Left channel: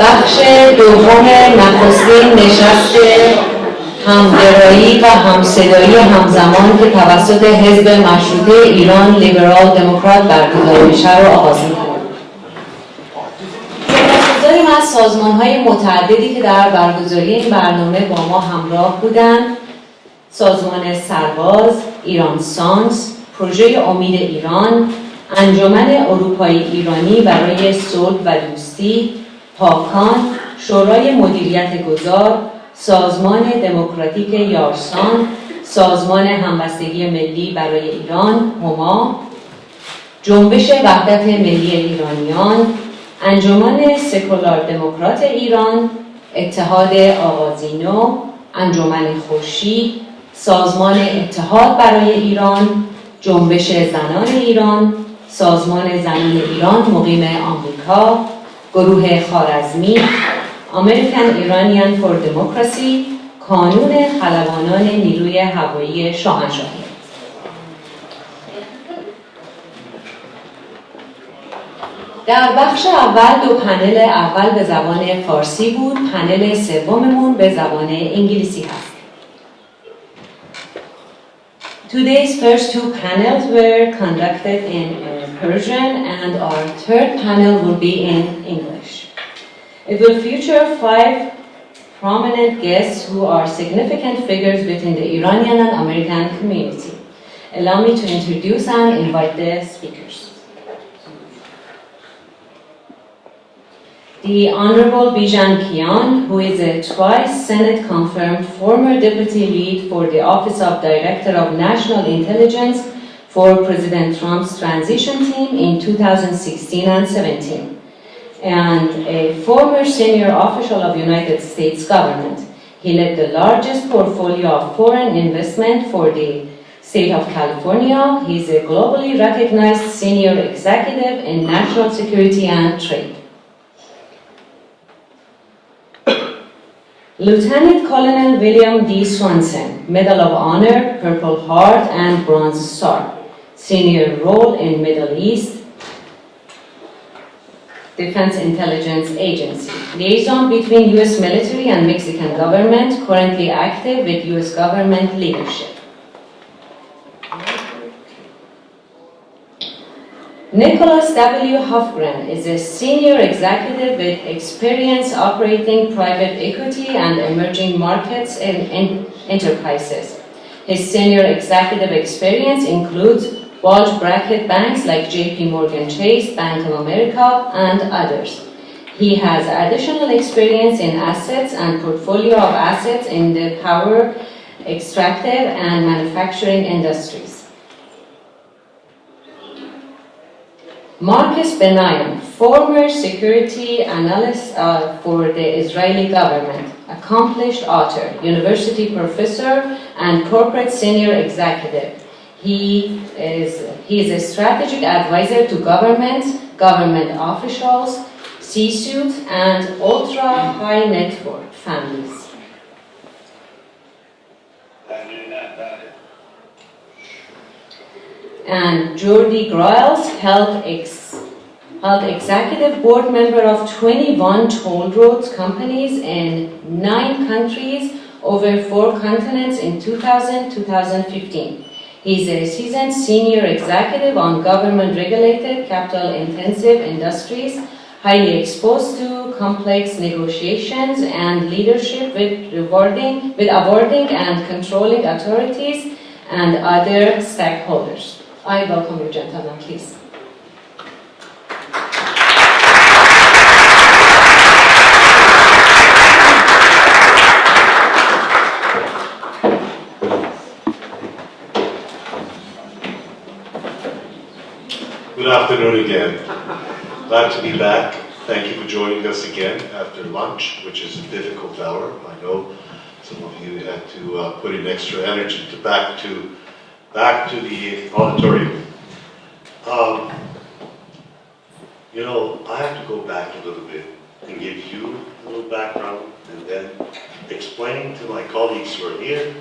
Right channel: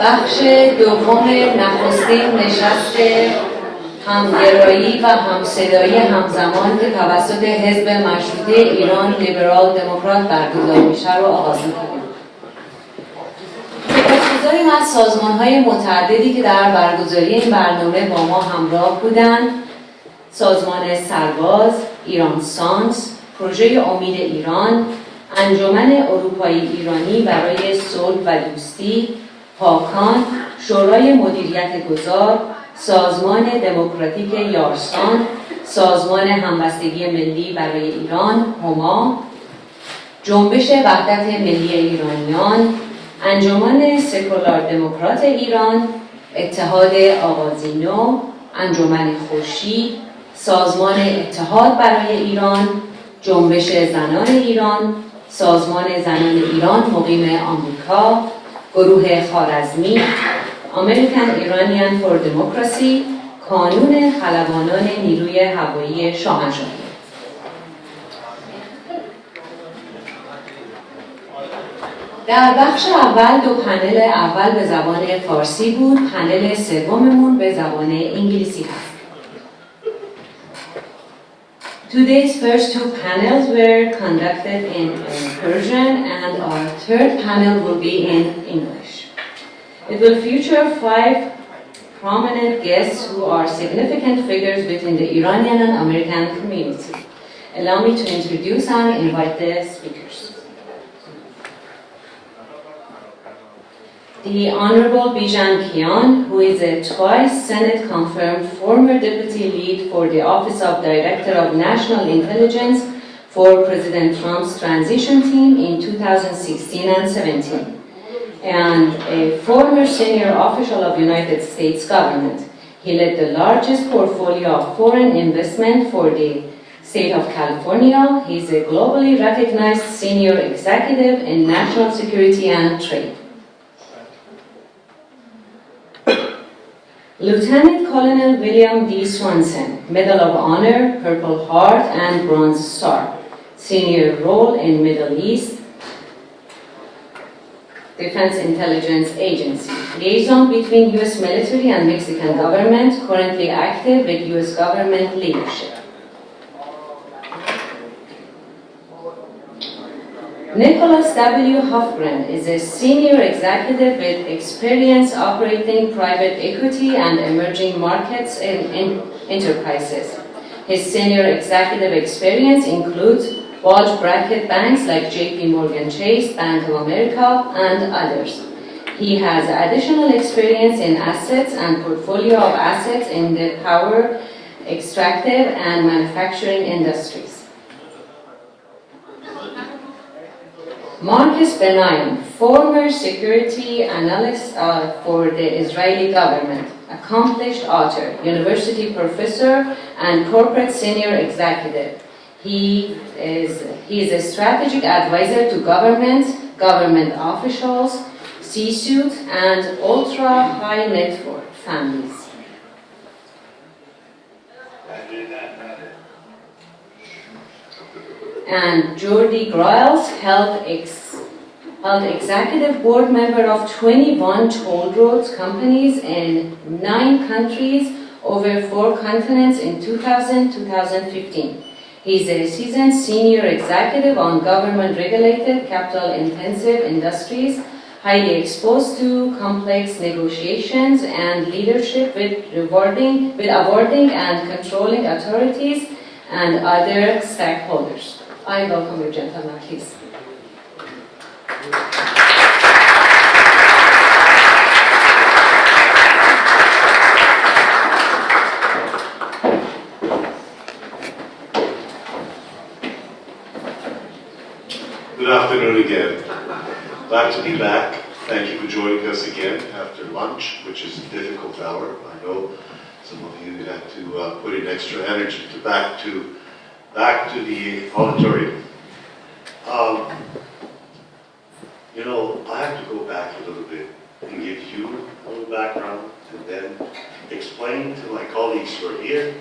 بخش دوم نخستین نشست همگرایی و همصدایی همزمان که توسط حزب مشروطه ایران لیبرال دموکرات برگزار میشه رو آغاز می‌کنیم. سپاسگزاریم از سازمان‌های متعددی که در برگزاری این برنامه با ما همراه بودند. سازمان سرباز، ایران سانس، پروژه امید ایران، انجمن اروپایی ایرانی برای صلح و دوستی، پاکان، شورای مدیریت گذار، سازمان دموکراتیک یارسان، سازمان همبستگی ملی برای ایران، هما، جنبش وحدت ملی ایرانیان، انجمن سکولار دموکرات ایران، اتحاد آغازینو، انجمن خورشید، سازمان اتحاد برای ایران، جنبش زنان ایران، سازمان زنان ایران مقیم آمریکا، گروه خوارزمی، امریکن ایرانیان فور دموکراسی، کانون خلبانان نیروی هوایی شاهنشاهی. در بخش اول دو پنل اول به زبان فارسی بود، پنل سوممون به زبان انگلیسی هست. Today's first two panels were conducted in Persian and our third panel will be in English. It will feature 5 prominent guests who are significant figures within the Iranian and American community. Allow me to introduce and invite the speakers. The Honorable Bijan Kian, who is a twice Senate-confirmed former deputy lead for the Office of Director of National Intelligence for President Trump's transition team in 2016 and 17, and a former senior official of United States government. He led the largest portfolio of foreign investment for the state of California. He is a globally recognized senior executive in national security and trade. Lieutenant Colonel William D. Swanson, Medal of Honor, Purple Heart, and Bronze Star. Senior role in Middle East Defense Intelligence Agency. Liaison between U.S. military and Mexican government, currently active with U.S. government leadership. Nicholas W. Hofgren is a senior executive with experience operating private equity and emerging markets in enterprises. His senior executive experience includes bulge bracket banks like JP Morgan Chase, Bank of America, and others. He has additional experience in assets and portfolio of assets in the power, extractive, and manufacturing industries. Marcus Benayan, former security analyst for the Israeli government, accomplished author, university professor, and corporate senior executive. He is a strategic advisor to governments, government officials, C-suite, and ultra-high net worth families. And Jordi Groyles held executive board member of 21 toll roads companies in 9 countries over 4 continents in 2000-2015. He's a seasoned senior executive on government-regulated, capital-intensive industries, highly exposed to complex negotiations and leadership with awarding and controlling authorities and other stakeholders. I welcome you, gentlemen, please. Good afternoon again. Glad to be back. Thank you for joining us again after lunch, which is a difficult hour. I know some of you had to put in extra energy to back to the auditorium. You know, I have to go back a little bit and give you a little background and then explain to my colleagues who are here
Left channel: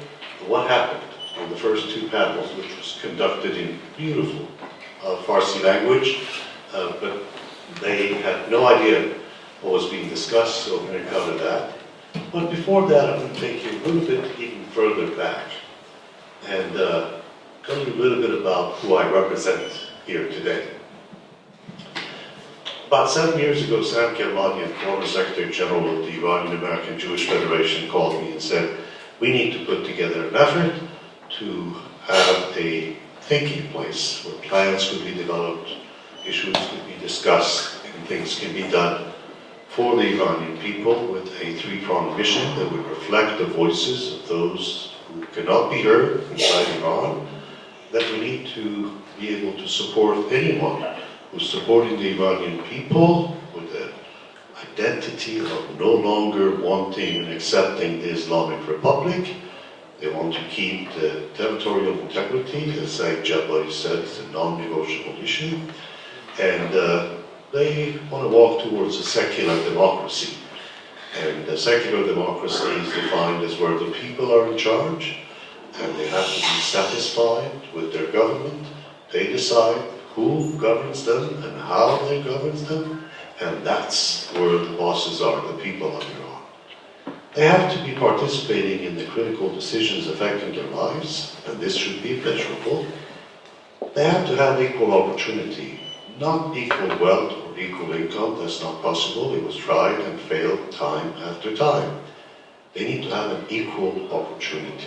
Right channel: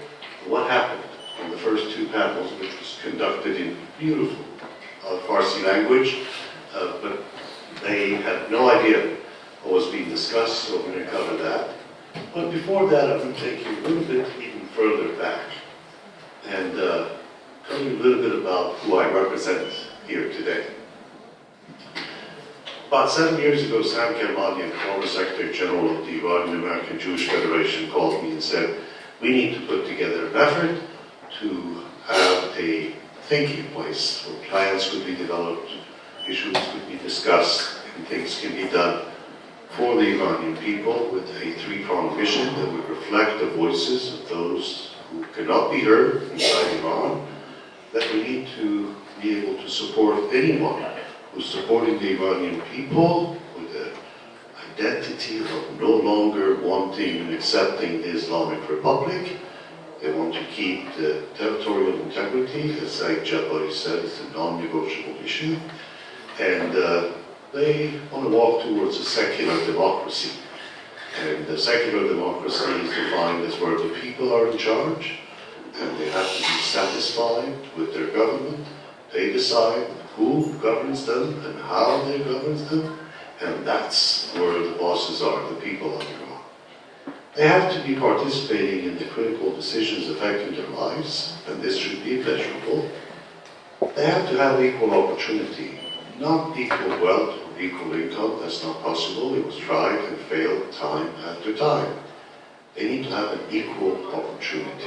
what happened in the first 2 panels, which was conducted in beautiful Farsi language, but they had no idea what was being discussed, so we're going to cover that. But before that, I'm going to take you a little bit even further back and tell you a little bit about who I represent here today. About 7 years ago, Sam Kermanian, former Secretary General of the Iranian American Jewish Federation, called me and said, we need to put together an effort to have a thinking place where plans could be developed, issues could be discussed, and things can be done for the Iranian people with a three-pronged mission that would reflect the voices of those who cannot be heard inside Iran, that we need to be able to support anyone who's supporting the Iranian people with an identity of no longer wanting and accepting the Islamic Republic. They want to keep the territorial integrity, as Saeed Jabari said, it's a non-negotiable issue. And they want to walk towards a secular democracy. And a secular democracy is defined as where the people are in charge, and they have to be satisfied with their government. They decide who governs them and how they govern them, and that's where the bosses are, the people of Iran. They have to be participating in the critical decisions affecting their lives, and this should be measurable. They have to have equal opportunity, not equal wealth or equal income. That's not possible. It was tried and failed time after time. They need to have an equal opportunity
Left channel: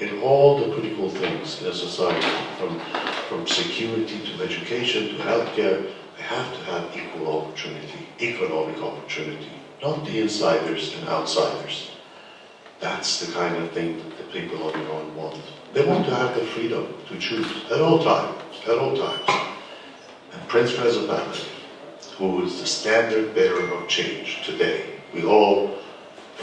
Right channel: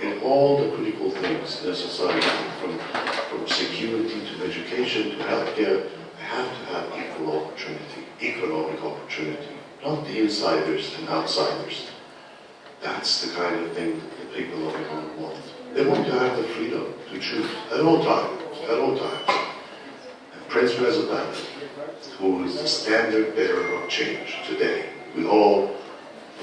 in all the critical things in a society, from security to education to healthcare. They have to have equal opportunity, economic opportunity, not the insiders and outsiders. That's the kind of thing that the people of Iran want. They want to have the freedom to choose at all times, at all times. And Prince Reza Pahlavi, who is the standard bearer of change today, we all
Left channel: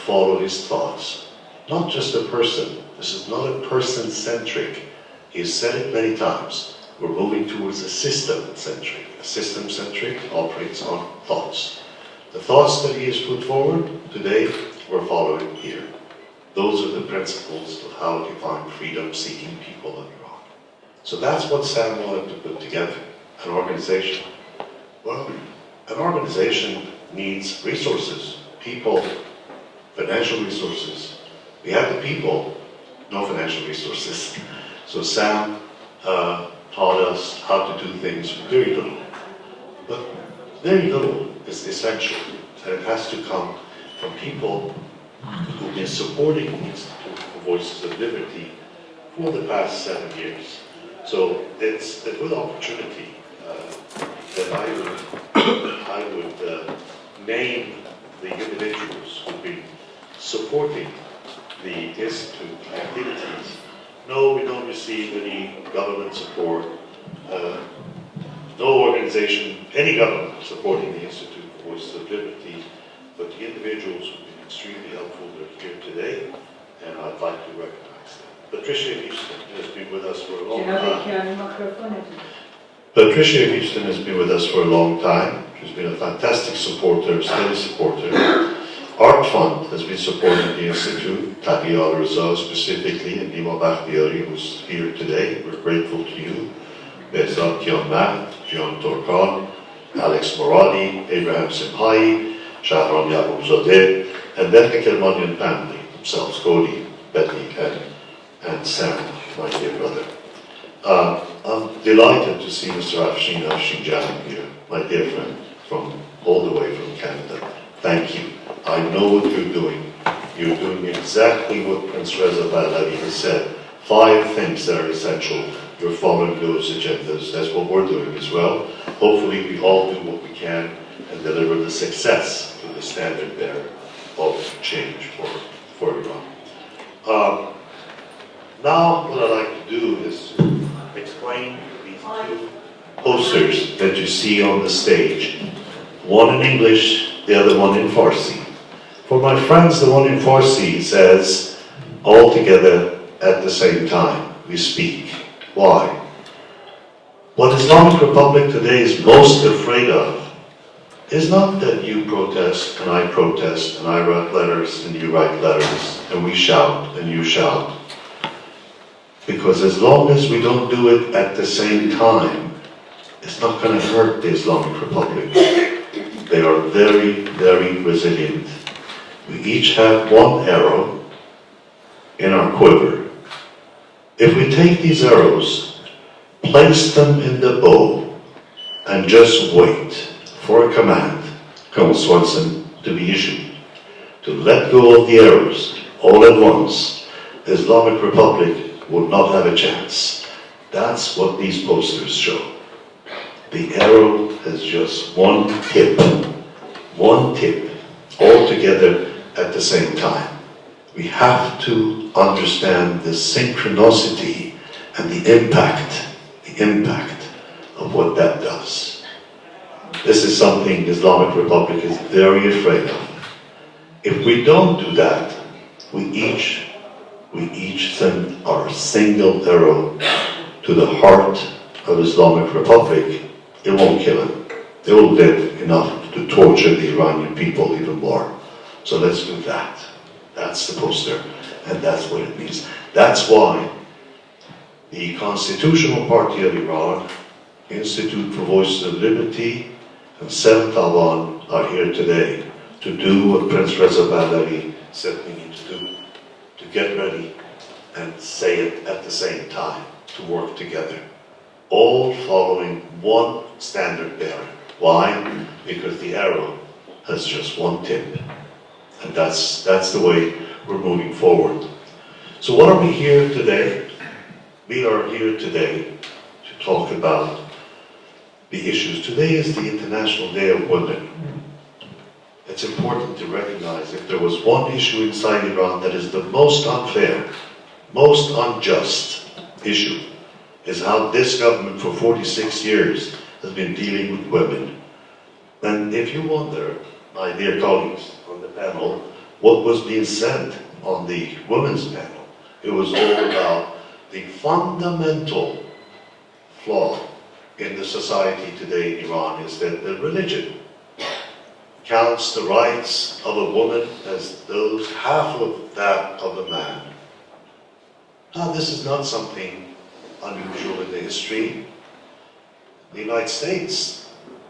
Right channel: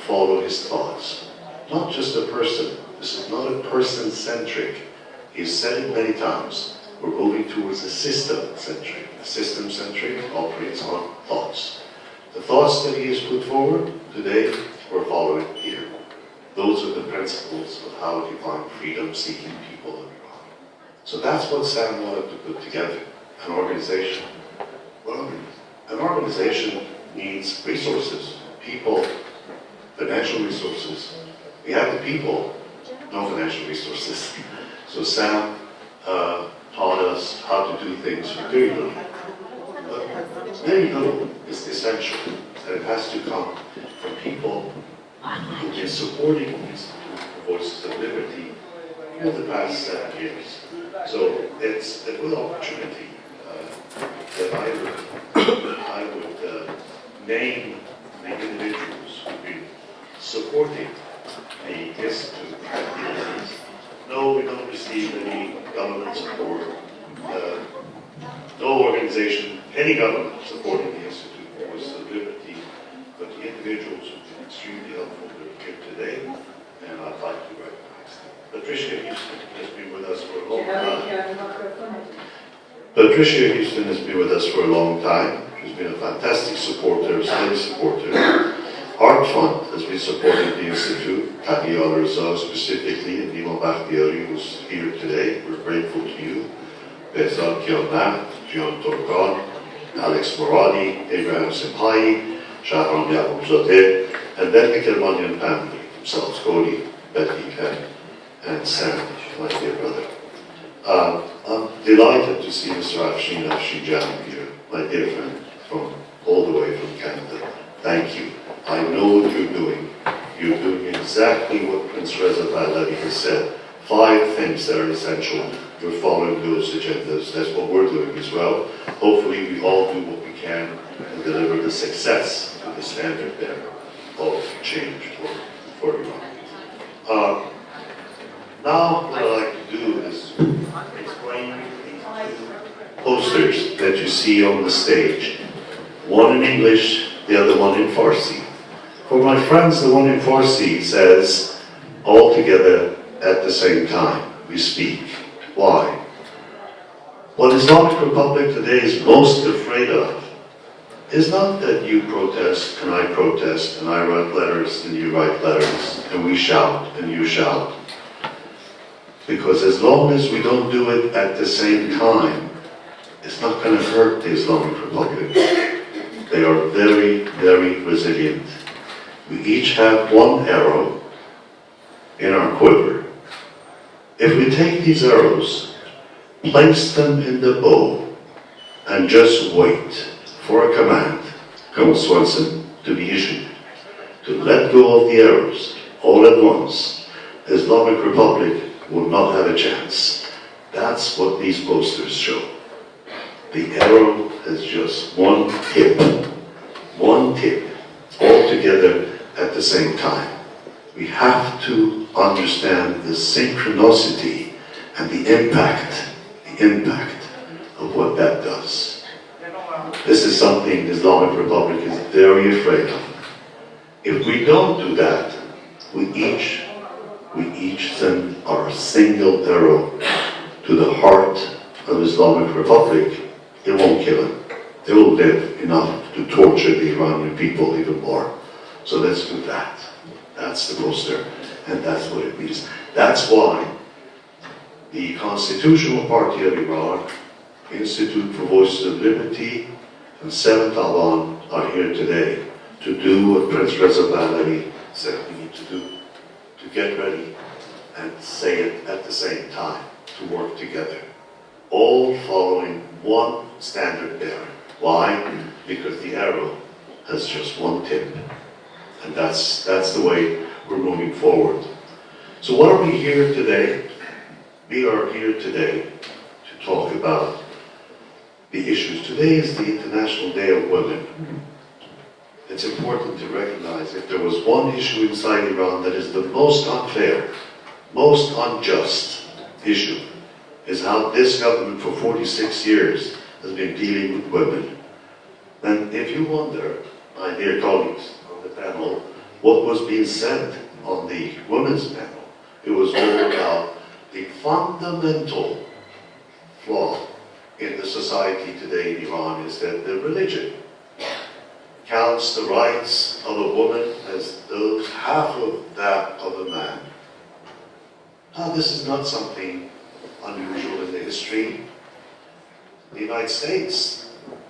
follow his thoughts. Not just a person. This is not a person-centric. He's said it many times. We're moving towards a system-centric. A system-centric operates on thoughts. The thoughts that he has put forward today, we're following here. Those are the principles of how to define freedom-seeking people of Iran. So that's what Sam wanted to put together, an organization. Well, an organization needs resources, people, financial resources. We have the people, no financial resources. So Sam taught us how to do things with very little. But very little is essential, and it has to come from people who have been supporting the Institute for Voices of Liberty for the past 7 years. So it's a good opportunity that I would name the individuals who've been supporting the Institute activities. No, we don't receive any government support. No organization, any government supporting the Institute for Voices of Liberty, but the individuals who've been extremely helpful are here today, and I'd like to recognize them. Patricia Houston has been with us for a long time. Patricia Houston has been with us for a long time. She's been a fantastic supporter, steady supporter. Art Fund has been supporting the Institute, Taqi al-Raza specifically, and Nima Bakhtiari, who's here today. We're grateful to you. Behzad Kianmat, Jian Torkan, Alex Moradi, Abraham Simhai, Shahram Yaqubzadeh, and then the Kermanian family themselves, Cody, Betty, and Sam, my dear brother. I'm delighted to see Mr. Afshin Afshinjan here, my dear friend, from all the way from Canada. Thank you. I know what you're doing. You're doing exactly what Prince Reza Pahlavi has said. 5 things that are essential. You're following those agendas. That's what we're doing as well. Hopefully we all do what we can and deliver the success to the standard bearer of change for Iran. Now what I'd like to do is explain these 2 posters that you see on the stage. One in English, the other one in Farsi. For my friends, the one in Farsi says, all together at the same time, we speak. Why? What Islamic Republic today is most afraid of is not that you protest and I protest and I write letters and you write letters and we shout and you shout. Because as long as we don't do it at the same time, it's not going to hurt the Islamic Republic. They are very, very resilient. We each have one arrow in our quiver. If we take these arrows, place them in the bow, and just wait for a command, Colonel Swanson, to be issued, to let go of the arrows all at once, the Islamic Republic would not have a chance. That's what these posters show. The arrow has just one tip, all together at the same time. We have to understand the synchronicity and the impact of what that does. This is something the Islamic Republic is very afraid of. If we don't do that, we each send our single arrow to the heart of Islamic Republic. It won't kill him. They will live enough to torture the Iranian people even more. So let's do that. That's the poster, and that's what it means. That's why the Constitutional Party of Iran, Institute for Voices of Liberty, and 7th Awan are here today to do what Prince Reza Pahlavi said we need to do, to get ready and say it at the same time, to work together, all following one standard bearer. Why? Because the arrow has just one tip, and that's the way we're moving forward. So what are we here today? We are here today to talk about the issues. Today is the International Day of Women. It's important to recognize if there was one issue inside Iran that is the most unfair, most unjust issue, is how this government for 46 years has been dealing with women. And if you wonder, my dear colleagues on the panel, what was being said on the women's panel, it was all about the fundamental flaw in the society today in Iran is that the religion counts the rights of a woman as those half of that of a man. Now, this is not something unusual in the history. In the United States,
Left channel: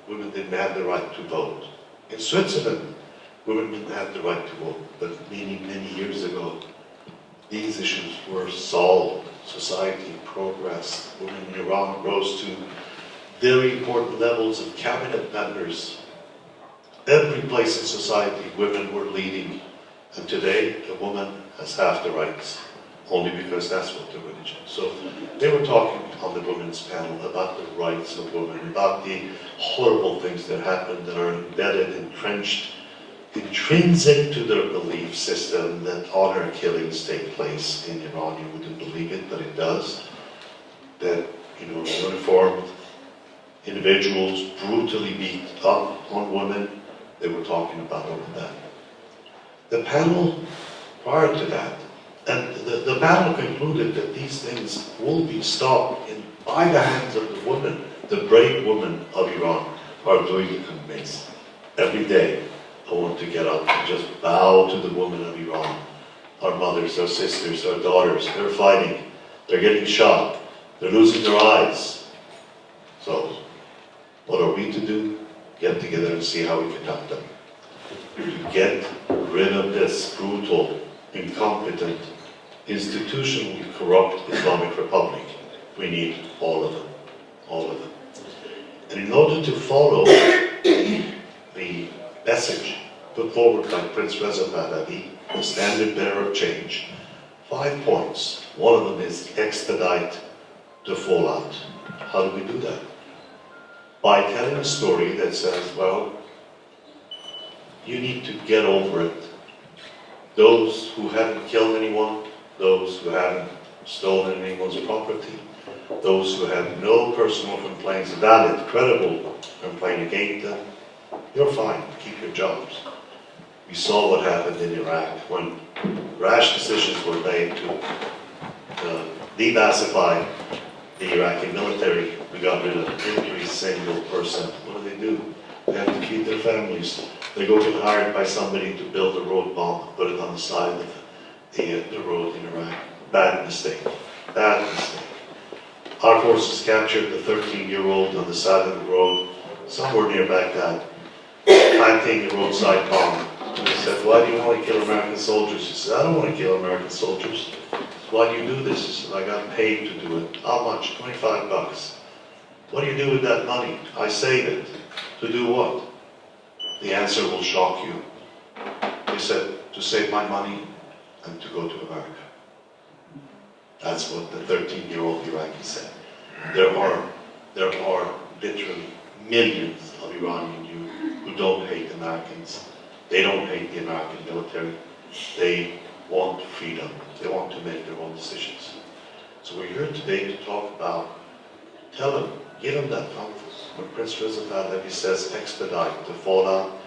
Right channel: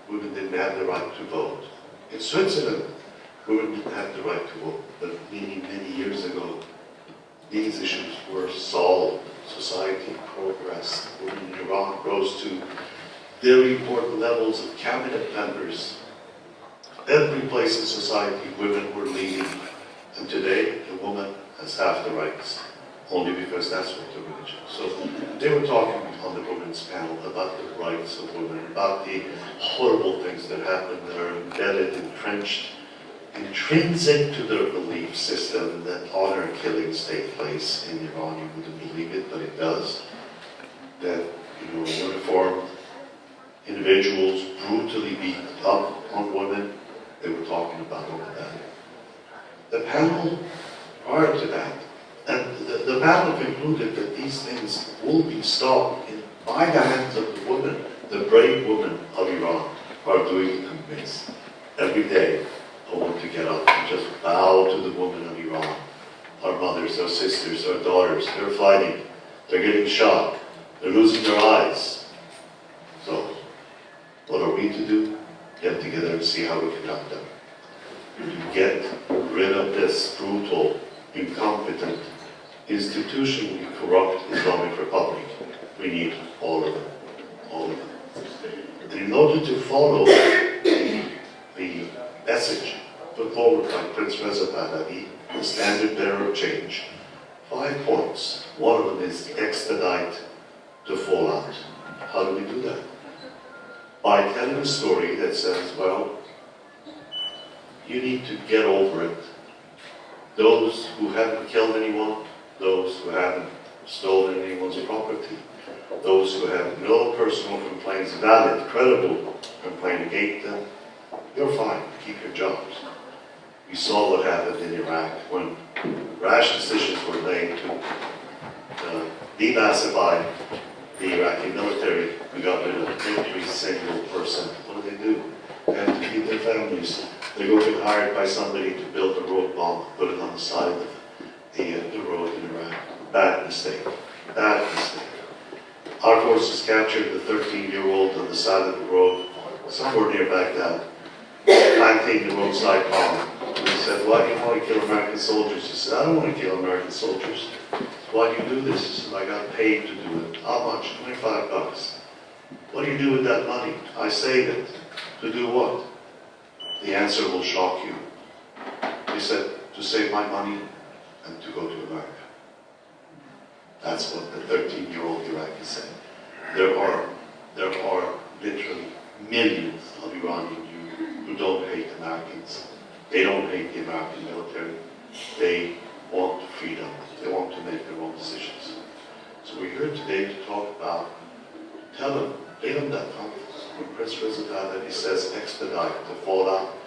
women didn't have the right to vote. In Switzerland, women didn't have the right to vote, but many, many years ago, these issues were solved. Society progressed. Women in Iran rose to very important levels of cabinet members. Every place in society, women were leading. And today, a woman has half the rights, only because that's what the religion. So they were talking on the women's panel about the rights of women, about the horrible things that happen that are embedded, entrenched, intrinsic to their belief system, that honor killings take place in Iran. You wouldn't believe it, but it does. That, uniformed individuals brutally beat up on women. They were talking about all of that. The panel prior to that, and the panel concluded that these things will be stopped by the hands of the women, the brave women of Iran are doing it in midst. Every day, I want to get up and just bow to the women of Iran. Our mothers, our sisters, our daughters, they're fighting. They're getting shot. They're losing their eyes. So, what are we to do? Get together and see how we can help them. To get rid of this brutal, incompetent, institutionally corrupt Islamic Republic. We need all of them. All of them. And in order to follow the message put forward by Prince Reza Pahlavi, the standard bearer of change, 5 points. One of them is expedite the fallout. How do we do that? By telling a story that says, well, you need to get over it. Those who haven't killed anyone, those who haven't stolen anyone's property, those who have no personal complaints, valid, credible complaint against them, you're fine, keep your jobs. We saw what happened in Iraq when rash decisions were made to declassify the Iraqi military. We got rid of every single person. What do? They have to feed their families. They go get hired by somebody to build a road bomb, put it on the side of the road in Iraq. Bad mistake. Bad mistake. Our forces captured the 13-year-old on the side of the road, somewhere near Baghdad. planting the roadside bomb. And he said, why do you want to kill American soldiers? He said, I don't want to kill American soldiers. Why do you do this? He said, I got paid to do it. How much? $25. What do you do with that money? I save it. To do what? The answer will shock you. He said, to save my money and to go to America. That's what the 13-year-old Iraqi said. There are literally millions of Iranian youth who don't hate Americans. They don't hate the American military. They want freedom. They want to make their own decisions. So we're here today to talk about, tell them, give them that comfort. When Prince Reza Pahlavi says expedite the fallout,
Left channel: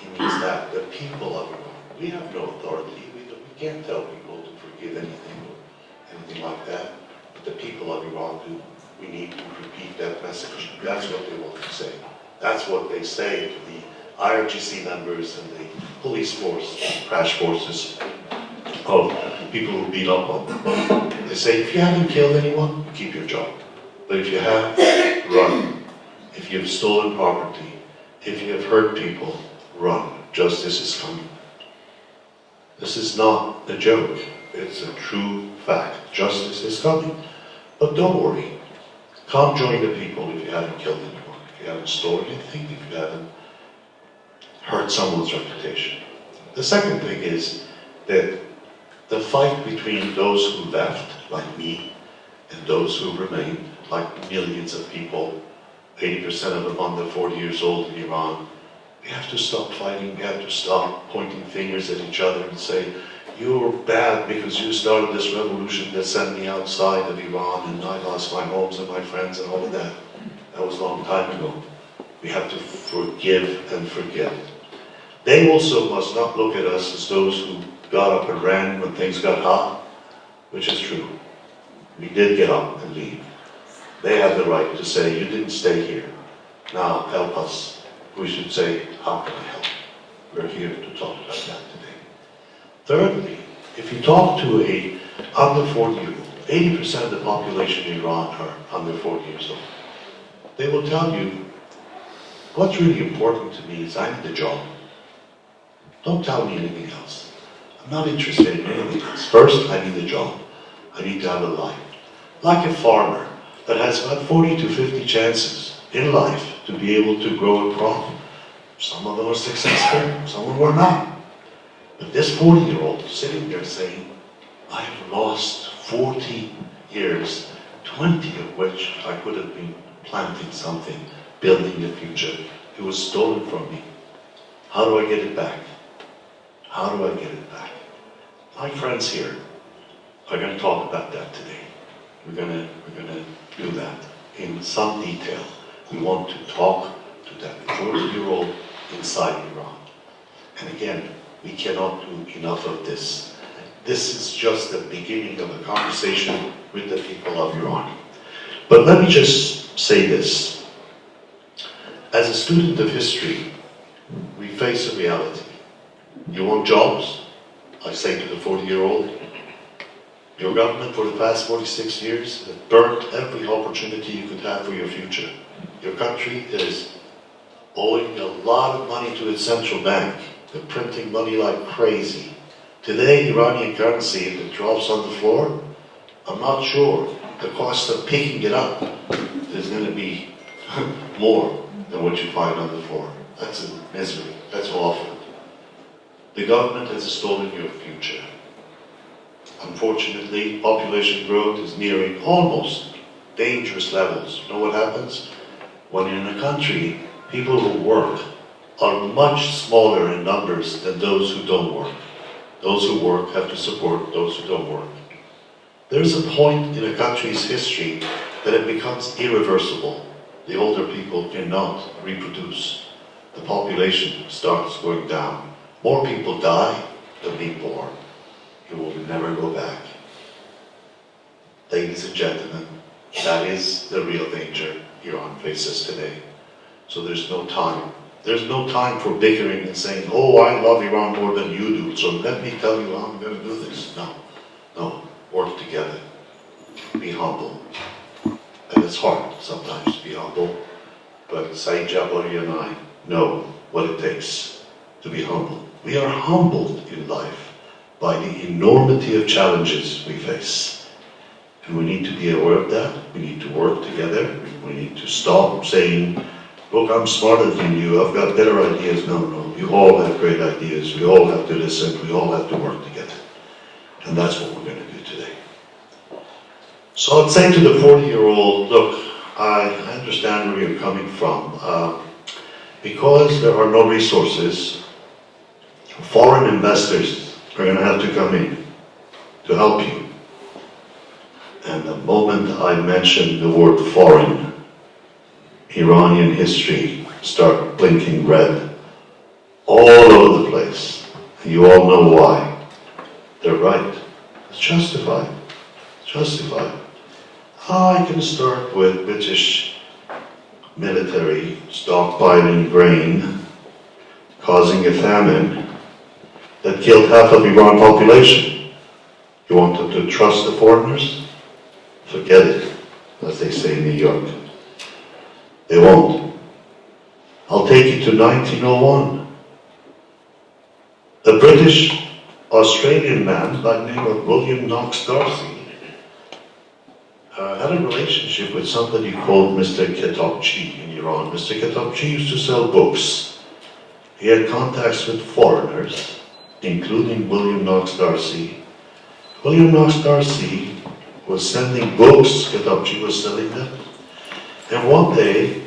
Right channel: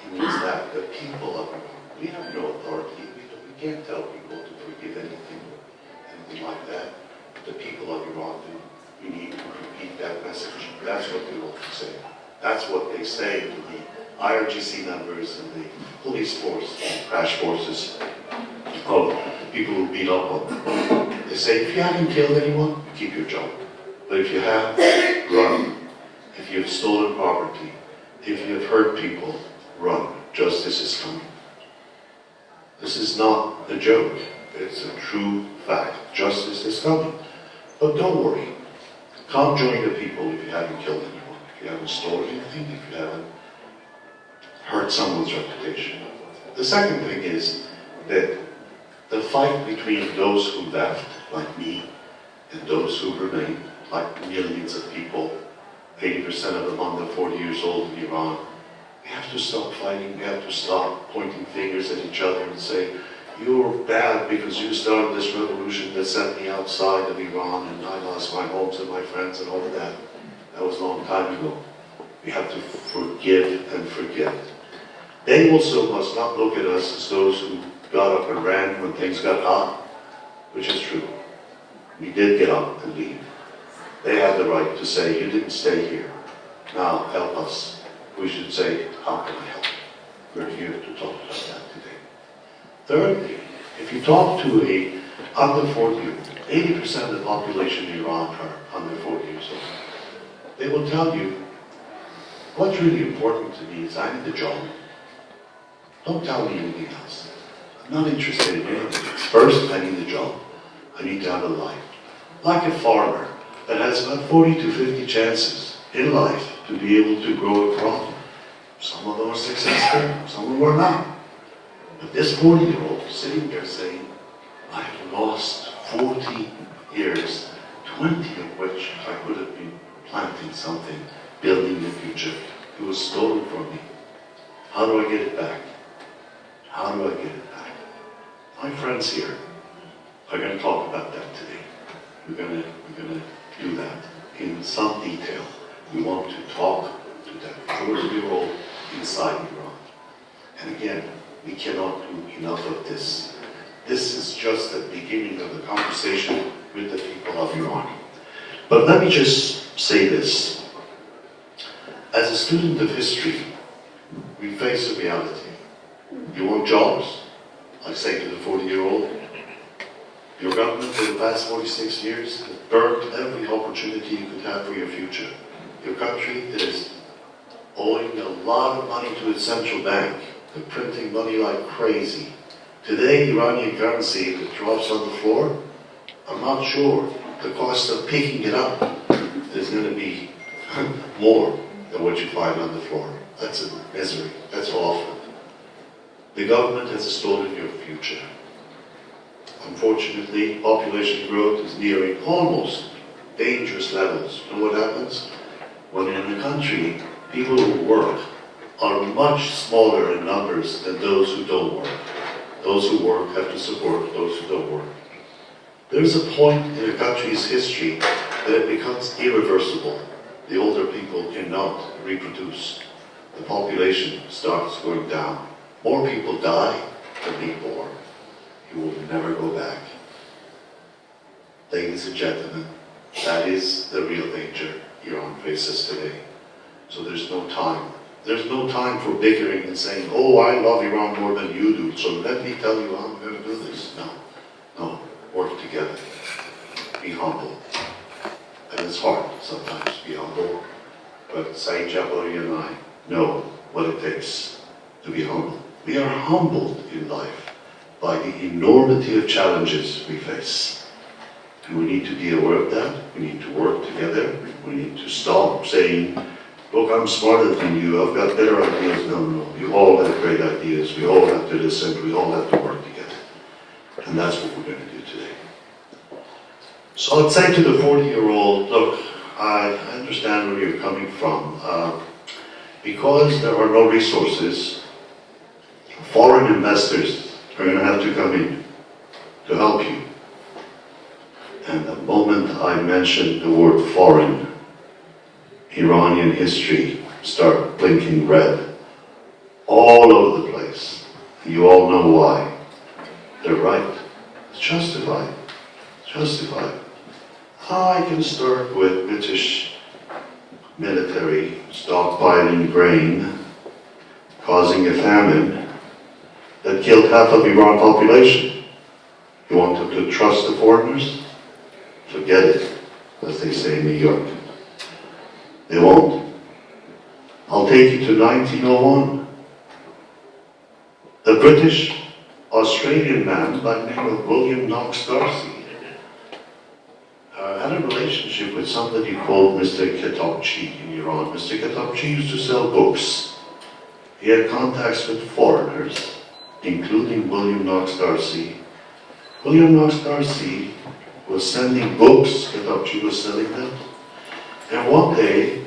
he means that the people of Iran, we have no authority. We can't tell people to forgive anything like that. But the people of Iran do. We need to repeat that message. That's what they want to say. That's what they say to the IRGC members and the police force, crash forces of people who beat up on them. They say, if you haven't killed anyone, keep your job. But if you have, run. If you've stolen property, if you have hurt people, run. Justice is coming. This is not a joke. It's a true fact. Justice is coming. But don't worry. Come join the people if you haven't killed anyone, if you haven't stolen anything, if you haven't hurt someone's reputation. The second thing is that the fight between those who left, like me, and those who remain, like millions of people, 80% of them under 40 years old in Iran, we have to stop fighting, we have to stop pointing fingers at each other and say, you're bad because you started this revolution that sent me outside of Iran and I lost my homes and my friends and all of that. That was a long time ago. We have to forgive and forget. They also must not look at us as those who got up and ran when things got hot, which is true. We did get up and leave. They have the right to say, you didn't stay here. Now help us. We should say, how can I help? We're here to talk about that today. Thirdly, if you talk to a under 40-year-old, 80% of the population in Iran are under 40 years old. They will tell you, what's really important to me is I need a job. Don't tell me anything else. I'm not interested in anything else. First, I need a job. I need to have a life. Like a farmer that has about 40 to 50 chances in life to be able to grow a crop. Some of them are successful, some of them are not. But this 40-year-old sitting there saying, I have lost 40 years, 20 of which I could have been planting something, building the future. It was stolen from me. How do I get it back? How do I get it back? My friends here are going to talk about that today. We're going to do that in some detail. We want to talk to that 40-year-old inside Iran. And again, we cannot do enough of this. This is just the beginning of the conversation with the people of Iran. But let me just say this. As a student of history, we face a reality. You want jobs? I say to the 40-year-old, your government for the past 46 years has burnt every opportunity you could have for your future. Your country is owing a lot of money to its central bank. They're printing money like crazy. Today, Iranian currency, if it drops on the floor, I'm not sure. The cost of picking it up is going to be more than what you find on the floor. That's a misery. That's awful. The government has stolen your future. Unfortunately, population growth is nearing almost dangerous levels. You know what happens? When you're in a country, people who work are much smaller in numbers than those who don't work. Those who work have to support those who don't work. There's a point in a country's history that it becomes irreversible. The older people cannot reproduce. The population starts going down. More people die than being born. You will never go back. Ladies and gentlemen, that is the real danger Iran faces today. So there's no time. There's no time for bickering and saying, oh, I love Iran more than you do, so let me tell you how I'm going to do this. No, work together. Be humble. And it's hard sometimes to be humble, but Saeed Jabari and I know what it takes to be humble. We are humbled in life by the enormity of challenges we face. And we need to be aware of that. We need to work together. We need to stop saying, look, I'm smarter than you, I've got better ideas. No, no, you all have great ideas. We all have to listen. We all have to work together. And that's what we're going to do today. So I'd say to the 40-year-old, look, I understand where you're coming from. Because there are no resources, foreign investors are going to have to come in to help you. And the moment I mention the word foreign, Iranian history start blinking red all over the place. You all know why. They're right. It's justified. It's justified. I can start with British military stockpiling grain, causing a famine that killed half of Iran population. You want them to trust the foreigners? Forget it, as they say in New York. They won't. I'll take you to 1901. A British Australian man by the name of William Knox Darcy had a relationship with somebody called Mr. Ketabchi in Iran. Mr. Ketabchi used to sell books. He had contacts with foreigners, including William Knox Darcy. William Knox Darcy was sending books, Ketabchi was selling them. And one day,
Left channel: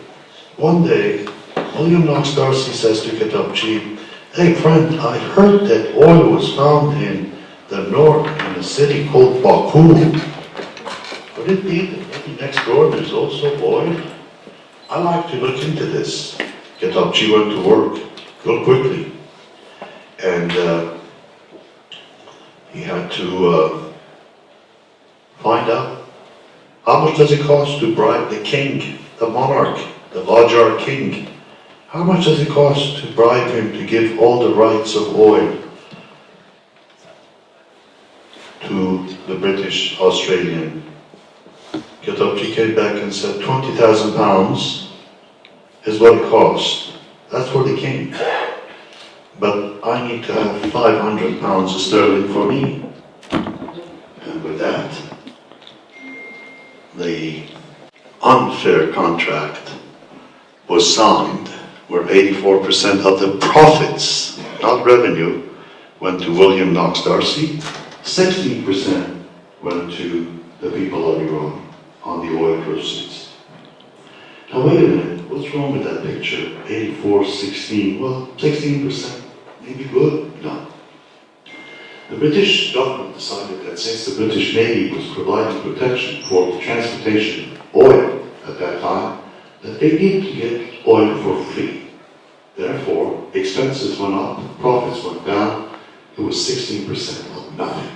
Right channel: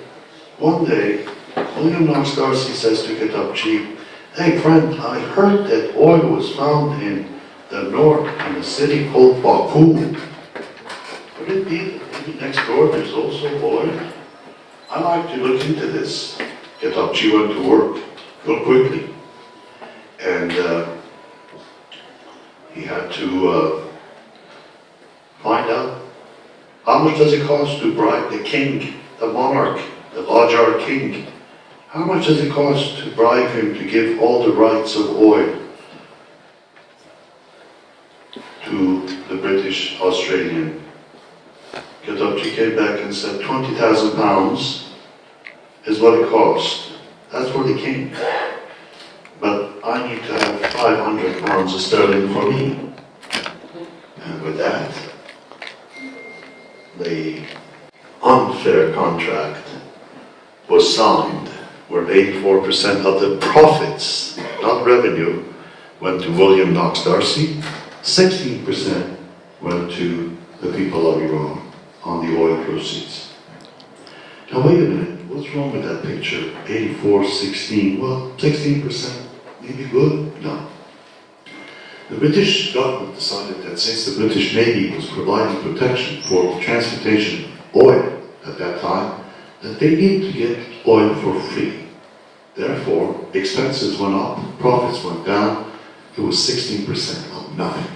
William Knox Darcy says to Ketabchi, hey friend, I heard that oil was found in the north, in a city called Baku. Could it be that maybe next door there's also oil? I like to look into this. Ketabchi went to work real quickly. And he had to find out how much does it cost to bribe the king, the monarch, the Qajar king. How much does it cost to bribe him to give all the rights of oil to the British Australian? Ketabchi came back and said 20,000 pounds is what it costs. That's for the king. But I need to have 500 pounds of sterling for me. And with that, the unfair contract was signed, where 84% of the profits, not revenue, went to William Knox Darcy, 16% went to the people of Iran on the oil proceeds. Now wait a minute, what's wrong with that picture? 84, 16, well, 16%, maybe good? No. The British government decided that since the British Navy was providing protection for the transportation of oil at that time, that they needed to get oil for free. Therefore, expenses went up, profits went down, it was 16% of nothing.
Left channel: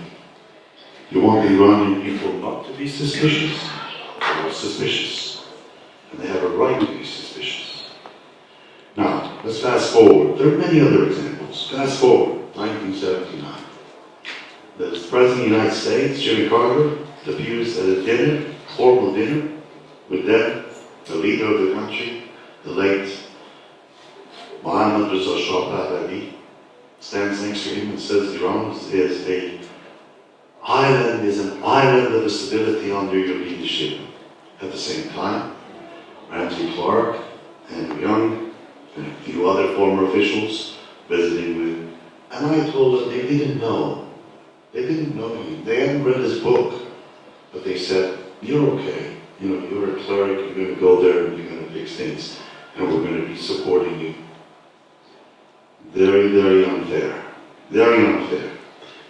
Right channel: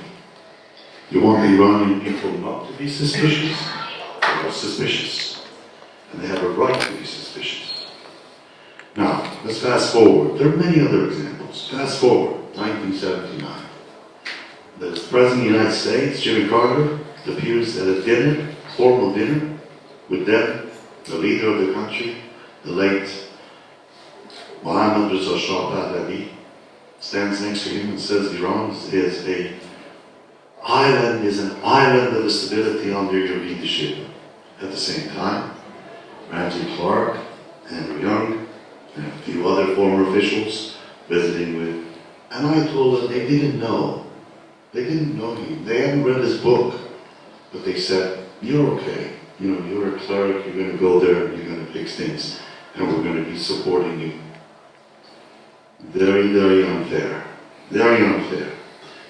You want the Iranian people not to be suspicious? They were suspicious. And they have a right to be suspicious. Now, let's fast forward. There are many other examples. Fast forward, 1979. The President of the United States, Jimmy Carter, appears at a dinner, formal dinner, with them, the leader of the country, the late Mohammad Reza Shah Pahlavi, stands next to him and says Iran is an island of stability under your leadership. At the same time, Ramsey Clark, Andrew Young, and a few other former officials visiting with, and I told them they didn't know. They didn't know him. They hadn't read his book, but they said, you're okay. You know, you're a cleric, you're going to go there, you're going to fix things, and we're going to be supporting you. Very, very unfair. Very unfair.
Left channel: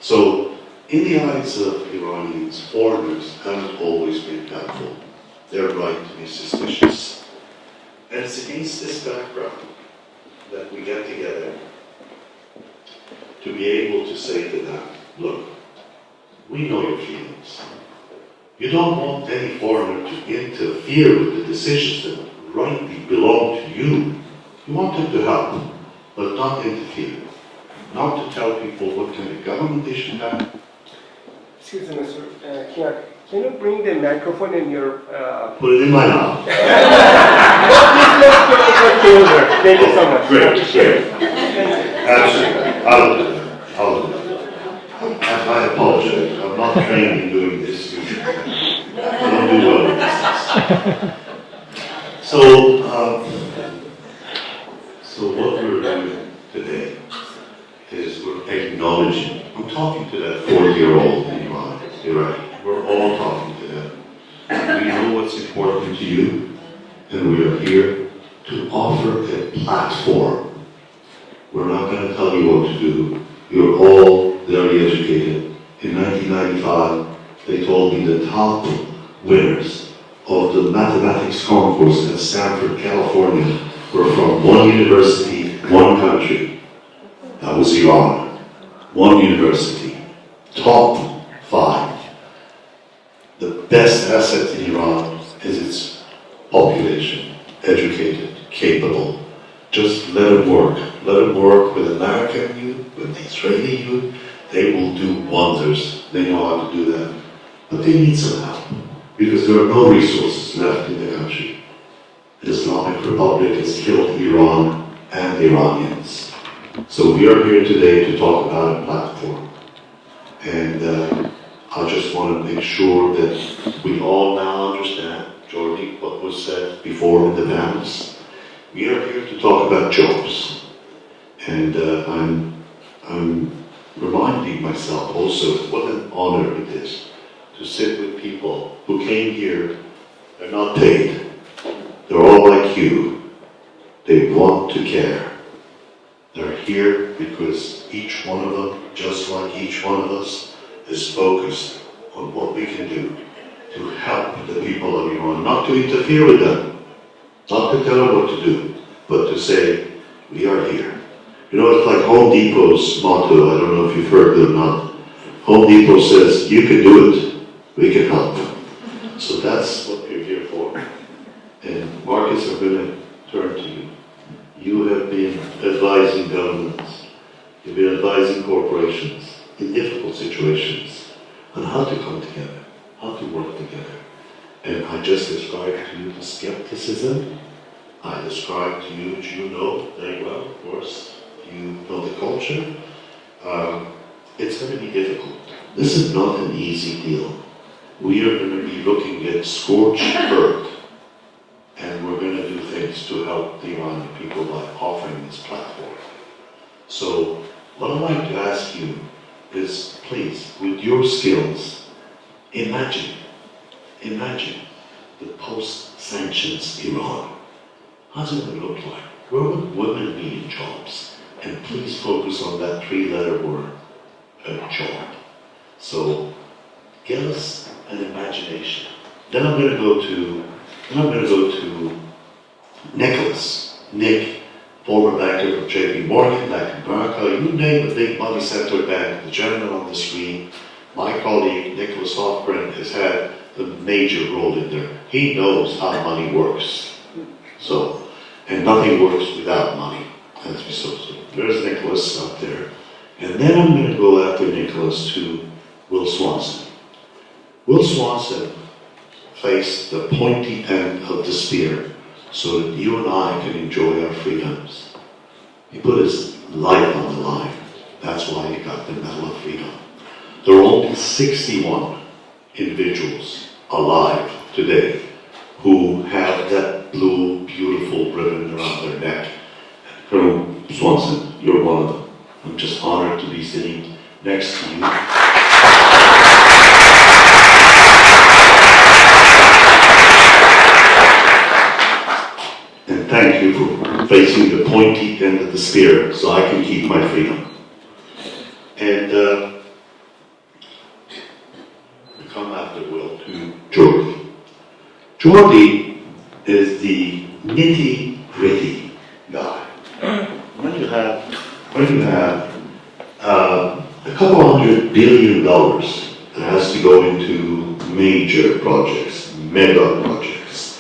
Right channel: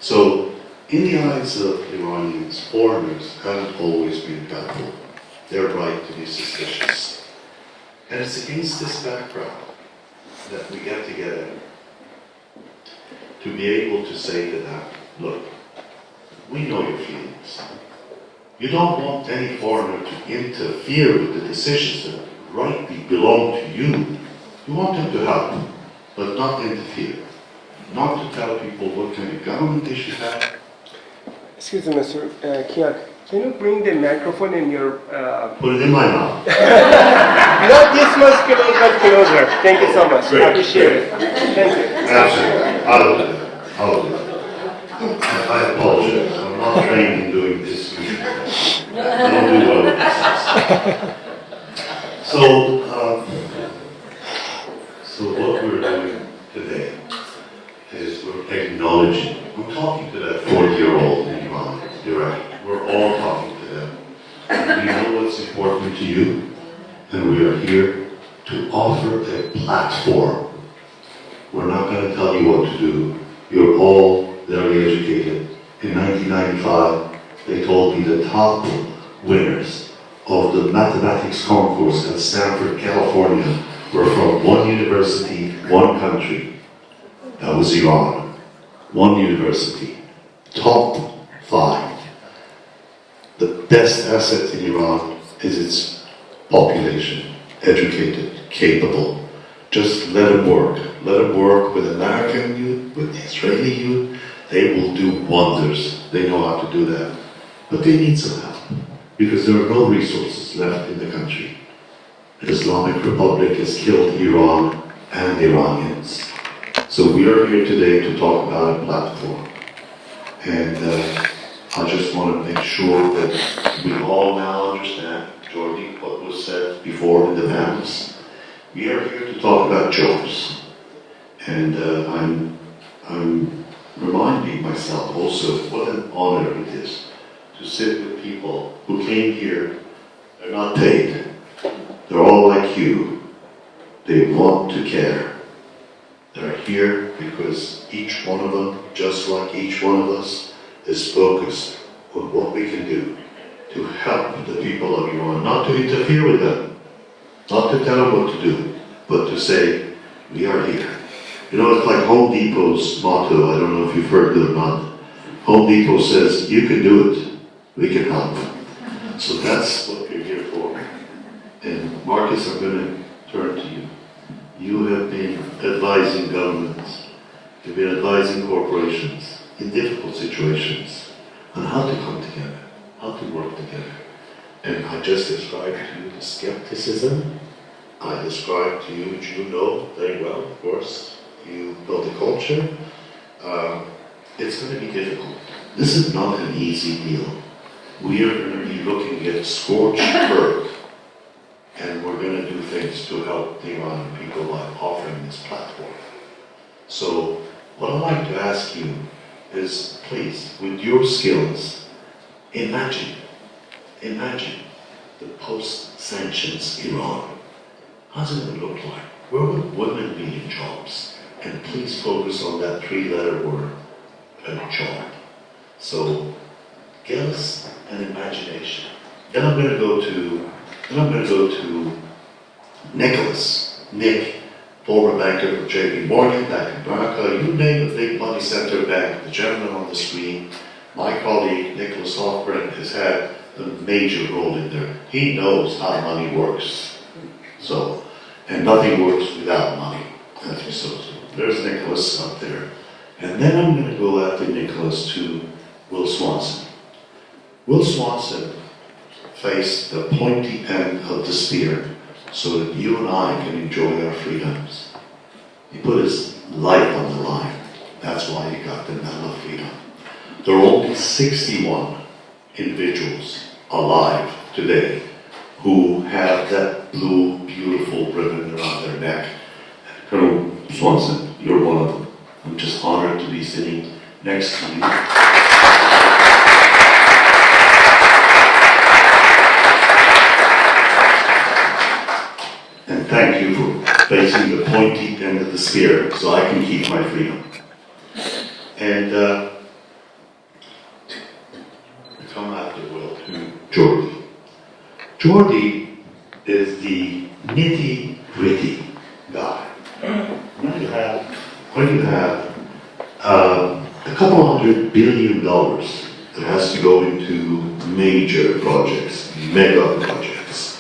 So, in the eyes of Iranians, foreigners haven't always been helpful. They're right to be suspicious. And it's against this background that we get together to be able to say to them, look, we know your feelings. You don't want any foreigner to interfere with the decisions that rightly belong to you. You want them to help, but not interfere. Not to tell people what kind of government they should have. Excuse me, Mr. Kian, can you bring the microphone in your... Put it in my mouth. Junior. Thank you so much. Great, Appreciate it. Absolutely. I'll do that. I apologize. I'm not trained in doing this. I don't do all of this. So what we're doing today is we're acknowledging, I'm talking to that 40-year-old in Iran, Iraq. We're all talking to them. We know what's important to you, and we are here to offer a platform. We're not going to tell you what to do. You're all very educated. In 1995, they told me the top winners of the mathematics concourse at Stanford, California, were from one university, one country. That was Iran. One university. Top 5. The best asset in Iran is its population. Educated, capable. Just let them work. Let them work with American youth, with Israeli youth. They will do wonders. They know how to do that. But they need some help, because there are no resources left in the country. The Islamic Republic has killed Iran and Iranians. So we are here today to talk about a platform. And I just want to make sure that we all now understand, Jordi, what was said before in the panels. We are here to talk about jobs. And I'm reminding myself also what an honor it is to sit with people who came here. They're not paid. They're all like you. They want to care. They're here because each one of them, just like each one of us, is focused on what we can do to help the people of Iran, not to interfere with them, not to tell them what to do, but to say, we are here. You know, it's like Home Depot's motto, I don't know if you've heard it or not. Home Depot says, you can do it, we can help. So that's what we're here for. And Marcus, I'm going to turn to you. You have been advising governments, you've been advising corporations in difficult situations on how to come together, how to work together. And I just described to you the skepticism. I described to you, which you know very well, of course. You know the culture. It's going to be difficult. This is not an easy deal. We are going to be looking at scorched earth, and we're going to do things to help the Iranian people by offering this platform. So, what I'd like to ask you is, please, with your skills, imagine the post-sanctions Iran. How's it going to look like? Where would women be in jobs? And please focus on that 3-letter word, job. So, give us an imagination. Then I'm going to go to Nick, former banker from JP Morgan, Bank of America, you name a big money center bank, the gentleman on the screen. My colleague, Nicholas Hoffman, has had a major role in there. He knows how money works. So, and nothing works without money. As you saw. So there's Nicholas up there. And then I'm going to go after Nicholas to Will Swanson. Will Swanson faced the pointy end of the spear so that you and I can enjoy our freedoms. He put his life on the line. That's why he got the Medal of Freedom. There are only 61 individuals alive today who have that blue, beautiful ribbon around their neck. Colonel Swanson, you're one of them. I'm just honored to be sitting next to you. And thank you for facing the pointy end of the spear so I can keep my freedom. And we come after Will to Jordi. Jordi is the nitty-gritty guy. When you have a couple $100 billion that has to go into major projects, mega projects,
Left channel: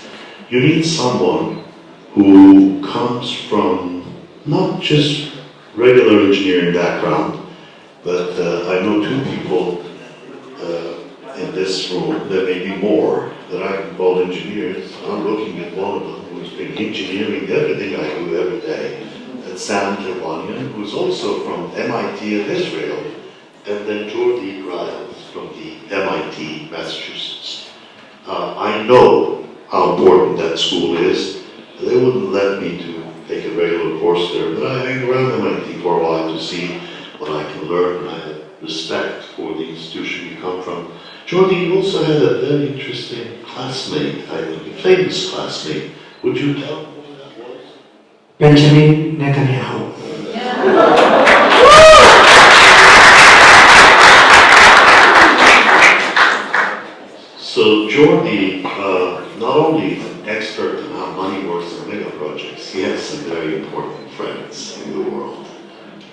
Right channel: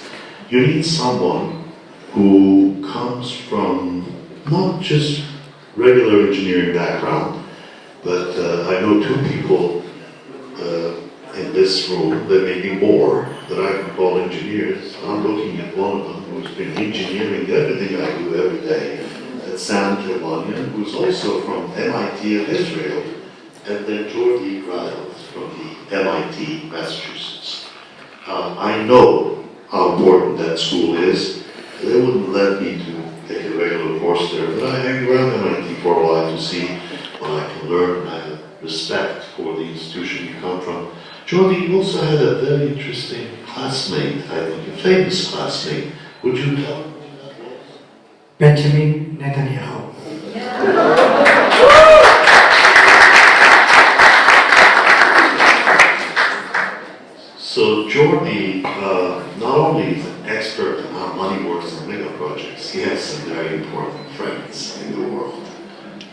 you need someone who comes from not just regular engineering background, but I know two people in this this room, there may be more that I can call engineers. I'm looking at one of them who's been engineering everything I do every day. That's Sam Tevanian, who's also from MIT of Israel, and then Jordi Griles from the MIT, Massachusetts. I know how important that school is. They wouldn't let me to take a regular course there, but I hang around MIT for a while to see what I can learn. I have respect for the institution you come from. Jordi, you also had a very interesting classmate, I think, a famous classmate. Would you tell me who that was? Benjamin Netanyahu. So Jordi, not only is an expert on how money works in mega projects, he has some very important friends in the world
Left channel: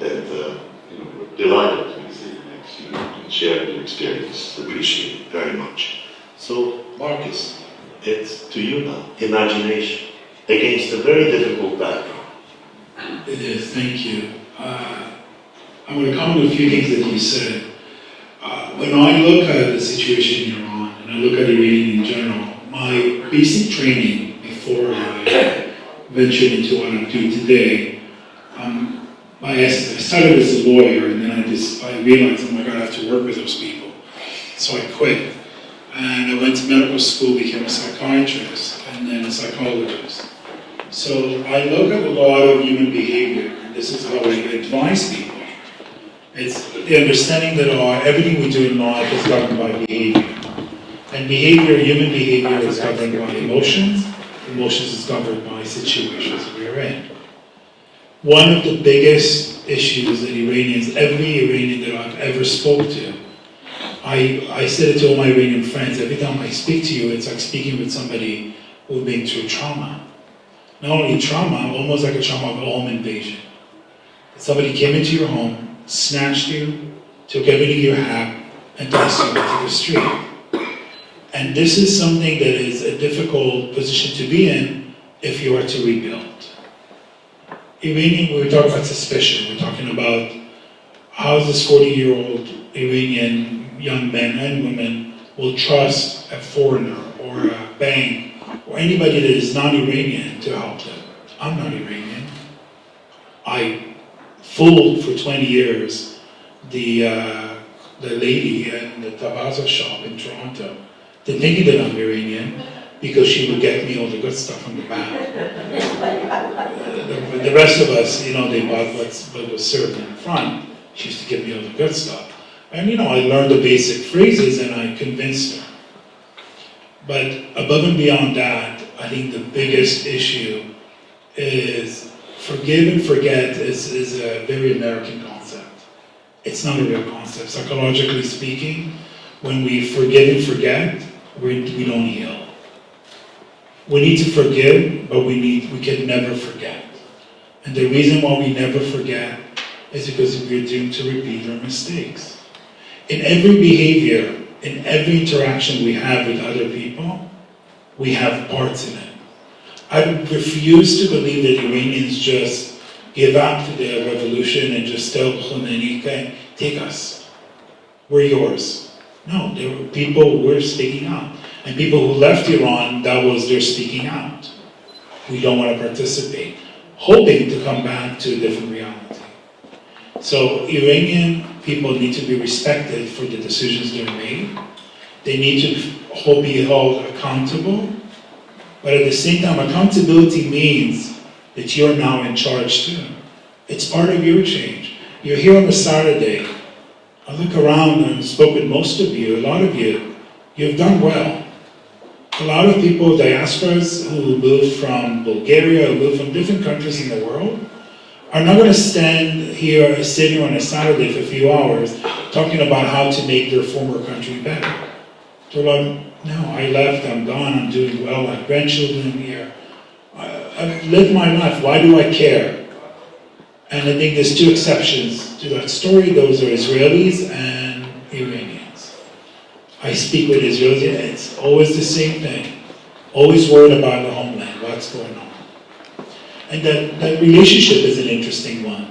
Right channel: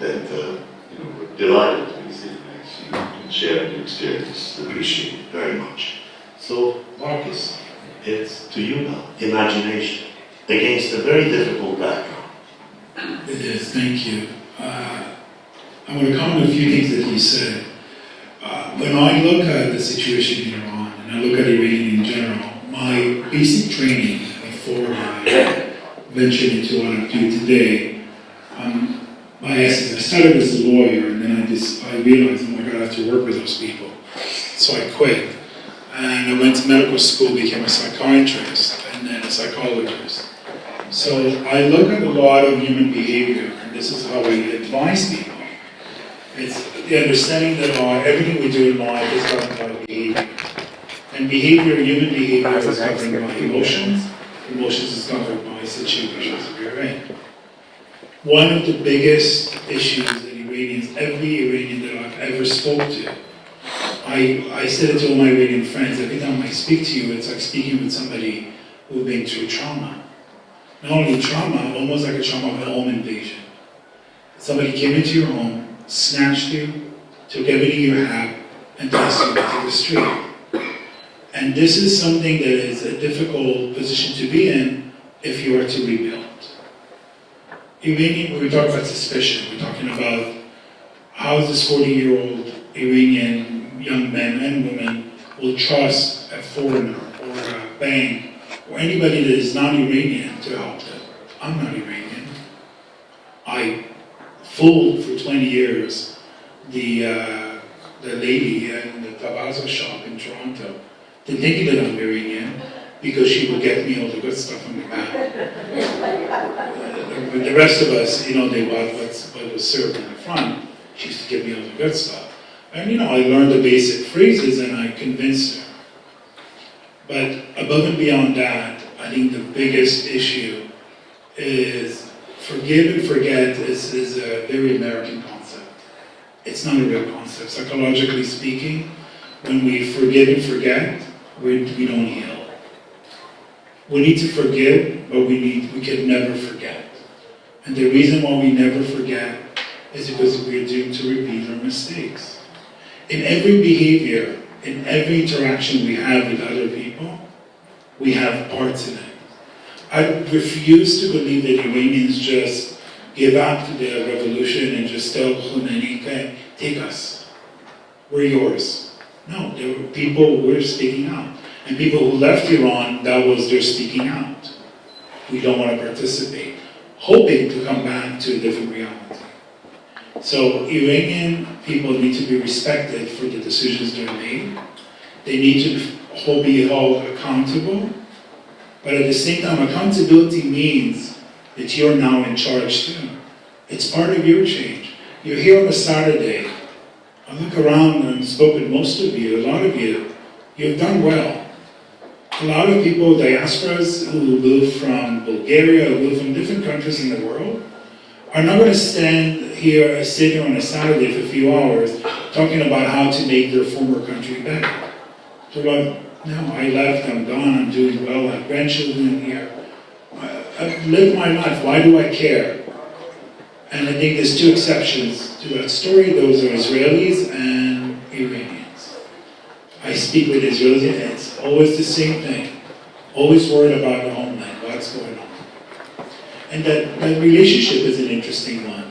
that we're delighted to be sitting next to you and sharing your experience. Appreciate it very much. So Marcus, it's to you now. Imagination against a very difficult background. It is, thank you. I want to comment on a few things that you said. When I look at the situation in Iran, and I look at Iranian in general, my basic training before I ventured into what I'm doing today, I started as a lawyer, and then I realized, oh my God, I have to work with those people. So I quit. And I went to medical school, became a psychiatrist, and then a psychologist. So I look at a lot of human behavior, and this is how I advise people. It's the understanding that everything we do in life is governed by behavior. And behavior, human behavior, is governed by emotions. Emotions is governed by situations that we're in. One of the biggest issues that Iranians, every Iranian that I've ever spoke to, I said it to all my Iranian friends, every time I speak to you, it's like speaking with somebody who's been through trauma. Not only trauma, almost like a trauma of a home invasion. Somebody came into your home, snatched you, took everything you have, and tossed you into the street. And this is something that is a difficult position to be in if you are to rebuild. Iranian, when we talk about suspicion, we're talking about how this 40-year-old Iranian young men and women will trust a foreigner or a bank or anybody that is not Iranian to help them. I'm not Iranian. I fooled for 20 years the lady in the Tabaza shop in Toronto, thinking that I'm Iranian because she would get me all the good stuff on the back. The rest of us, they bought what was served in the front. She used to give me all the good stuff. And I learned the basic phrases and I convinced her. But above and beyond that, I think the biggest issue is forgive and forget is a very American concept. It's not a real concept. Psychologically speaking, when we forgive and forget, we don't heal. We need to forgive, but we can never forget. And the reason why we never forget is because we're doomed to repeat our mistakes. In every behavior, in every interaction we have with other people, we have parts in it. I refuse to believe that Iranians just give up to the revolution and just tell Khomeini, okay, take us. We're yours. No, there were people who were speaking out. And people who left Iran, that was their speaking out. We don't want to participate, hoping to come back to a different reality. So Iranian people need to be respected for the decisions they're made. They need to be held accountable. But at the same time, accountability means that you're now in charge too. It's part of your change. You're here on a Saturday. I look around and spoke with most of you, a lot of you. You've done well. A lot of people, diasporas who moved from Bulgaria, who moved from different countries in the world, are not going to sit here on a Saturday for a few hours talking about how to make their former country better. They're like, no, I left, I'm gone, I'm doing well, I have grandchildren here. I've lived my life, why do I care? And I think there's two exceptions to that story. Those are Israelis and Iranians. I speak with Israelis, and it's always the same thing. Always worried about the homeland, what's going on. And that relationship is an interesting one.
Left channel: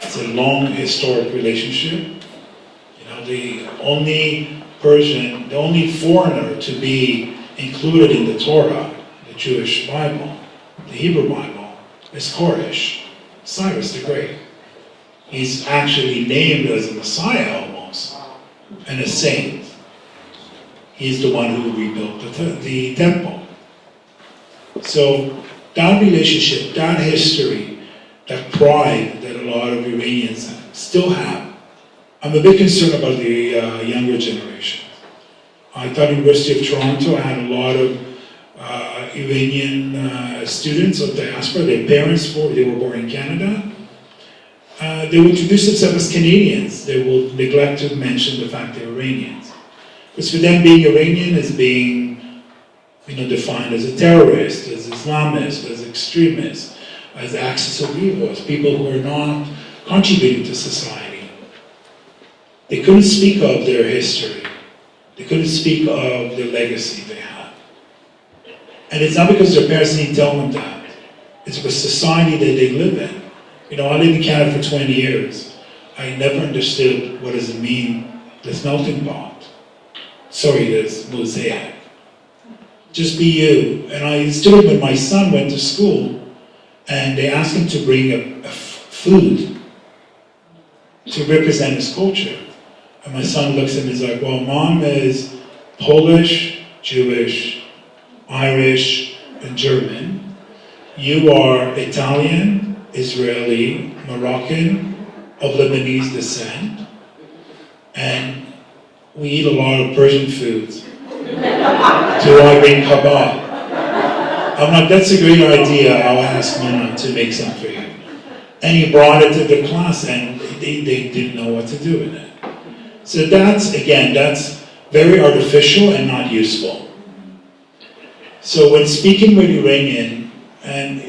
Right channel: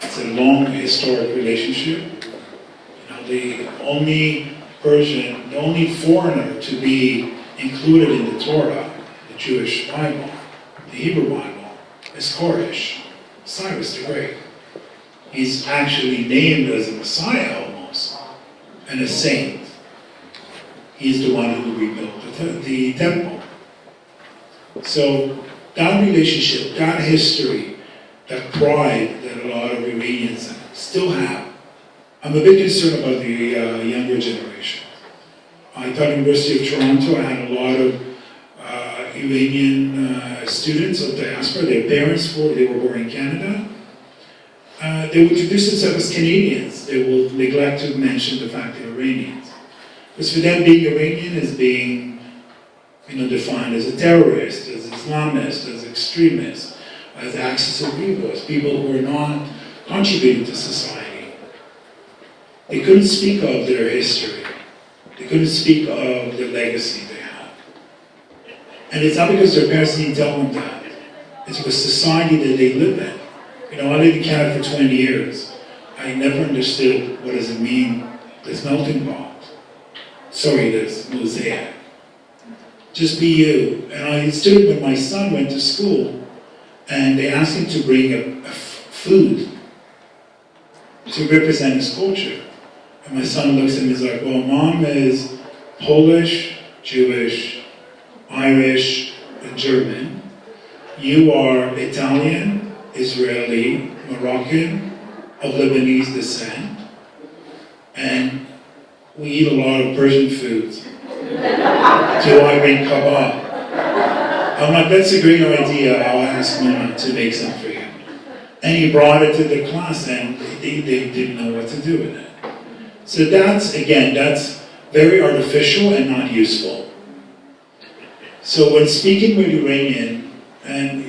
It's a long, historic relationship. The only Persian, the only foreigner to be included in the Torah, the Jewish Bible, the Hebrew Bible, is Koresh, Cyrus the Great. He's actually named as a Messiah almost, and a saint. He's the one who rebuilt the temple. So that relationship, that history, that pride that a lot of Iranians still have. I'm a bit concerned about the younger generation. I taught University of Toronto. I had a lot of Iranian students of diaspora. Their parents, they were born in Canada. They would introduce themselves as Canadians. They will neglect to mention the fact they're Iranians. Because for them, being Iranian is being defined as a terrorist, as Islamist, as extremist, as axis of evil, as people who are not contributing to society. They couldn't speak of their history. They couldn't speak of the legacy they had. And it's not because their parents didn't tell them that. It's because society that they live in. I lived in Canada for 20 years. I never understood what does it mean, this melting pot. Sorry, this mosaic. Just be you. And I stood when my son went to school, and they asked him to bring a food to represent his culture. And my son looks at me and is like, well, Mom is Polish, Jewish, Irish, and German. You are Italian, Israeli, Moroccan, of Lebanese descent. And we eat a lot of Persian foods. Do I bring kebab? I'm like, that's a great idea. I'll ask Mona to make some for you. And he brought it to the class, and they didn't know what to do with it. So that's very artificial and not useful. So when speaking with Iranian, and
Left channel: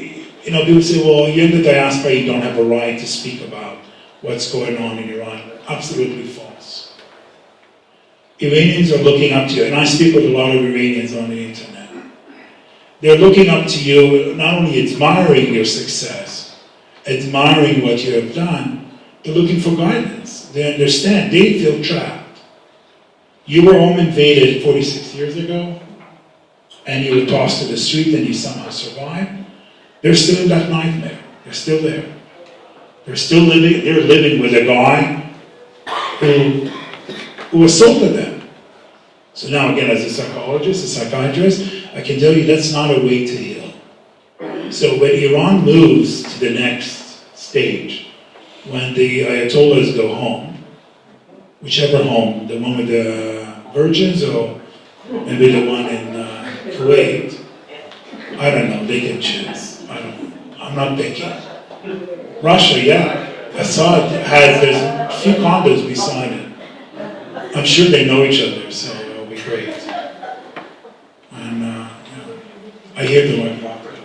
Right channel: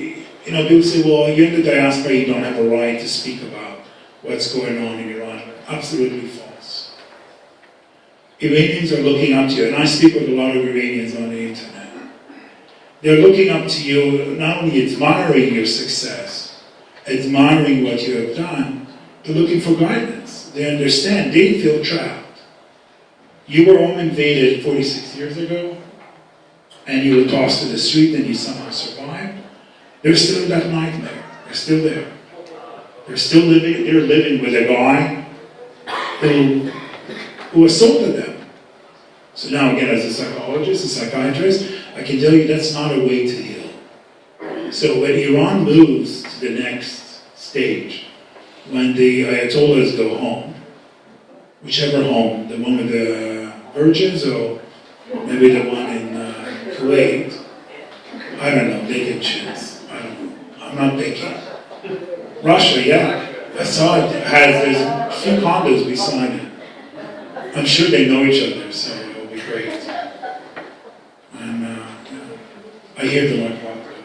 people say, well, you're in the diaspora, you don't have a right to speak about what's going on in Iran. Absolutely false. Iranians are looking up to you, and I speak with a lot of Iranians on the internet. They're looking up to you, not only admiring your success, admiring what you have done, they're looking for guidance. They understand, they feel trapped. You were home invaded 46 years ago, and you were tossed to the street and you somehow survived. They're still in that nightmare. They're still there. They're living with a guy who assaulted them. So now again, as a psychologist, a psychiatrist, I can tell you that's not a way to heal. So when Iran moves to the next stage, when the Ayatollahs go home, whichever home, the one with the virgins or maybe the one in Kuwait, I don't know, they can choose. I'm not thinking. Russia, yeah, I saw it, there's a few condos beside it. I'm sure they know each other, so it'll be great. And I hear them like properly,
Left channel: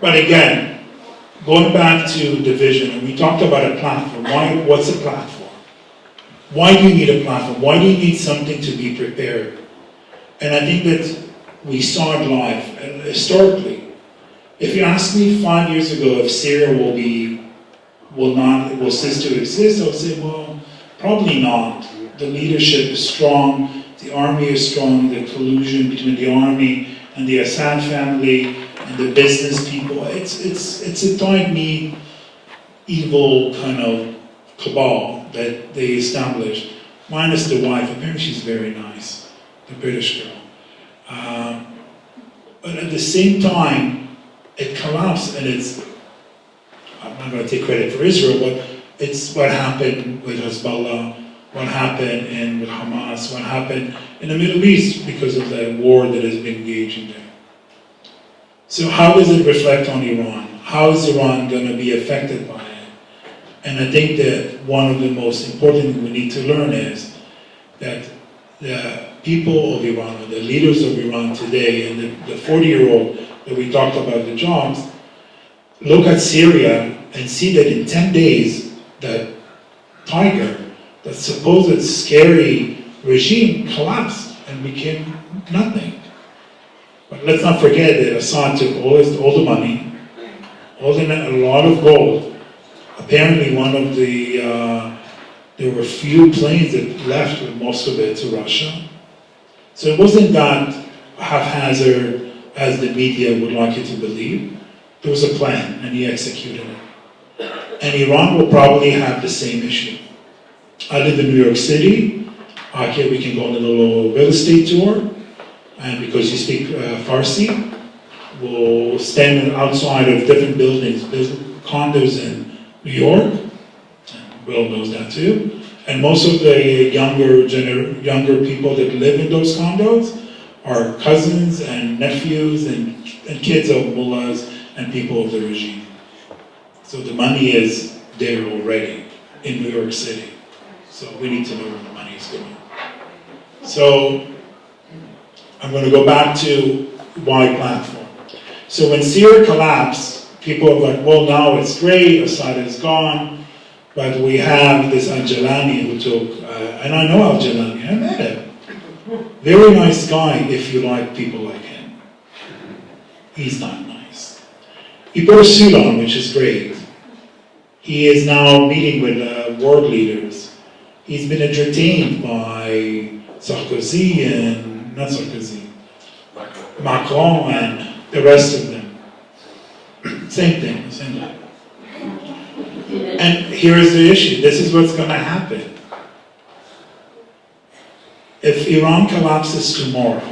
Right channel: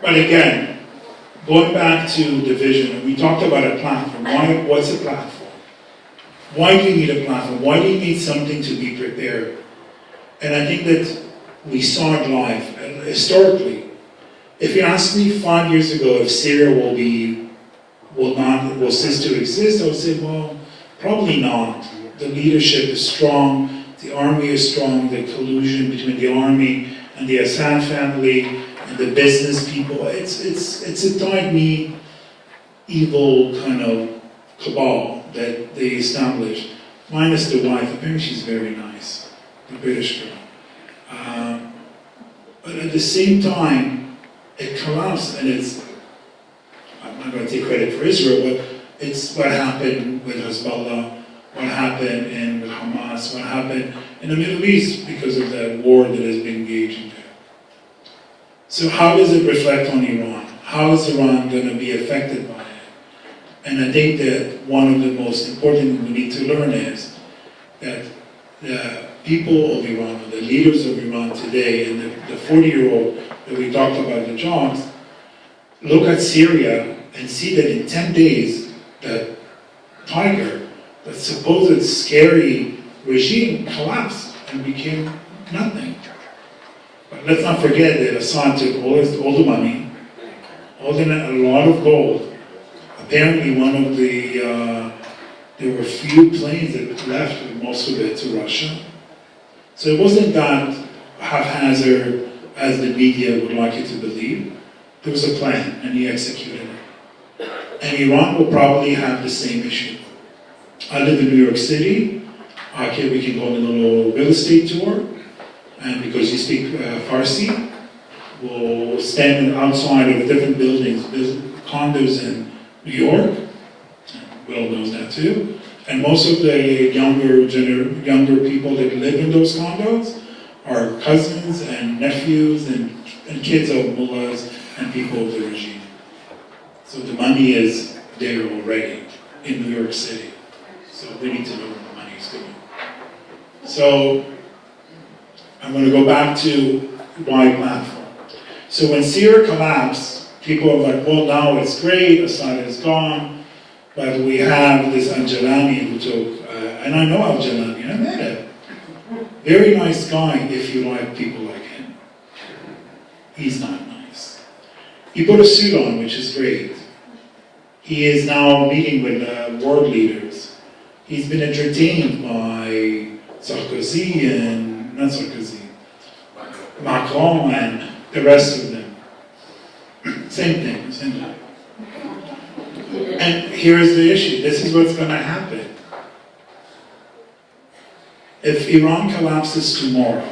But again, going back to the vision, and we talked about a platform. What's a platform? Why do you need a platform? Why do you need something to be prepared? And I think that we saw it live, and historically. If you asked me 5 years ago if Syria will cease to exist, I would say, well, probably not. The leadership is strong, the army is strong, the collusion between the army and the Assad family and the business people, it's a tight-knit, evil kind of cabal that they established, minus the wife. Apparently she's very nice, the British girl. But at the same time, it collapsed, and I'm not going to take credit for Israel, but it's what happened with Hezbollah, what happened with Hamas, what happened in the Middle East because of the war that has been engaged in there. So how does it reflect on Iran? How is Iran going to be affected by it? And I think that one of the most important things we need to learn is that the people of Iran, or the leaders of Iran today, and the 40-year-old that we talked about the jobs, look at Syria and see that in 10 days, that tiger, that supposed scary regime collapsed and became nothing. But let's not forget that Assad took all the money, a lot of gold. Apparently one of the There were few planes that left with most of it to Russia. So it wasn't that haphazard as the media would like you to believe. There was a plan, and he executed it. And Iran will probably have the same issue. I live in New York City. Okay, we can go on a little real estate tour. And because you speak Farsi, we'll stand outside of different buildings, condos in New York. Will knows that too. And most of the younger people that live in those condos are cousins and nephews and kids of mullahs and people of the regime. So the money is there already in New York City. So we need to know where the money is going. So I'm going to go back to why platform. So when Syria collapsed, people were like, well, now it's great, Assad is gone. But we have this Al-Jalani who took, and I know Al-Jalani, I met him. Very nice guy if you like people like him. He's not nice. He put a suit on, which is great. He is now meeting with world leaders. He's been entertained by Sarkozy and, not Sarkozy, Macron and the rest of them. Same thing, same thing. And here's the issue. This is what's going to happen. If Iran collapses tomorrow,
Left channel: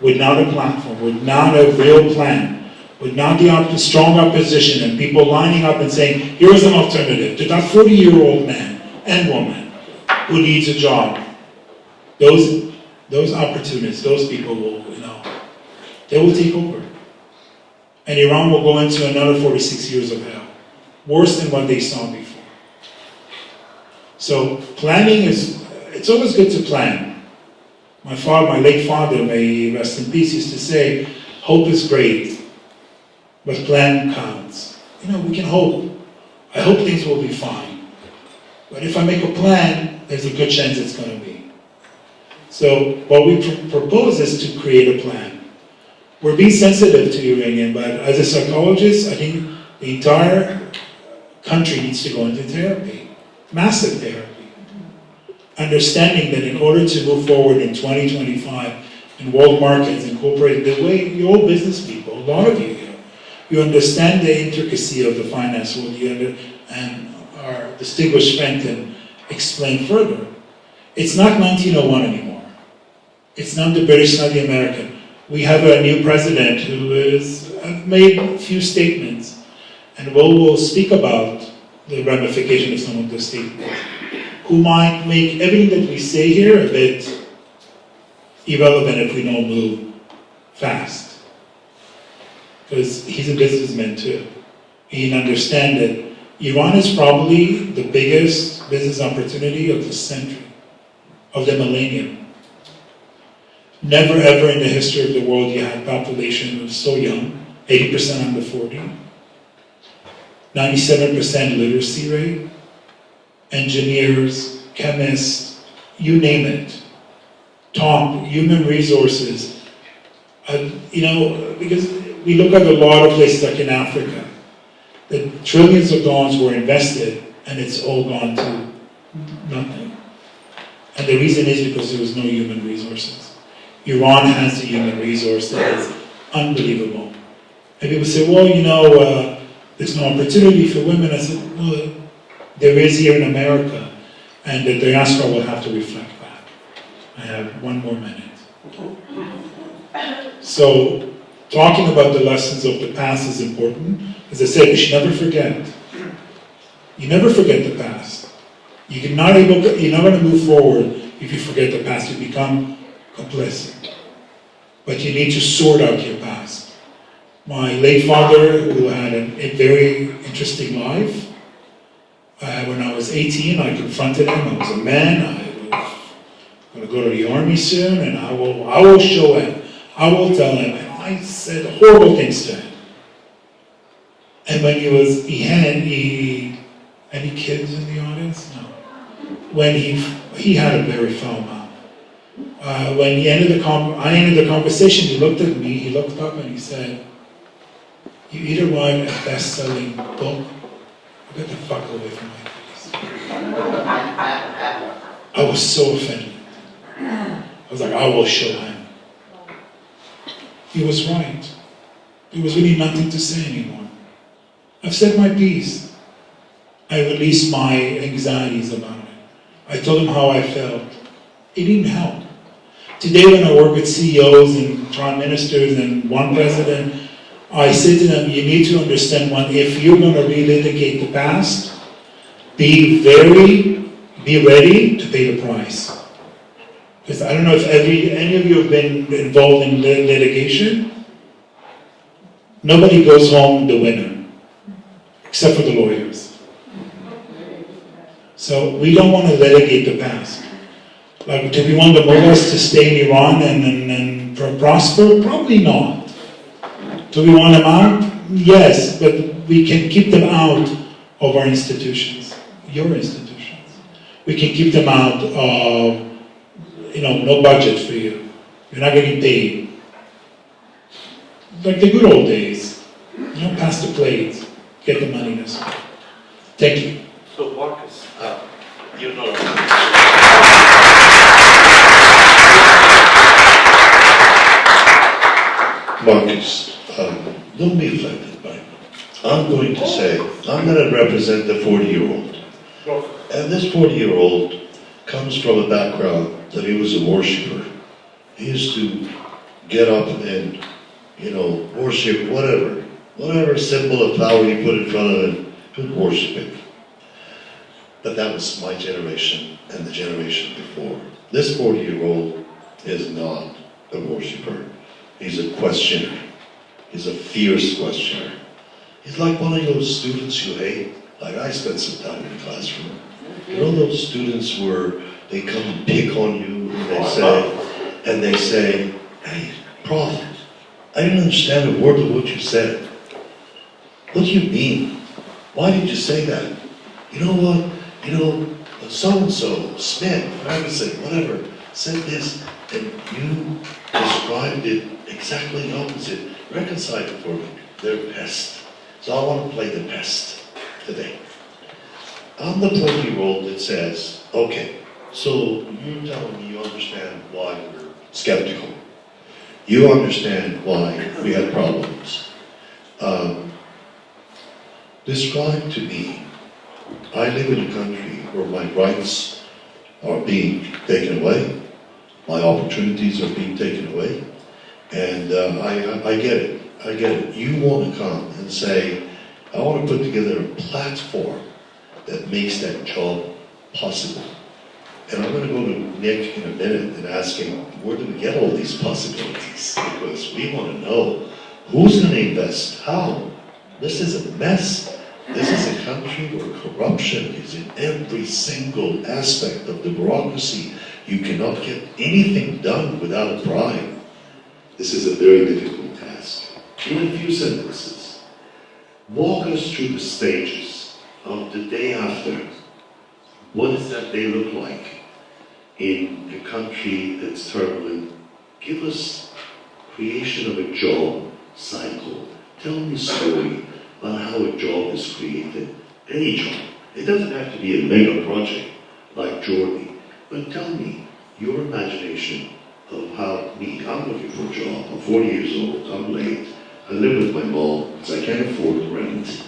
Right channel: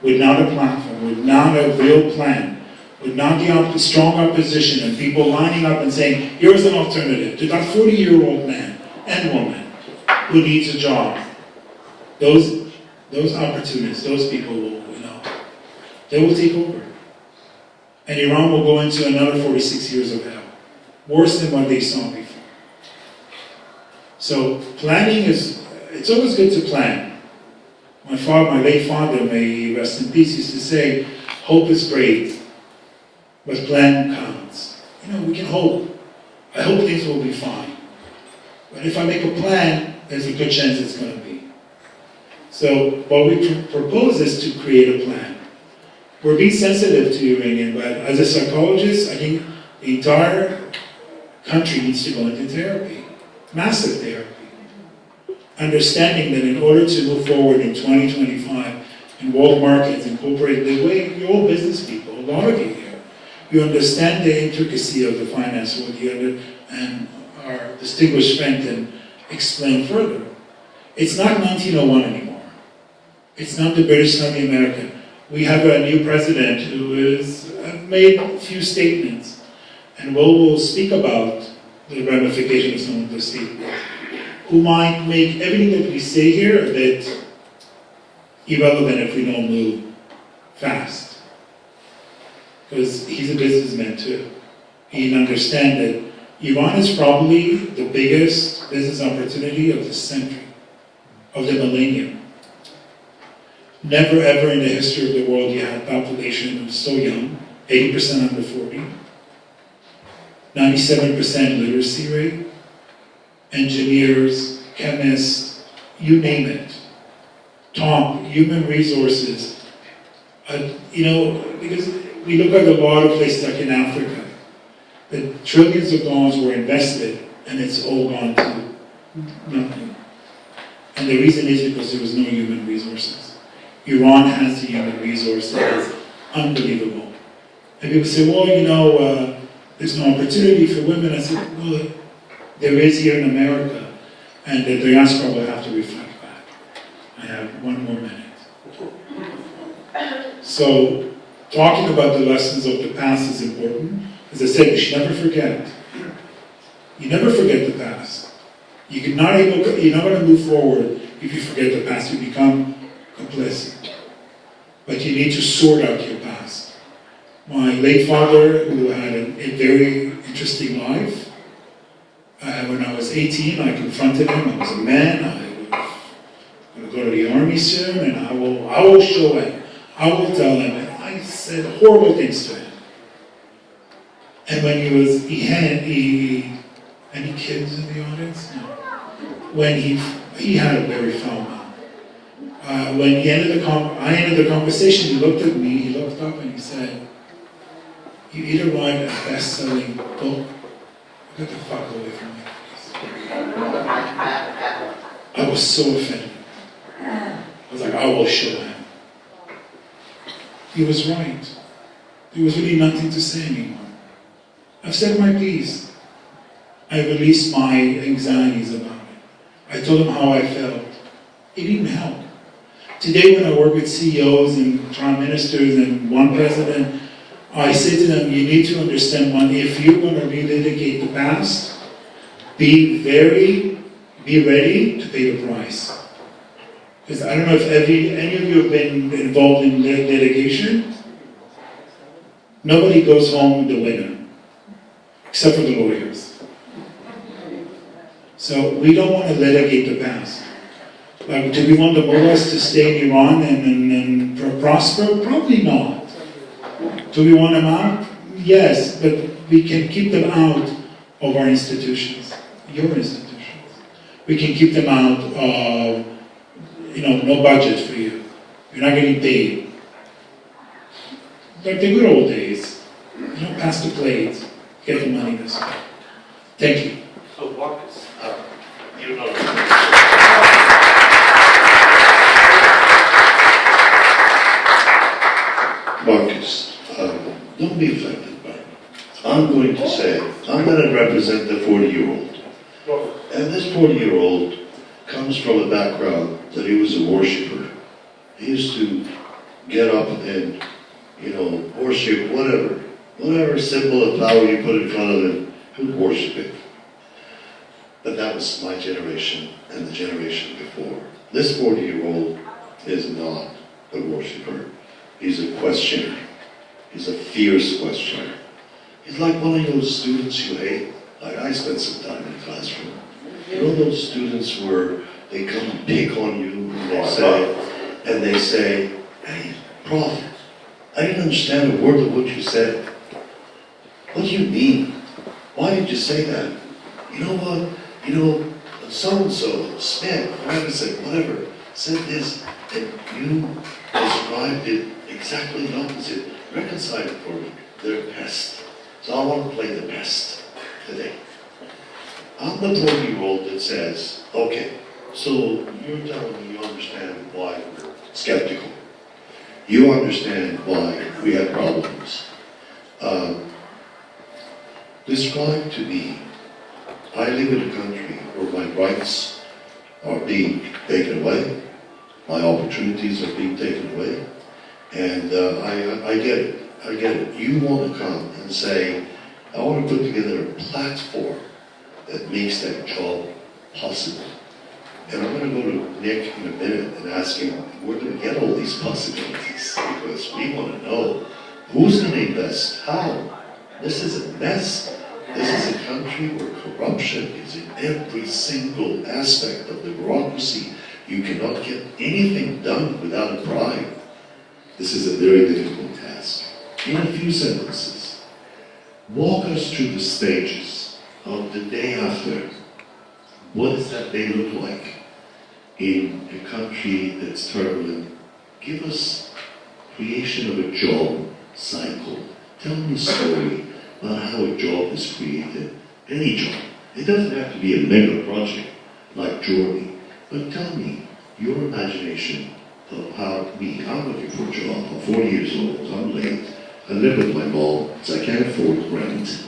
without a platform, without a real plan, without the strong opposition and people lining up and saying, here's an alternative to that 40-year-old man and woman who needs a job, those opportunists, those people will, they will take over. And Iran will go into another 46 years of hell. Worse than what they saw before. So planning it's always good to plan. My late father, may he rest in peace, used to say, hope is great, but plan counts. We can hope. I hope things will be fine. But if I make a plan, there's a good chance it's going to be. So what we propose is to create a plan. We're being sensitive to Iranian, but as a psychologist, I think the entire country needs to go into therapy, massive therapy. Understanding that in order to move forward in 2025 in world markets, incorporate the way you're all business people, a lot of you here, you understand the intricacy of the finance world and our distinguished friend can explain further. It's not 1901 anymore. It's not the British, not the American. We have a new president who has made a few statements. And we'll speak about the ramification of some of those statements, who might make everything that we say here a bit irrelevant if we don't move fast. Because he's a businessman too. He understands that Iran is probably the biggest business opportunity of the century, of the millennium. Never ever in the history of the world you had a population who was so young, 80% under 40. 97% literacy rate, engineers, chemists, you name it. Top human resources. Because we look at a lot of places like in Africa, that trillions of dollars were invested and it's all gone to nothing. And the reason is because there was no human resources. Iran has the human resource that is unbelievable. And people say, well, there's no opportunity for women. I said, well, there is here in America, and the diaspora will have to reflect back. I have one more minute. So, talking about the lessons of the past is important. As I said, you should never forget. You never forget the past. You're not going to move forward if you forget the past. You become complicit. But you need to sort out your past. My late father, who had a very interesting life, when I was 18, I confronted him. I was a man. I was going to go to the army soon, and I will show him. I will tell him. And I said horrible things to him. And when he had any kids in the audience? No. When he had a very foul mouth. When I ended the conversation, he looked at me, he looked up and he said, you either write a best-selling book, or get the fuck away from my face. I was so offended. I was like, I will show him. He was right. There was really nothing to say anymore. I've said my piece. I released my anxieties about it. I told him how I felt. It didn't help. Today when I work with CEOs and prime ministers and one president, I say to them, you need to understand one, if you're going to relitigate the past, be ready to pay the price. Because I don't know if any of you have been involved in litigation. Nobody goes home the winner, except for the lawyers. So we don't want to litigate the past. Like, do we want the mullahs to stay in Iran and prosper? Probably not. Do we want them out? Yes, but we can keep them out of our institutions, your institutions. We can keep them out of, no budget for you. You're not getting paid. Like the good old days. Pass the plate, get the money this way. Thank you. So Marcus, Marcus, don't be affected by it. I'm going to represent the 40-year-old. And this 40-year-old comes from a background that he was a worshiper. He used to get up and, worship whatever symbol of power you put in front of him, he would worship it. But that was my generation and the generation before. This 40-year-old is not a worshiper. He's a questioner. He's a fierce questioner. He's like one of those students you hate. Like I spent some time in the classroom. You know those students where they come and pick on you and they say, hey, Prof, I didn't understand a word of what you said. What do you mean? Why did you say that? You know what? So-and-so, Smith, Ferguson, whatever, said this, and you described it exactly the opposite. Reconcile it for me. They're pests. So I want to play the pest today. I'm the 40-year-old that says, okay, so you're telling me you understand why we're skeptical. You understand why we have problems. Describe to me, I live in a country where my rights are being taken away, my opportunities are being taken away, and I get it. You want to come and say, I want to put together a platform that makes that job possible. And I'm going to go to Nick in a minute and ask him, where do we get all these possibilities? Because we want to know who's going to invest, how. This is a mess. This is a country where corruption is in every single aspect of the bureaucracy. You cannot get anything done without a bribe. This is a very difficult task. In a few sentences, walk us through the stages of the day after. What does that day look like in a country that's turbulent? Give us creation of a job cycle. Tell me a story about how a job is created. Any job. It doesn't have to be a mega project like Jordan, but tell me your imagination of how I'm looking for a job. I'm 40 years old, I'm late, I live with my mom because I can't afford rent.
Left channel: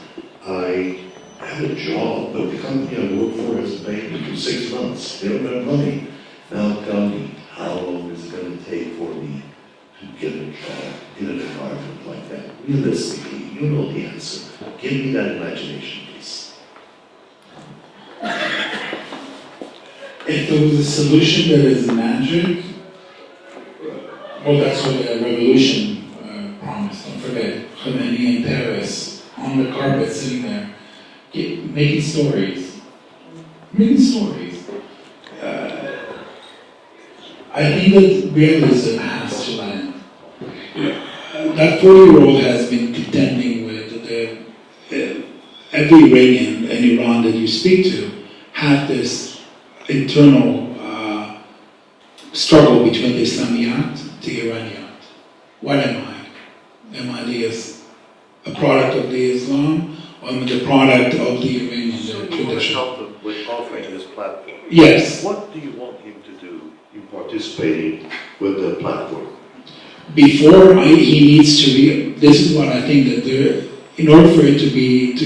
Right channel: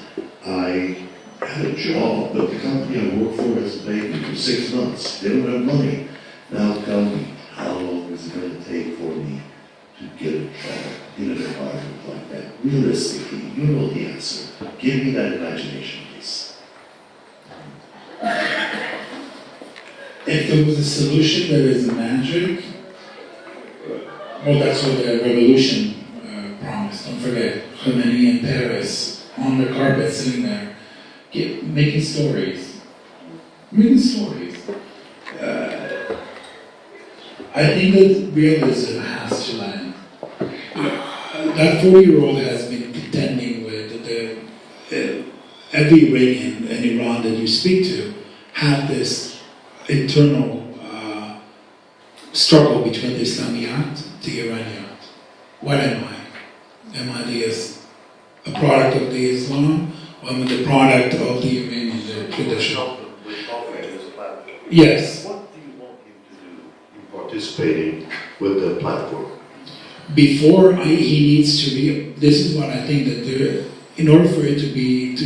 I had a job, but the company I work for hasn't paid me for 6 months. They don't have money. Now tell me, how long is it going to take for me to get a job in an environment like that? Realistically, you know the answer. Give me that imagination, please. If there was a solution that is magic, well, that's what the revolution promised. Don't forget, Khomeini in Paris, on the carpet sitting there, making stories. I think that realism has to land. That 40-year-old has been contending with every Iranian in Iran that you speak to have this internal struggle between the Islamiyat, the Iraniyat. What am I? Am I a product of the Islam, or am I the product of the Iranian tradition? with offering this platform. Yes. What do you want him to do in participating with the platform? He needs to be, this is what I think that in order for it to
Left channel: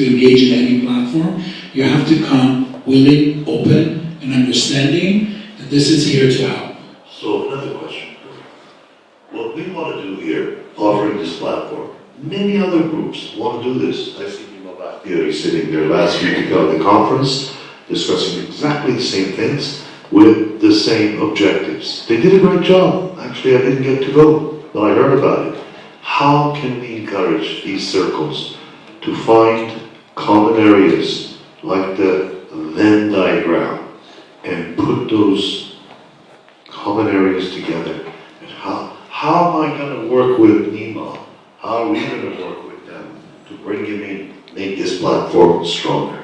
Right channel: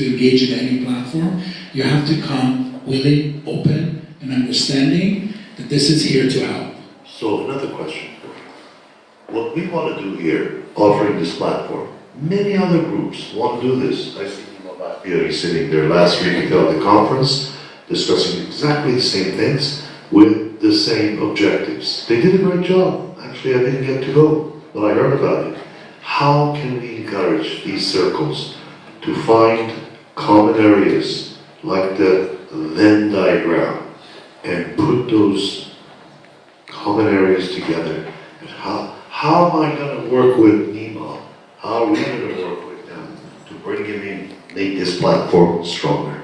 engage in any platform, you have to come willing, open, and understanding that this is here to help. So another question for you. What we want to do here, offering this platform, many other groups want to do this. I see Nima Bakhtiyari sitting there last week at the conference, discussing exactly the same things with the same objectives. They did a great job. Actually, I didn't get to go, but I heard about it. How can we encourage these circles to find common areas like the Venn diagram and put those common areas together? And how am I going to work with Nima? How are we going to work with them to bring him in, make this platform stronger?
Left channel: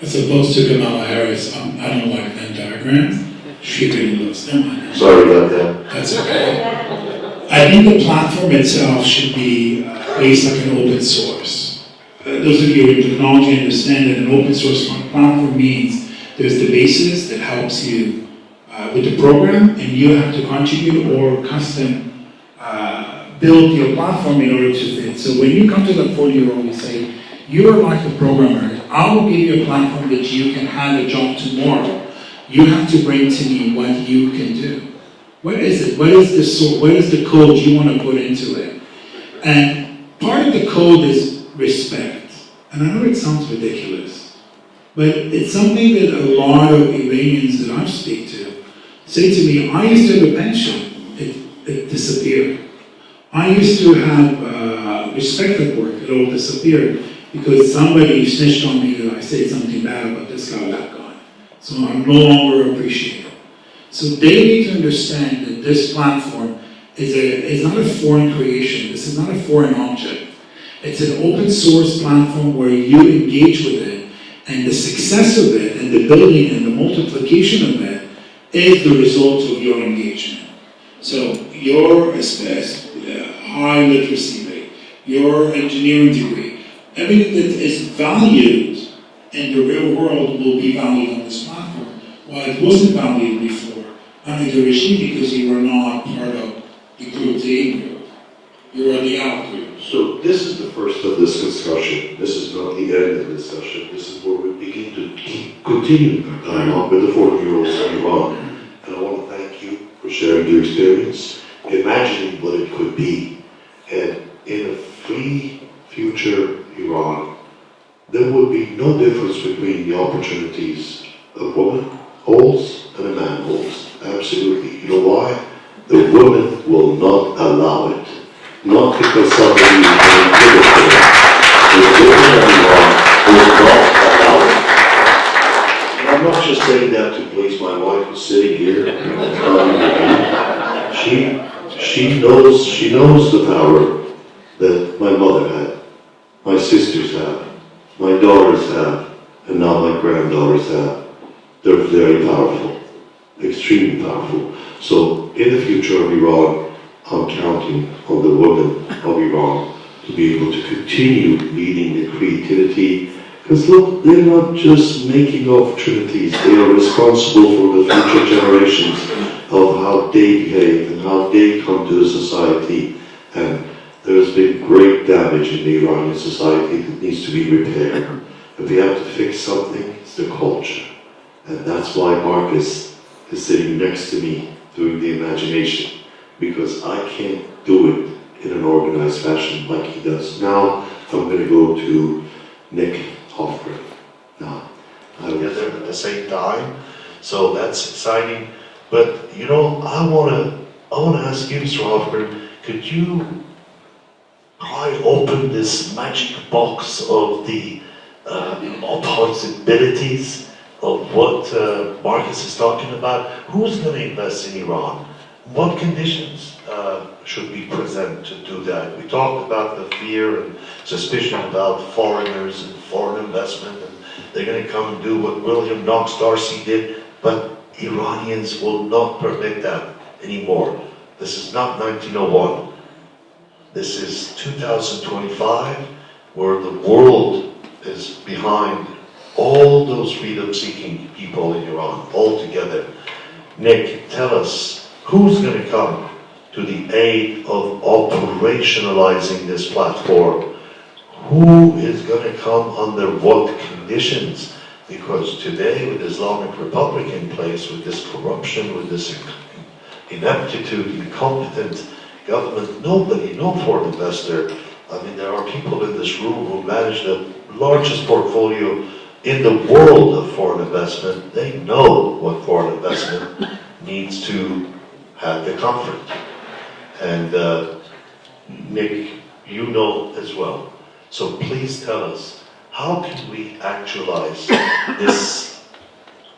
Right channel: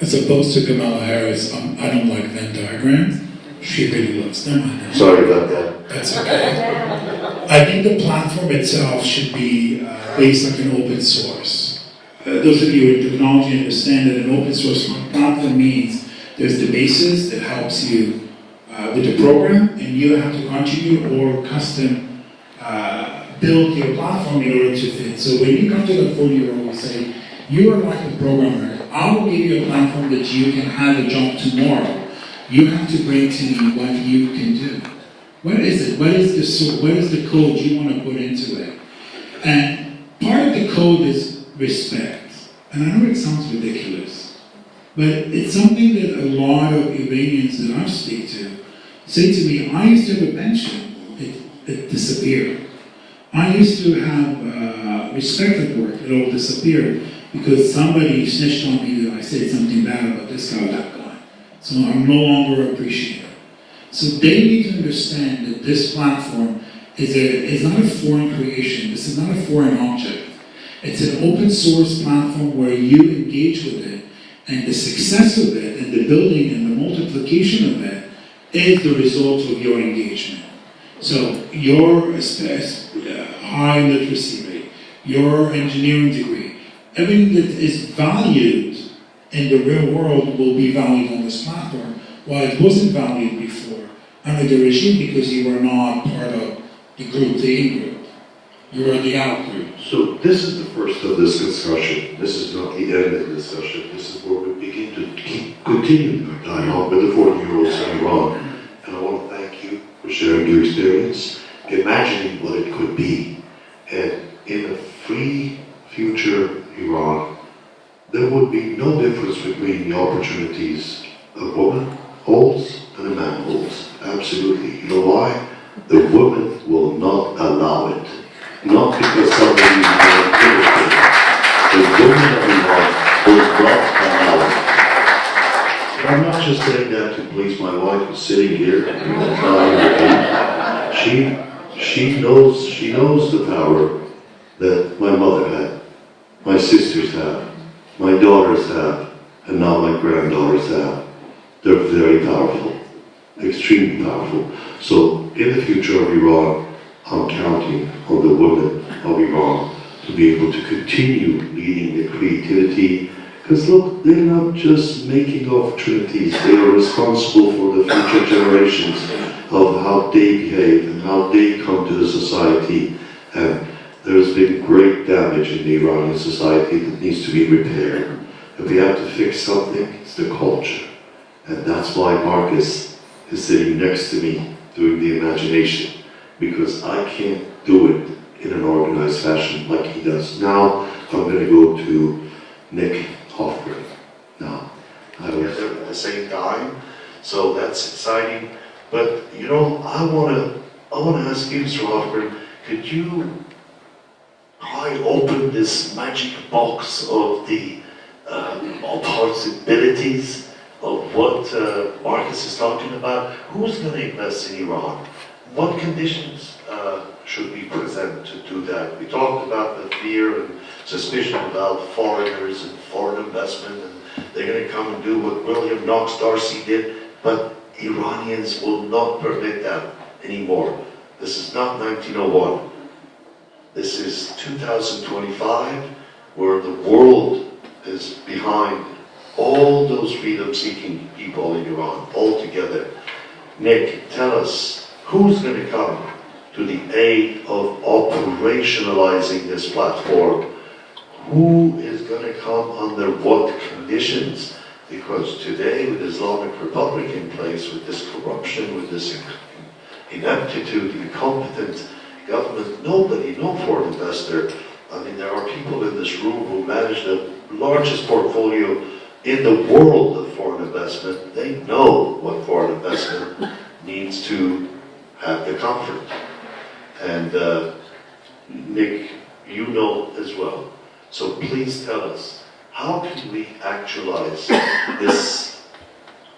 As opposed to Kamala Harris, I don't like Venn diagrams. She really loves them. I know. Sorry about that. That's okay. I think the platform itself should be based like an open source. Those of you in technology understand that an open source platform means there's the basis that helps you with the program, and you have to contribute or custom build your platform in order to fit. So when you come to the 40-year-old, you say, you are like a programmer. I will give you a platform that you can have a job tomorrow. You have to bring to me what you can do. What is it? What is the source? What is the code you want to put into it? And part of the code is respect. And I know it sounds ridiculous, but it's something that a lot of Iranians that I speak to say to me, I used to have a pension. It disappeared. I used to have respect at work. It all disappeared because somebody snitched on me that I said something bad about this guy or that guy. So I'm no longer appreciated. So they need to understand that this platform is not a foreign creation. This is not a foreign object. It's an open source platform where you engage with it, and the success of it, and the building and the multiplication of it is the result of your engagement. So your high literacy rate, your engineering degree, everything that is valued in the real world will be valued on this platform, while it wasn't valued before under the regime because you were not part of the group, the in-group. You were the out-group. So this is the first of this discussion. This is not the end of the discussion. This is where we begin to continue our dialogue with the 40-year-olds in Iran. And I want to thank you for sharing your experience, imagining what it could be. And in a free future Iran, there would be no difference between the opportunities a woman holds and a man holds. Absolutely. You know why? The woman will not allow it. Not because somebody is going to give it to her. The woman of Iran will not allow it. And I'm not just saying that to please my wife who's sitting here. She knows the power that my mother had, my sisters have, my daughters have, and now my granddaughters have. They're very powerful, extremely powerful. So in the future of Iran, I'm counting on the women of Iran to be able to continue leading the creativity. Because look, they're not just making opportunities, they are responsible for the future generations of how they behave and how they come to the society. And there's been great damage in the Iranian society that needs to be repaired. If we have to fix something, it's the culture. And that's why Marcus is sitting next to me doing the imagination, because I can't do it in an organized fashion like he does. Now, I'm going to go to Nick Hofgren. Now, I was there at the same time, so that's exciting. But, you know, I want to ask you, Mr. Hofgren, could you pry open this magic box of the possibilities of what Marcus is talking about? Who's going to invest in Iran? What conditions should we present to do that? We talked about the fear and suspicion about foreigners and foreign investment, and they're going to come and do what William Knox Darcy did, but Iranians will not permit that anymore. This is not 1901. This is 2025, where the world is behind all those freedom-seeking people in Iran, all together. Nick, tell us, who's going to come to the aid of operationalizing this platform? Who is going to come under what conditions? Because today, with Islamic Republic in place, with this corruption, with this ineptitude, incompetent government, nobody, no foreign investor. I mean, there are people in this room who manage the largest portfolio in the world of foreign investment. They know what foreign investment needs to have the comfort. And Nick, you know as well. So please tell us, how can we actualize this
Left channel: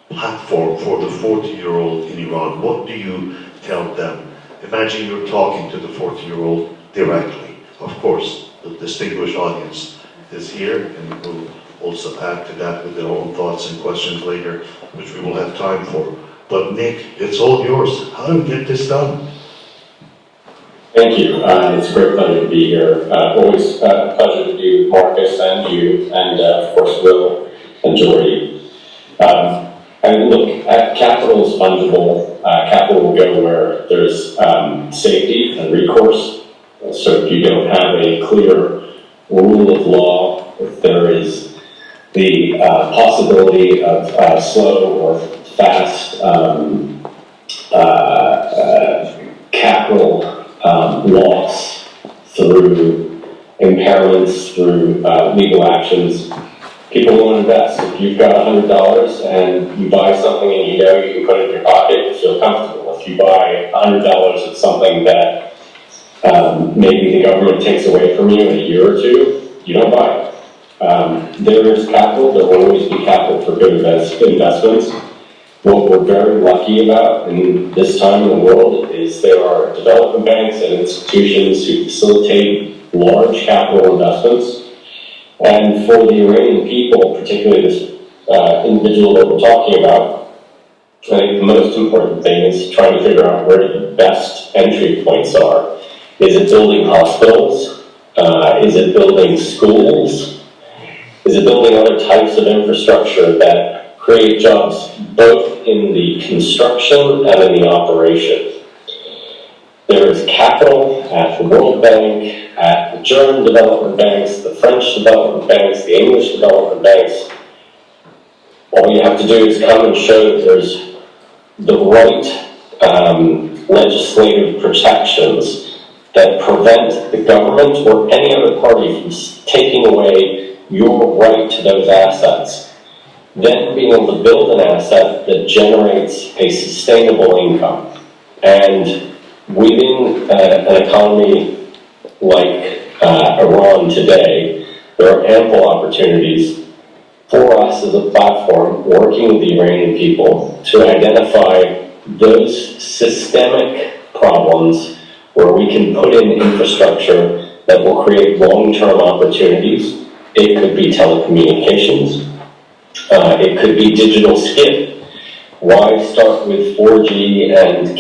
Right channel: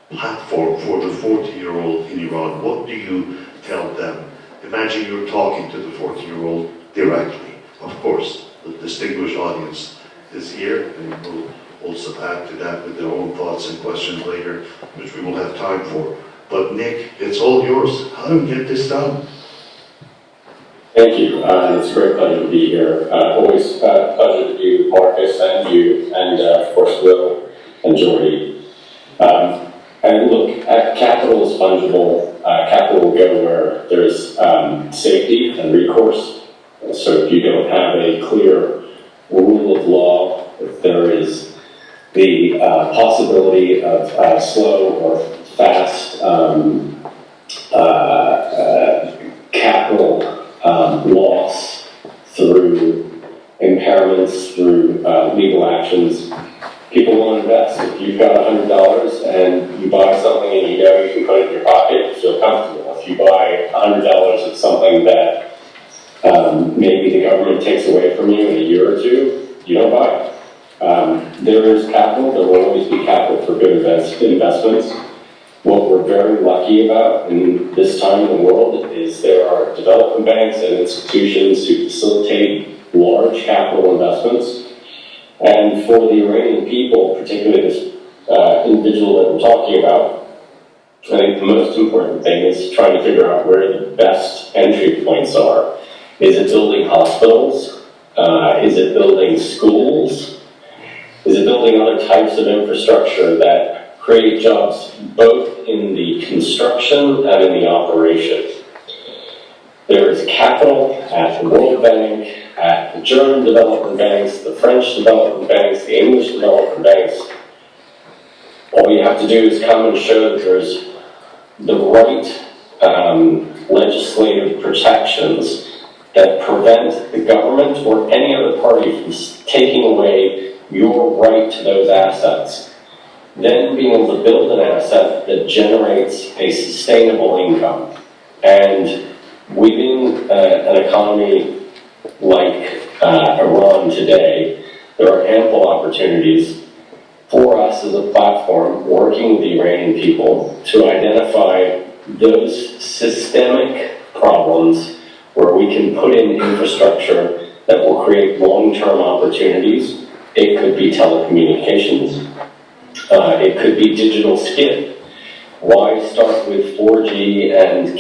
platform for the 40-year-old in Iran? What do you tell them? Imagine you're talking to the 40-year-old directly. Of course, the distinguished audience is here, and we'll also add to that with their own thoughts and questions later, which we will have time for. But Nick, it's all yours. How do we get this done? Thank you. It's a great pleasure to be here. Always a pleasure to be with Marcus and you, and of course Will and Jordy. And look, capital is fungible. Capital will go where there's safety and recourse. So if you don't have a clear rule of law, if there is the possibility of slow or fast capital loss through impairments, through legal actions, people won't invest. If you've got $100 and you buy something and you know you can put it in your pocket, you feel comfortable. If you buy $100 of something that maybe the government takes away from you in a year or two, you don't buy it. There is capital, there will always be capital for good investments. What we're very lucky about in this time in the world is there are development banks and institutions who facilitate large capital investments. And for the Iranian people, particularly this individual that we're talking about, I think the most important thing is trying to figure out where the best entry points are. Is it building hospitals? Is it building schools? Is it building other types of infrastructure that create jobs both in the construction and in the operation? There is capital at the World Bank, at the German development banks, the French development banks, the English development banks. All you have to do is come and show that there's the right legislative protections that prevent the government or any other party from taking away your right to those assets. Then being able to build an asset that generates a sustainable income. And within an economy like Iran today, there are ample opportunities for us as a platform working with the Iranian people to identify those systemic problems where we can put in infrastructure that will create long-term opportunities. It could be telecommunications. It could be digital skin. Why start with 4G and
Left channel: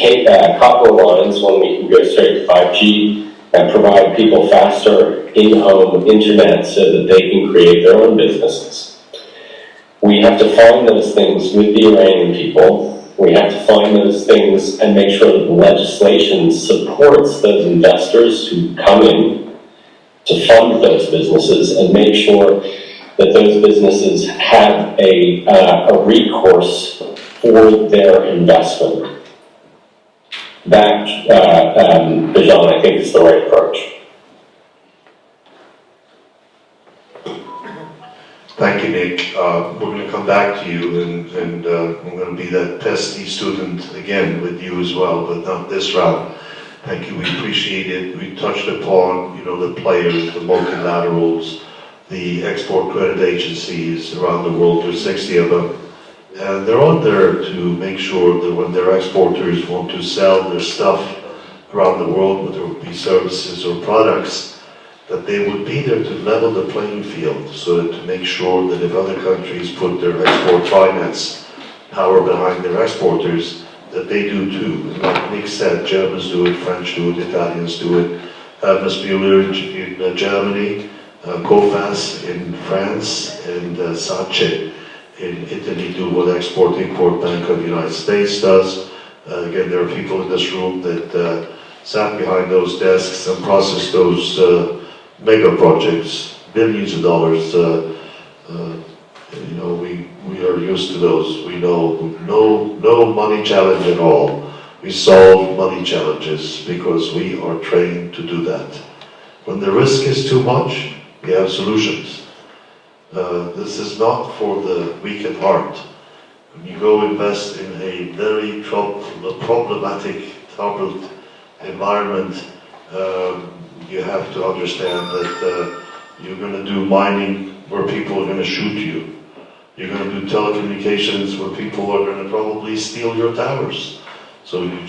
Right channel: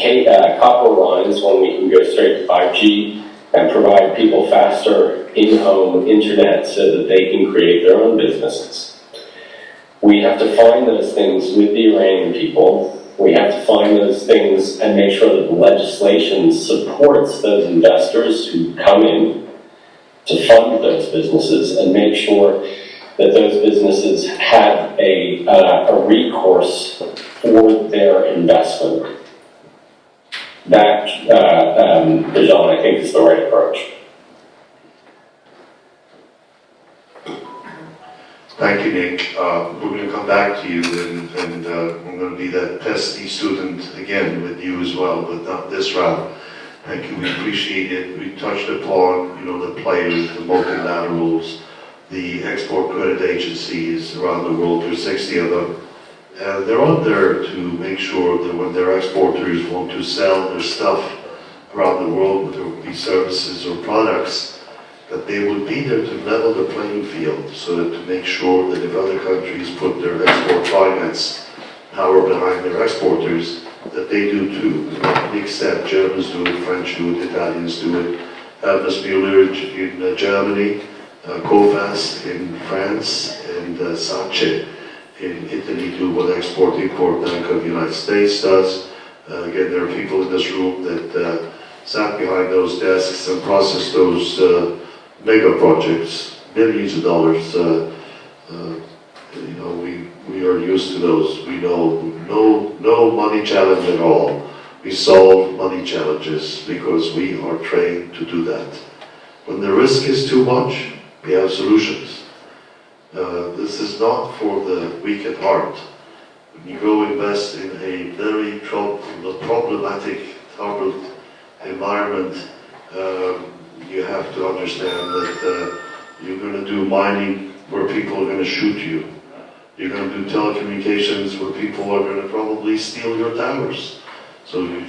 copper lines when we can go straight to 5G and provide people faster in-home internet so that they can create their own businesses? We have to find those things with the Iranian people. We have to find those things and make sure that the legislation supports those investors who come in to fund those businesses and make sure that those businesses have a recourse for their investment. That, Bijan, I think is the right approach. Thank you, Nick. We're going to come back to you, and we're going to be that testy student again with you as well, but not this round. Thank you, we appreciate it. We touched upon, the players, the multilaterals, the export credit agencies around the world. There's 60 of them. And they're out there to make sure that when their exporters want to sell their stuff around the world, whether it be services or products, that they would be there to level the playing field, so that to make sure that if other countries put their export finance power behind their exporters, that they do too. And like Nick said, Germans do it, French do it, Italians do it, Hermes Müller in Germany, Coface in France, and Sace in Italy do what Export-Import Bank of the United States does. Again, there are people in this room that sat behind those desks and processed those mega projects, billions of dollars. You know, we are used to those. We know no money challenge at all. We solve money challenges because we are trained to do that. When the risk is too much, we have solutions. This is not for the weak at heart. When you go invest in a very problematic, troubled environment, you have to understand that you're going to do mining where people are going to shoot you. You're going to do telecommunications where people are going to probably steal your towers. So and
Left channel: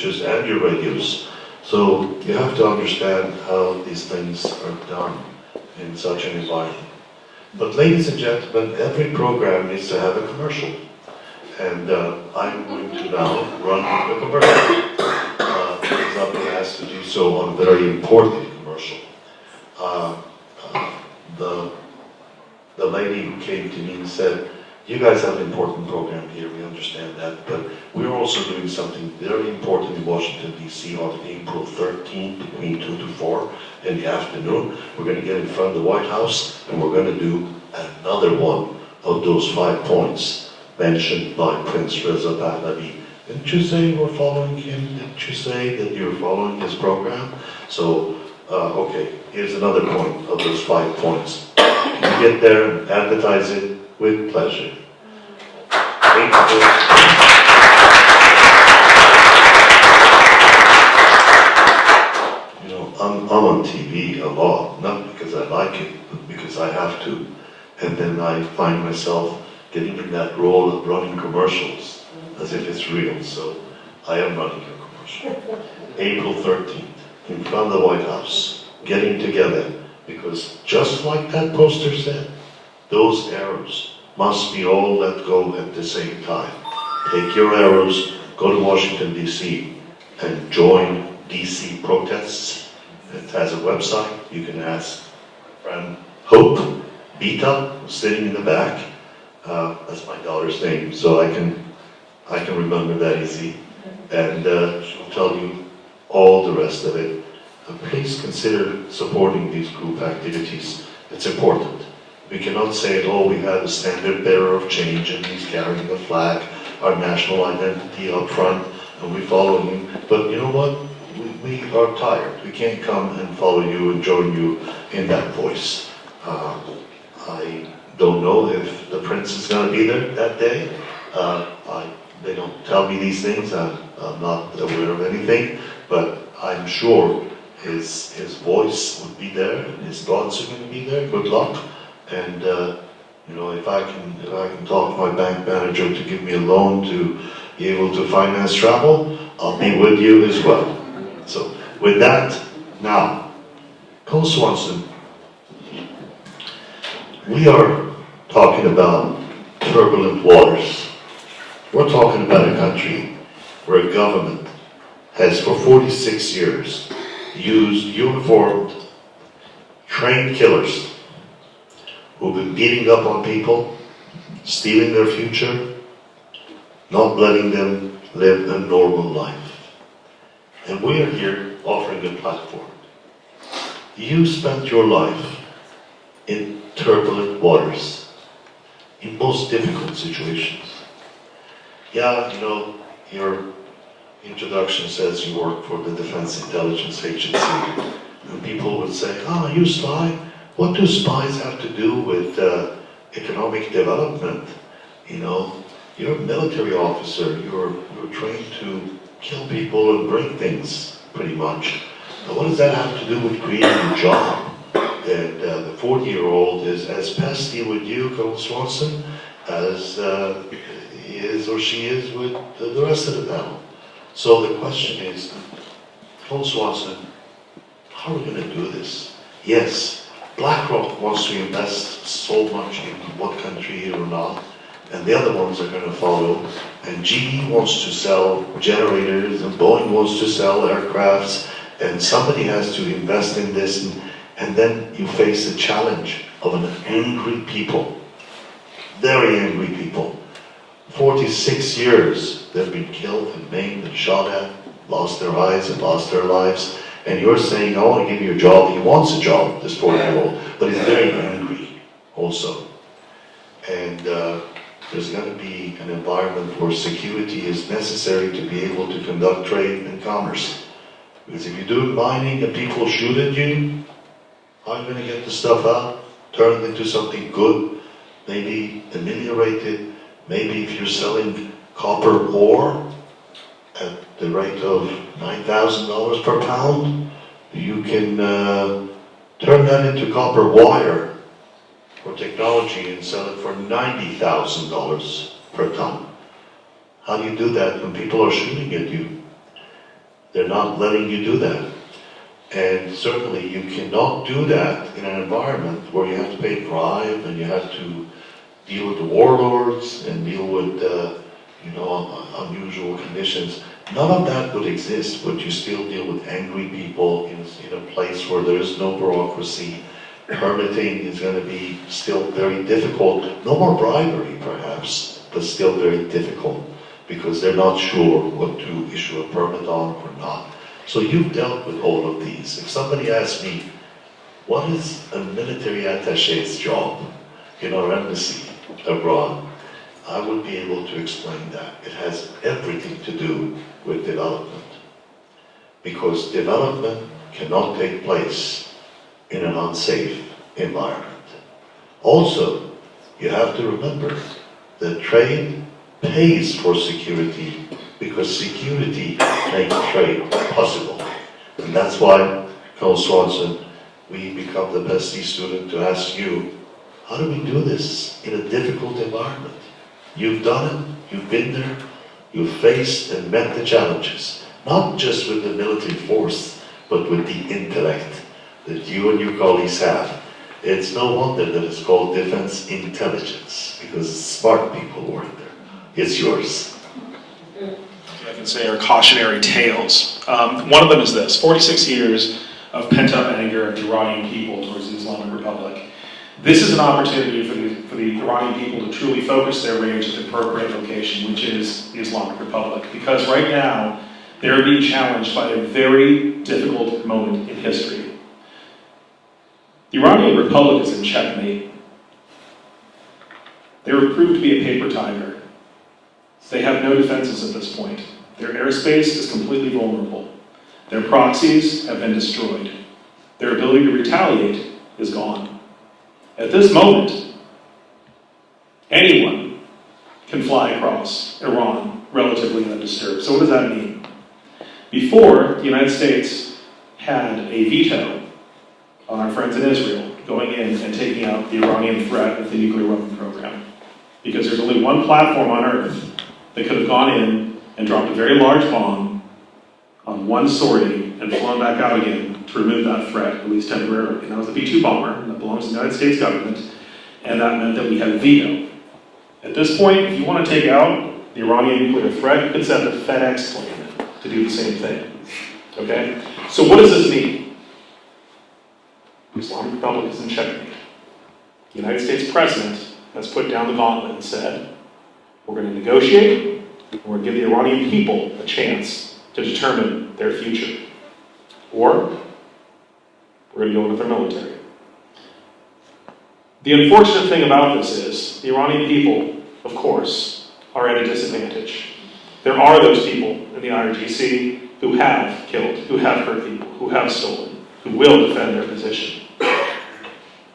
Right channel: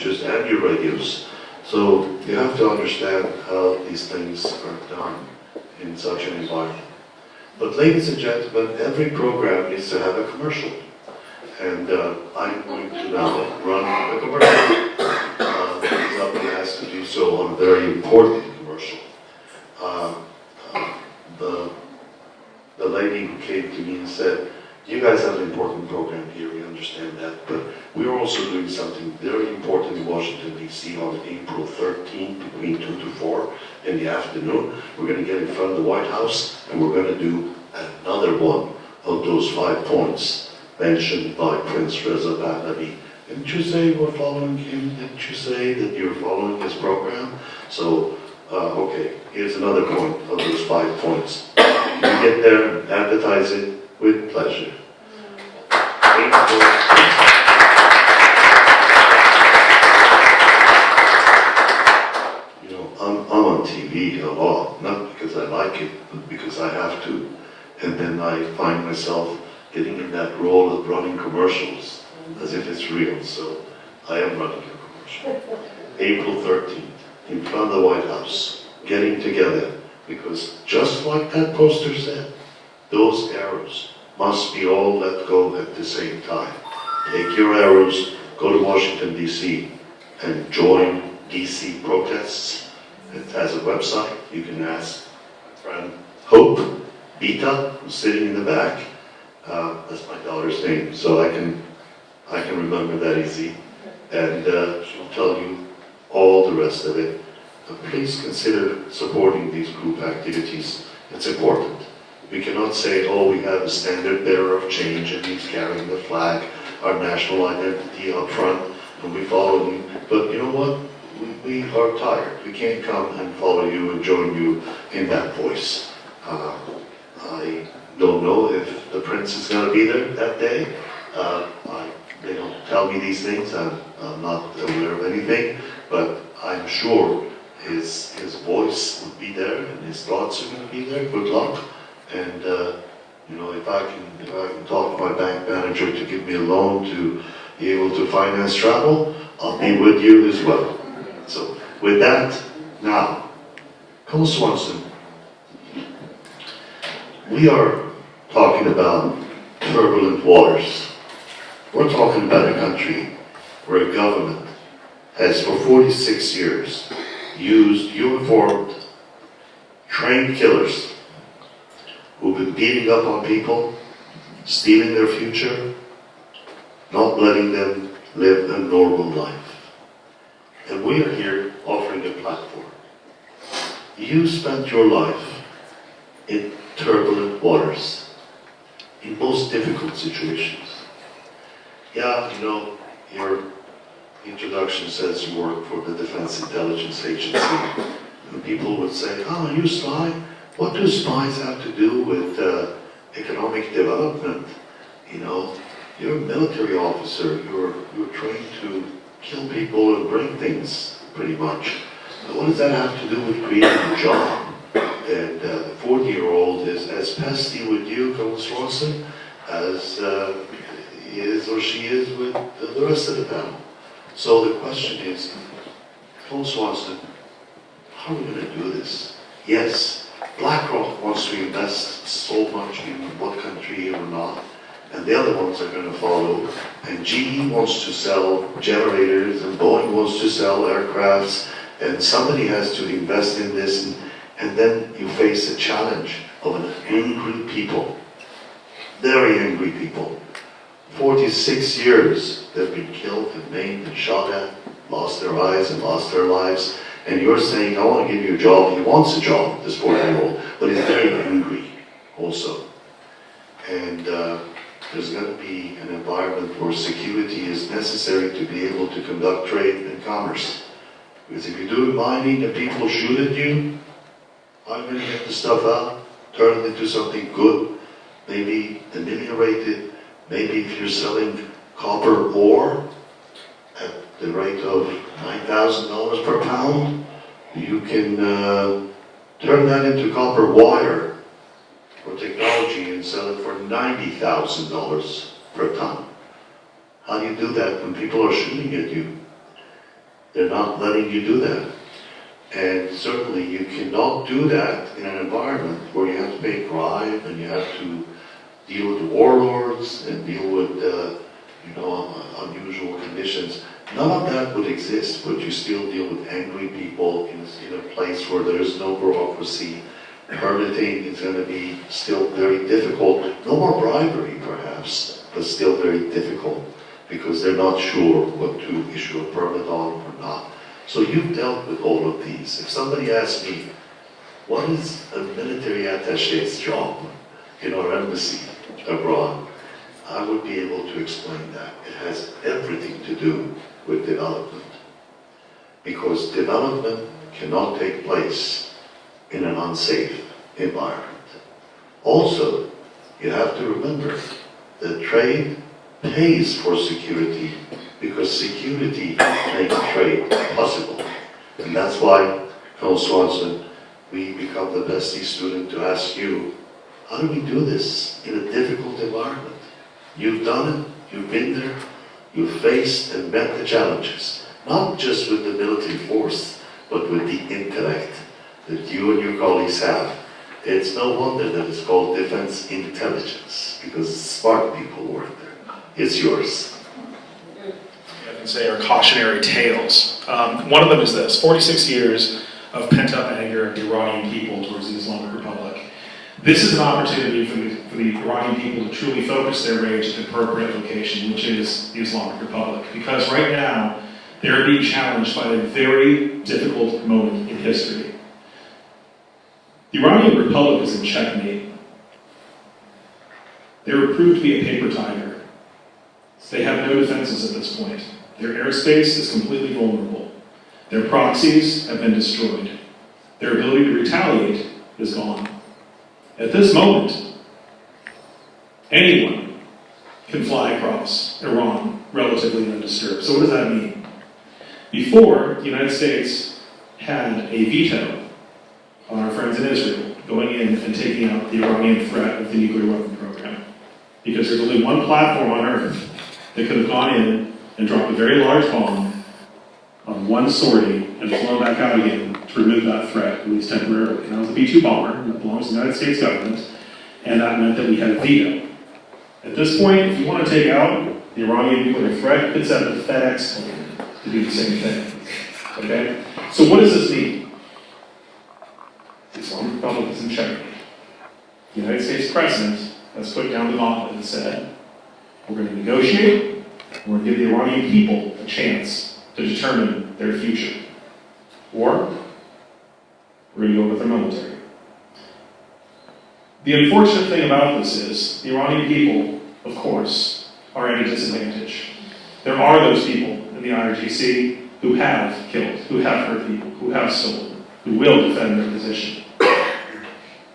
your radios. So you have to understand how these things are done in such an environment. But ladies and gentlemen, every program needs to have a commercial. And I'm going to now run a commercial. I've been asked to do so on a very important commercial. The lady who came to me and said, you guys have an important program here, we understand that, but we're also doing something very important in Washington, D.C. on April 13th between 2 to 4 in the afternoon. We're going to get in front of the White House and we're going to do another one of those 5 points mentioned by Prince Reza Pahlavi. Didn't you say we're following him? Didn't you say that you're following his program? So, okay, here's another point of those 5 points. You get there and advertise it with pleasure. You know, I'm on TV a lot, not because I like it, but because I have to. And then I find myself getting in that role of running commercials as if it's real. So I am running a commercial. April 13th, in front of the White House, getting together, because just like that poster said, those arrows must be all let go at the same time. Take your arrows, go to Washington, D.C., and join D.C. protests. It has a website. You can ask my friend Hope Bita, who's sitting in the back. That's my daughter's name, so I can remember that easy. And she'll tell you all the rest of it. Please consider supporting these group activities. It's important. We cannot say, oh, we have a standard bearer of change and he's carrying the flag, our national identity up front, and we follow him. But you know what? We are tired. We can't come and follow you and join you in that voice. I don't know if the prince is going to be there that day. They don't tell me these things. I'm not aware of anything, but I'm sure his voice would be there and his thoughts are going to be there. Good luck. And you know, if I can talk to my bank manager to give me a loan to be able to finance travel, I'll be with you as well. So with that, now, Cole Swanson, we are talking about turbulent waters. We're talking about a country where a government has for 46 years used uniformed, trained killers who've been beating up on people, stealing their future, not letting them live a normal life. And we are here offering a platform. You spent your life in turbulent waters, in most difficult situations. Yeah, you know, your introduction says you work for the Defense Intelligence Agency. And people would say, oh, you spy? What do spies have to do with economic development? You know, you're a military officer. You're trained to kill people and break things, pretty much. Now, what does that have to do with creating a job? And the 40-year-old is as pesky with you, Colonel Swanson, as he is or she is with the rest of the panel. So the question is, Colonel Swanson, how are we going to do this? Yes, BlackRock wants to invest so much in what country or not, and the other ones are going to follow. And GE wants to sell generators, and Boeing wants to sell aircrafts, and somebody has to invest in this, and then you face the challenge of an angry people, very angry people, 46 years they've been killed and maimed and shot at, lost their eyes and lost their lives. And you're saying, I want to give you a job. He wants a job, this 4-year-old, but he's very angry also. And there's going to be an environment where security is necessary to be able to conduct trade and commerce. Because if you do mining and people shoot at you, how are you going to get the stuff out, turn it into something good, maybe ameliorated? Maybe if you're selling copper ore at the rate of $9,000 per pound, you can turn that into copper wire for technology and sell it for $90,000 per ton. How do you do that when people are shooting at you? They're not letting you do that. And certainly you cannot do that in an environment where you have to pay bribe and you have to deal with the warlords and deal with unusual conditions. None of that would exist, but you still deal with angry people in a place where there is no bureaucracy. Permitting is going to be still very difficult. No more bribery, perhaps, but still very difficult because they're not sure what to issue a permit on or not. So you've dealt with all of these. If somebody asks me, what is a military attaché's job in our embassy abroad, I would be able to explain that. It has everything to do with development. Because development cannot take place in an unsafe environment. Also, you have to remember that trade pays for security because security makes trade possible. And that's why, Colonel Swanson, we become the bestie student to ask you, how do we do this in a difficult environment? You've done it, you've been there, you've faced and met the challenges, not just with the military force, but with the intellect that you and your colleagues have. It's no wonder that it's called defense intelligence, because smart people work there. It's yours. I can say are cautionary tales. One of them is this: 46 years of pent-up anger of the Iranian people towards the Islamic Republic. This is an opportunity for the Iranian people to truly focus their rage at the appropriate location, which is the Islamic Republic. Because right now, they're being challenged by a very difficult moment in history. The Iranian Republic is in checkmate. They were proved to be a paper tiger. They have no defenses at this point. Their airspace is completely vulnerable. Their proxies have been destroyed. Their ability to retaliate is gone. At this moment, anyone can fly across Iran relatively undisturbed. So what does that mean? Before, the United States had a veto on our friends in Israel going in and taking out the Iranian threat of the nuclear weapon program. Because there's only one platform on Earth that could have gone in and dropped a very large bomb on one sortie and flown back out again to remove that threat, at least temporarily. And that was a B-2 bomber that belongs to the United States government, and that meant that we had a veto. At this point, if you want to take out the Iranian nuclear threat, you could send a FedEx plane to do the same thing. Okay? So what does this mean? The Islamic Republic is in checkmate. The United States president has put down the gauntlet and said, we're going to negotiate, and we're going to give the Iranian people a chance to determine their future. Or, we're going to go with their military. The unfortunate thing about this is, the Iranian people, of course, are at a disadvantage. There are those people in the IRGC who have killed, who have hurt people, who have stolen, who will defend their position.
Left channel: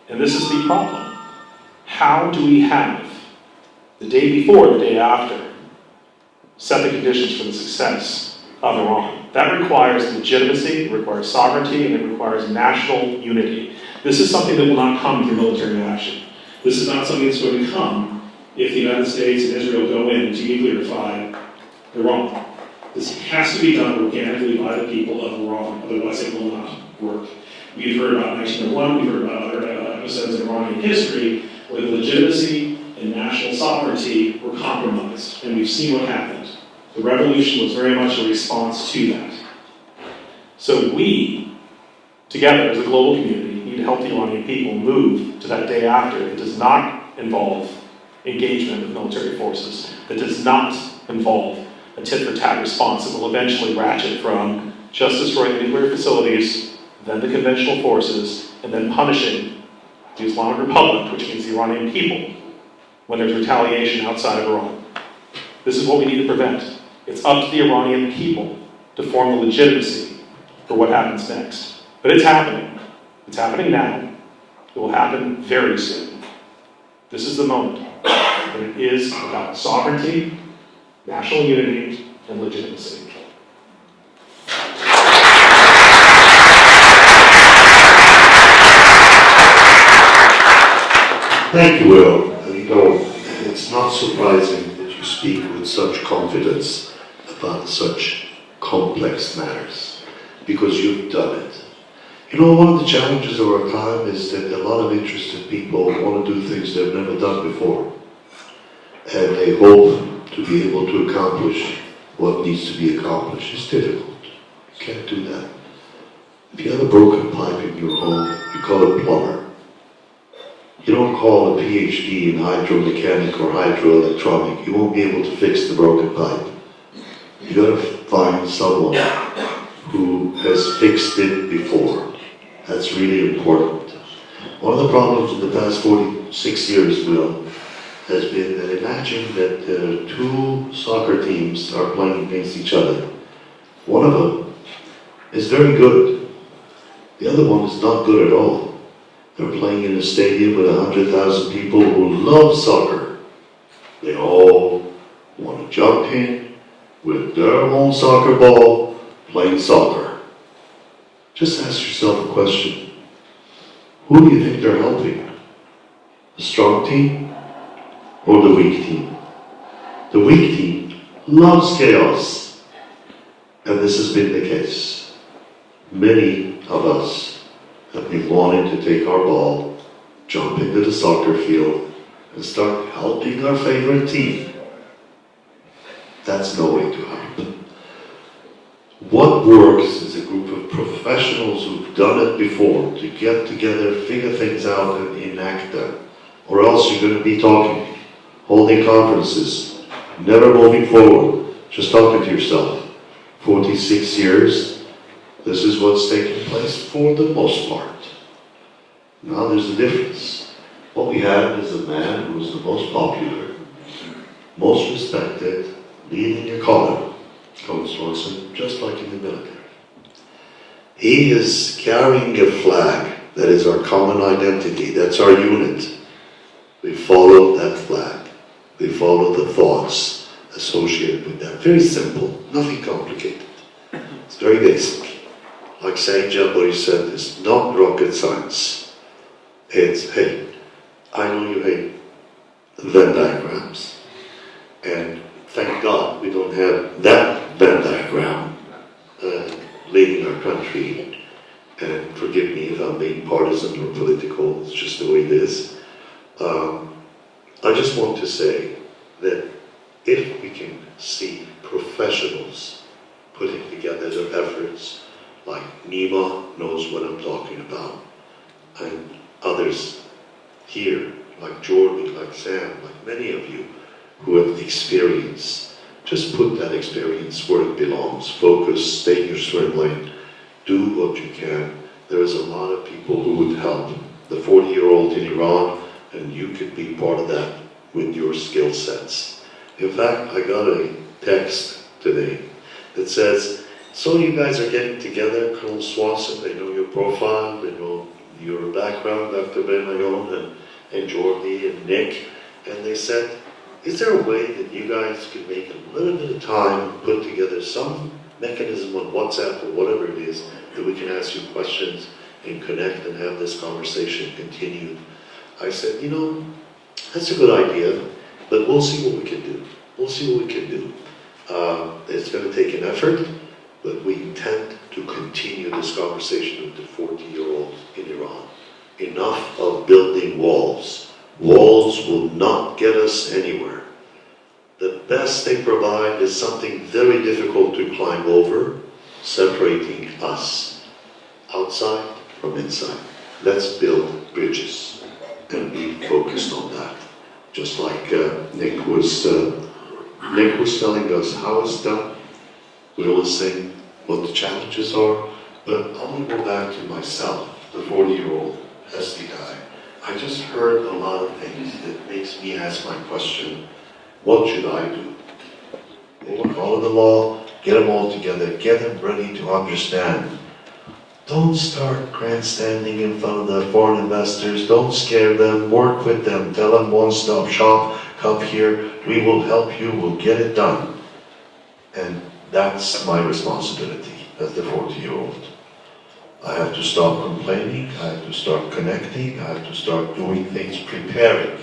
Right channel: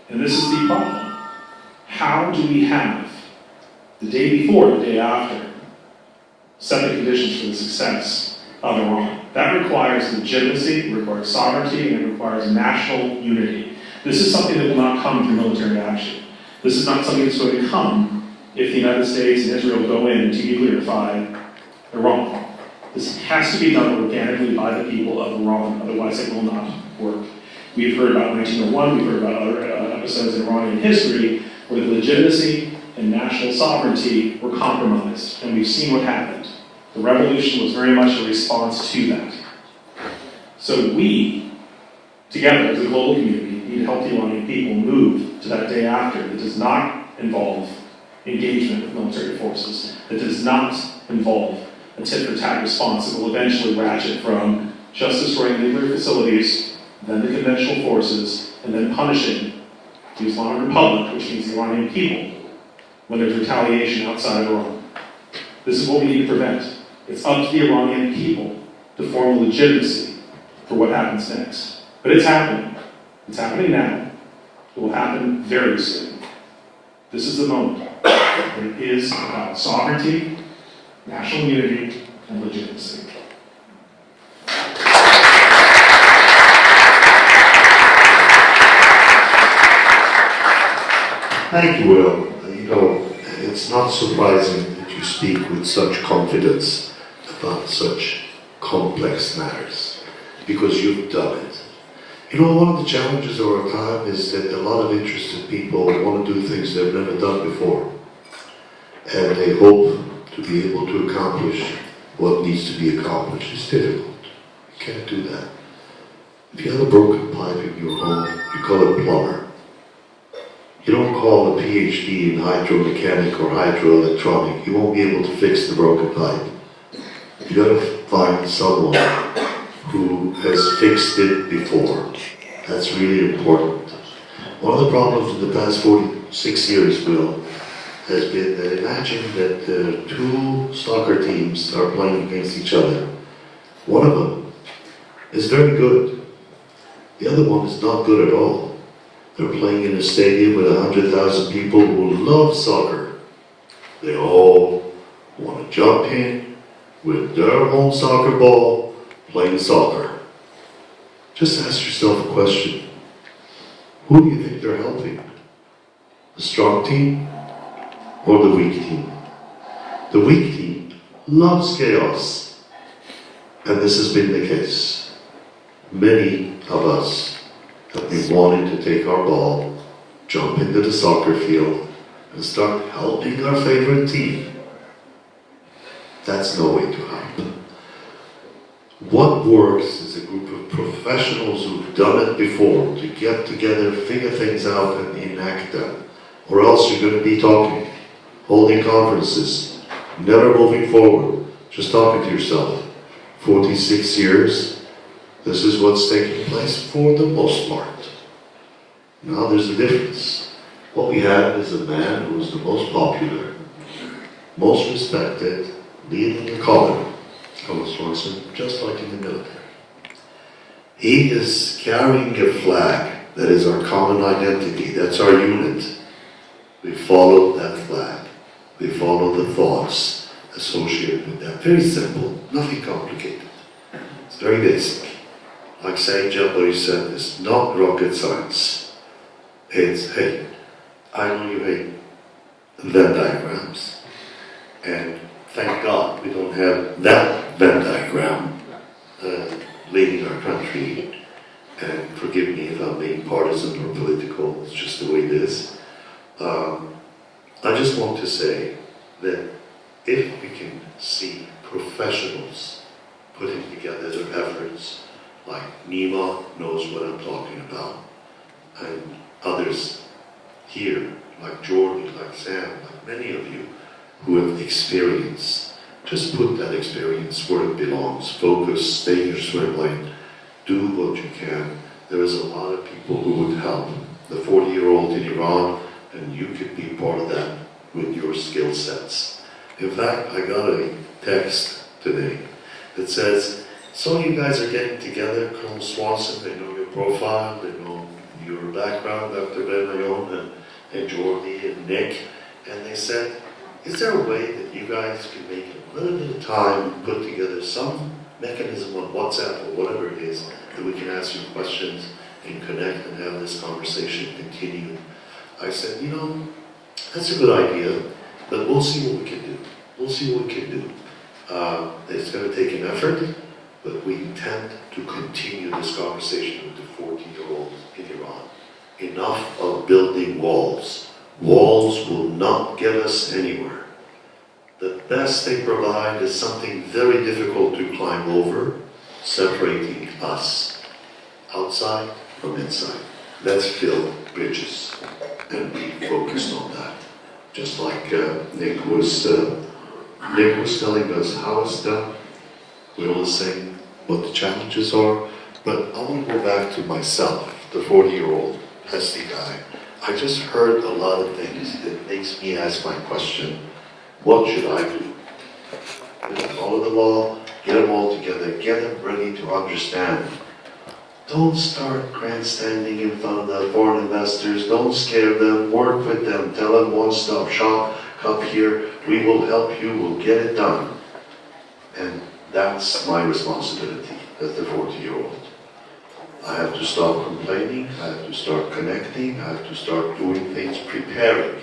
And this is the problem. How do we have, the day before, the day after, set the conditions for the success of Iran? That requires legitimacy, it requires sovereignty, and it requires national unity. This is something that will not come through military action. This is not something that's going to come if the United States and Israel go in to nuclearify Iran. This has to be done organically by the people of Iran, otherwise it will not work. We've heard about 1901, we've heard about other episodes in Iranian history where the legitimacy and national sovereignty were compromised, and we've seen what happened. The revolution was very much a response to that. So we, together as a global community, need to help the Iranian people move to that day after that does not involve engagement of military forces that does not involve a tit-for-tat response that will eventually ratchet from just destroying nuclear facilities, then the conventional forces, and then punishing the Islamic Republic, which means the Iranian people, when there's retaliation outside of Iran. This is what we need to prevent. It's up to the Iranian people to form a legitimacy for what happens next. But it's happening. It's happening now. It will happen very soon. This is the moment. And it is about sovereignty, national unity, and legitimacy. Thank you, Will. You know, it's not surprising that you speak with such confidence about such complex matters, because you've done it. You know, one of the challenges of our time is that a lot of interested people want to do things they've never done before, and they hope to be able to accomplish what needs to be accomplished. It's difficult. You can't do that. If you have a broken pipe in your home, you call a plumber. You don't call a PhD in hydromechanic or hydroelectronic. You won't be able to fix the broken pipe. You gotta find someone who has fixed it before. That's really important. One of the problems in the past 46 years, Will, has been that imagine that two soccer teams are playing against each other. One of them is very good. The other one is not good at all. They're playing in a stadium with 100,000 people who love soccer. They all want to jump in with their own soccer ball, playing soccer. Just ask yourself a question. Who do you think they're helping? The strong team or the weak team? The weak team loves chaos. And this has been the case. Many of us have been wanting to take our ball, jump into the soccer field, and start helping our favorite team. That's no way to help. What works is a group of professionals who've done it before to get together, figure things out, and enact them. Or else you're going to be talking, holding conferences, never moving forward, just talking to yourself. 46 years, this is what's taking place for the most part. Now there's a difference. What we have is a man who is the most popular, most respected, leading a column, Colonel Swanson, just like in the military. He is carrying a flag that is our common identity, that's our unit. We follow that flag. We follow the thoughts associated with that. Very simple, nothing complicated. It's very basic. Like Saint Jabari said, it's not rocket science. It's, hey, I know you hate Venn diagrams. And thank God we don't have that Venn diagram leading our country. And forgive me if I'm being partisan or political, it's just the way it is. I just want to say that if we can see professionals putting together their efforts, like Nima knows what I'm talking about, and others here, like Jordan, like Sam, like many of you who have experience, just put that experience where it belongs. Focus, stay in your swim lane, do what you can. There is a lot of people who would help. The 40-year-old in Iran, and you could be part of that with your skill sets. In fact, I got a text today that says, so you guys are getting together, Colonel Swanson, they know your profile, they know your background, Dr. Ben-Leon and Jordi and Nick, and they said, is there a way that you guys could make a little bit of time, put together some mechanism on WhatsApp or whatever it is, that we can ask you questions and connect and have this conversation continue? I said, you know, that's a good idea, but we'll see what we can do. We'll see what we can do. It's going to take an effort, but we intend to continue this conversation with the 40-year-old in Iran. Enough of building walls. Walls will not get us anywhere. The best they provide is something very difficult to climb over, separating us, outside from inside. Let's build bridges and be focused on that. just like Nick was telling us how it's done. We will say what the challenges are, but I want to go back to myself, the 40-year-old pesty guy. I just heard a lot of things that makes me ask my question, what should I do? We'll follow the law, get them all together, get them ready to understand. Don't start grandstanding in front of the foreign investors, don't scare them, work with them, tell them one-stop shop, come here, we will help you, we'll get it done. And that's my responsibility as the 40-year-old. I have to stop complaining, I have to start connecting, I have to start doing things, preparing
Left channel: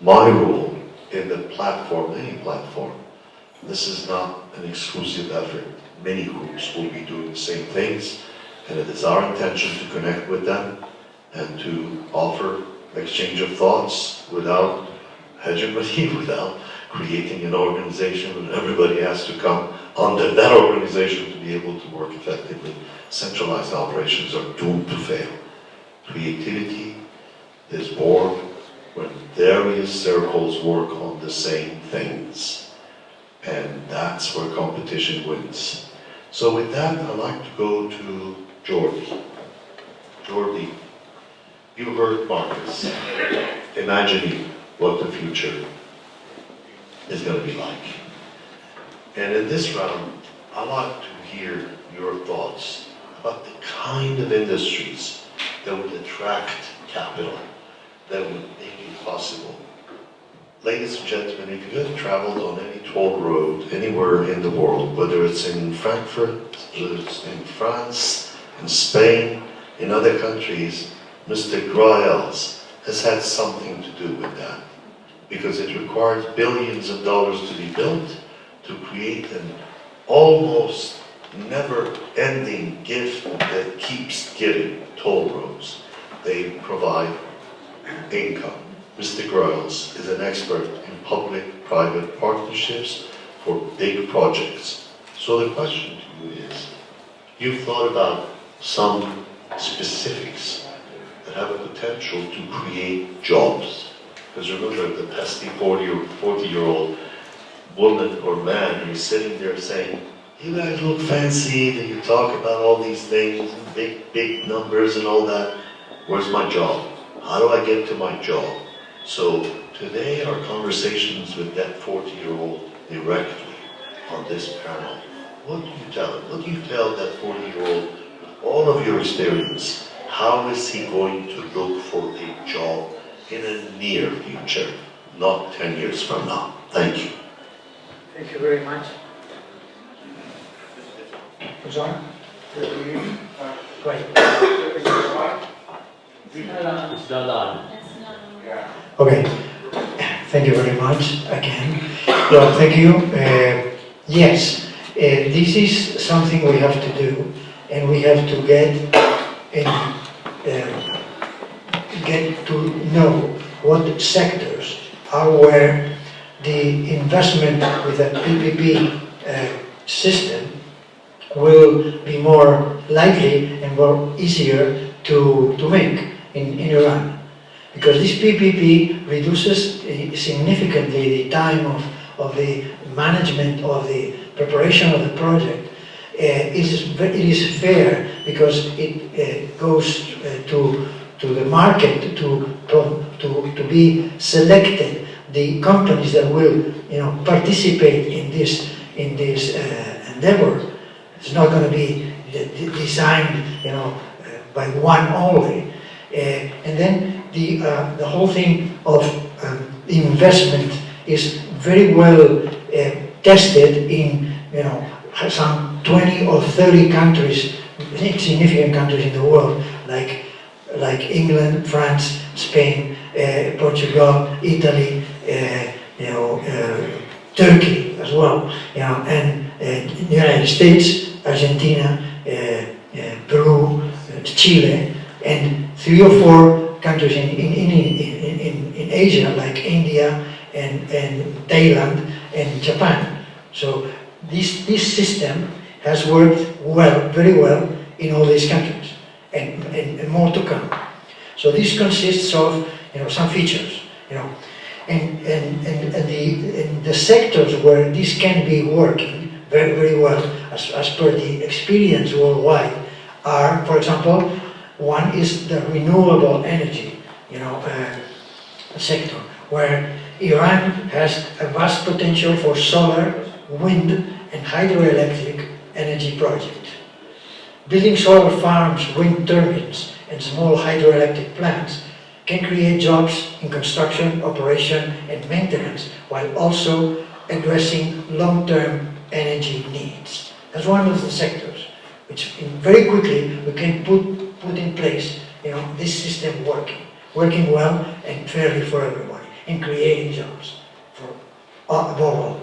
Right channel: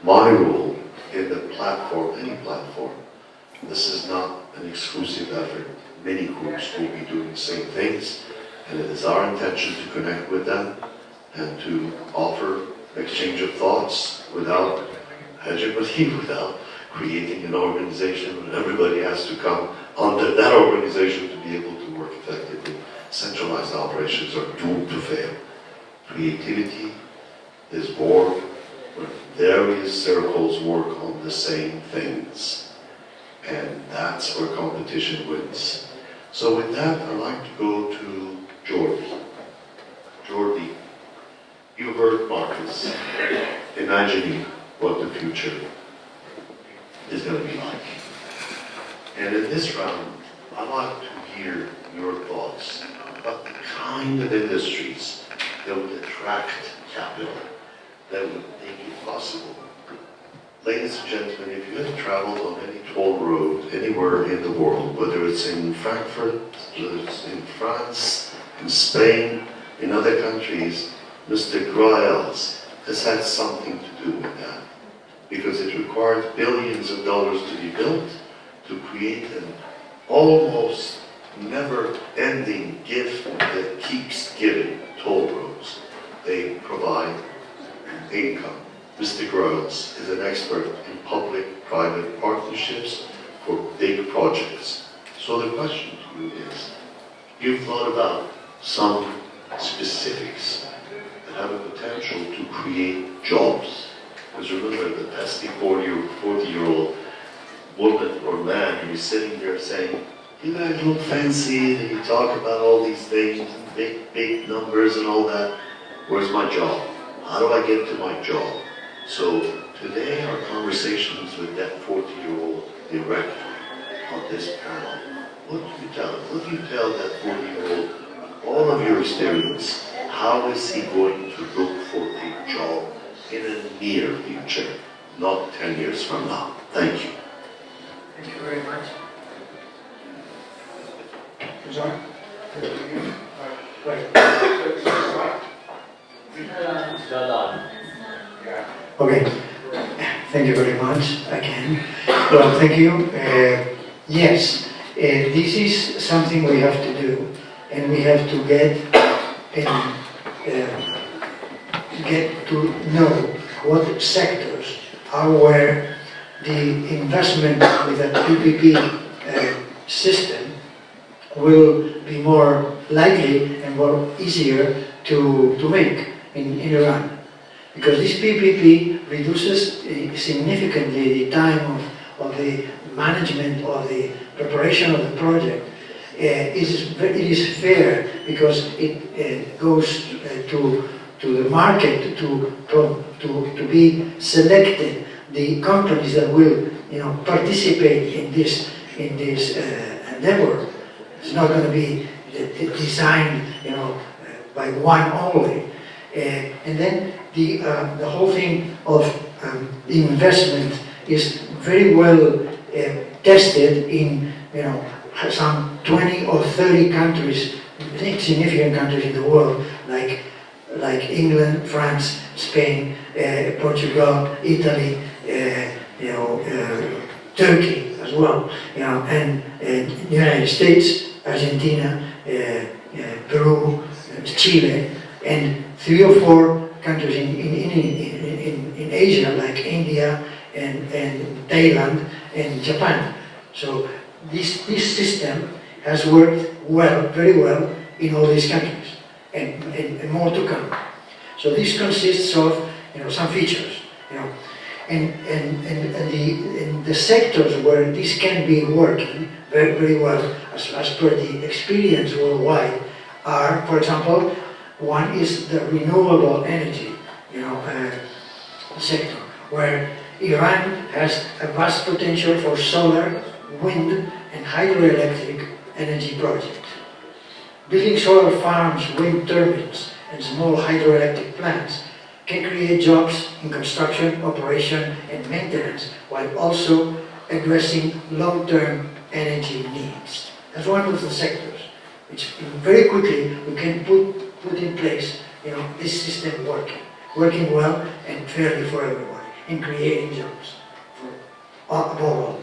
my role in the platform, any platform. This is not an exclusive effort. Many groups will be doing the same things, and it is our intention to connect with them and to offer exchange of thoughts without hegemony, without creating an organization and everybody has to come under that organization to be able to work effectively. Centralized operations are doomed to fail. Creativity is born when various circles work on the same things. And that's where competition wins. So with that, I'd like to go to Jordi. Jordi, you heard Marcus imagining what the future is going to be like. And in this round, I'd like to hear your thoughts about the kind of industries that would attract capital, that would make it possible. Ladies and gentlemen, if you have traveled on any toll road anywhere in the world, whether it's in Frankfurt, whether it's in France, in Spain, in other countries, Mr. Graels has had something to do with that. Because it requires billions of dollars to be built, to create an almost never-ending gift that keeps giving toll roads. They provide income. Mr. Graels is an expert in public-private partnerships for big projects. So the question to you is, you've thought about some specifics that have a potential to create jobs. Because remember, the pesty 40 or 40-year-old woman or man who's sitting there saying, you guys look fancy, and you talk about all these things, and big numbers and all that. Where's my job? How do I get to my job? So today our conversations with that 40-year-old directly on this panel, what do you tell him? What do you tell that 40-year-old, all of your experience, how is he going to look for a job in a near future, not 10 years from now? Thank you. Thank you very much. John? Right. Okay. Thank you very much again. Well, thank you. Yes, this is something we have to do, and we have to get to know what sectors are where the investment with a PPP system will be more likely and more easier to make in Iran. Because this PPP reduces significantly the time of the management of the preparation of the project. It is fair because it goes to the market to be selected the companies that will participate in this endeavor. It's not going to be designed by one only. And then the whole thing of investment is very well tested in some 20 or 30 countries, significant countries in the world, like England, France, Spain, Portugal, Italy, Turkey as well, and the United States, Argentina, Peru, Chile, and 3 or 4 countries in Asia, like India and Thailand and Japan. So this system has worked well, very well, in all these countries, and more to come. So this consists of some features. and the sectors where this can be working very, very well, as per the experience worldwide, are, for example, one is the renewable energy, sector, where Iran has a vast potential for solar, wind, and hydroelectric energy projects. Building solar farms, wind turbines, and small hydroelectric plants can create jobs in construction, operation, and maintenance, while also addressing long-term energy needs. That's one of the sectors which very quickly we can put in place, this system working well and fairly for everybody, and creating jobs for above all.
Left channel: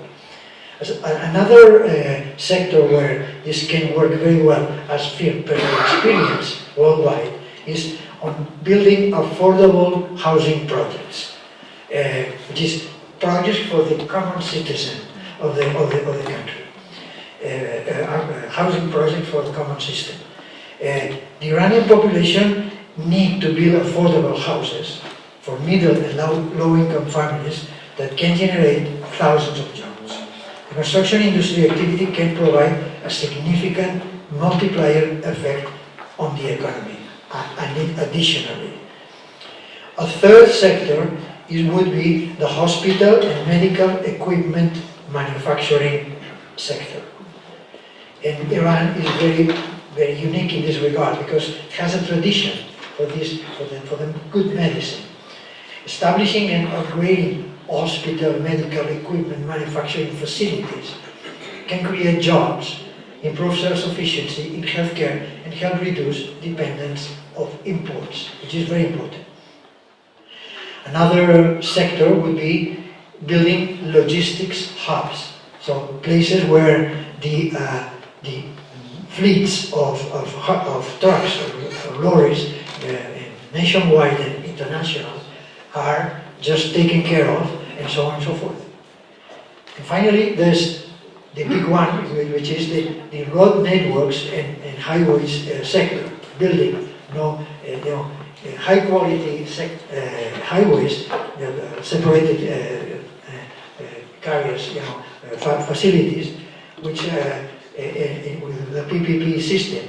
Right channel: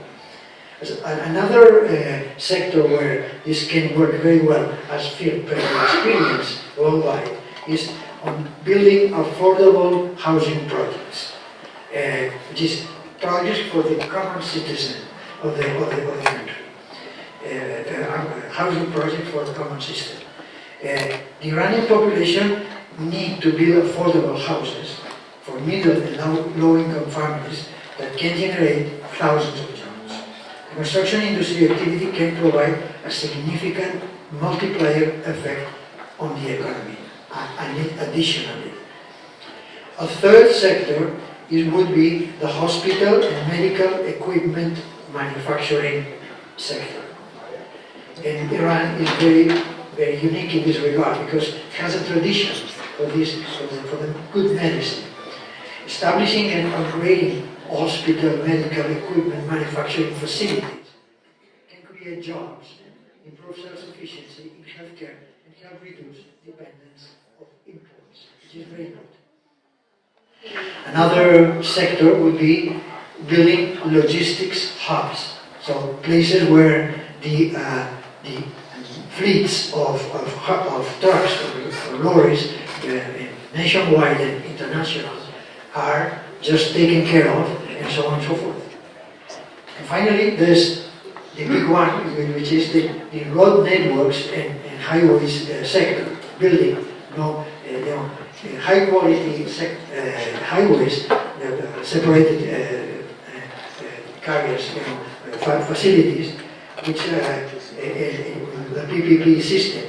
Another sector where this can work very well, as field experience worldwide, is on building affordable housing projects, which is projects for the common citizen of the country. Housing project for the common system. The Iranian population need to build affordable houses for middle and low-income families that can generate thousands of jobs. The construction industry activity can provide a significant multiplier effect on the economy. And additionally, a third sector would be the hospital and medical equipment manufacturing sector. And Iran is very, very unique in this regard because it has a tradition for this, for the good medicine. Establishing and upgrading hospital medical equipment manufacturing facilities can create jobs, improve self-sufficiency in healthcare, and help reduce dependence of imports, which is very important. Another sector would be building logistics hubs, so places where the fleets of trucks or lorries, nationwide and international, are just taken care of, and so on and so forth. And finally, there's the big one, which is the road networks and highways sector, building high quality highways, separated carriers, facilities, which with the PPP system,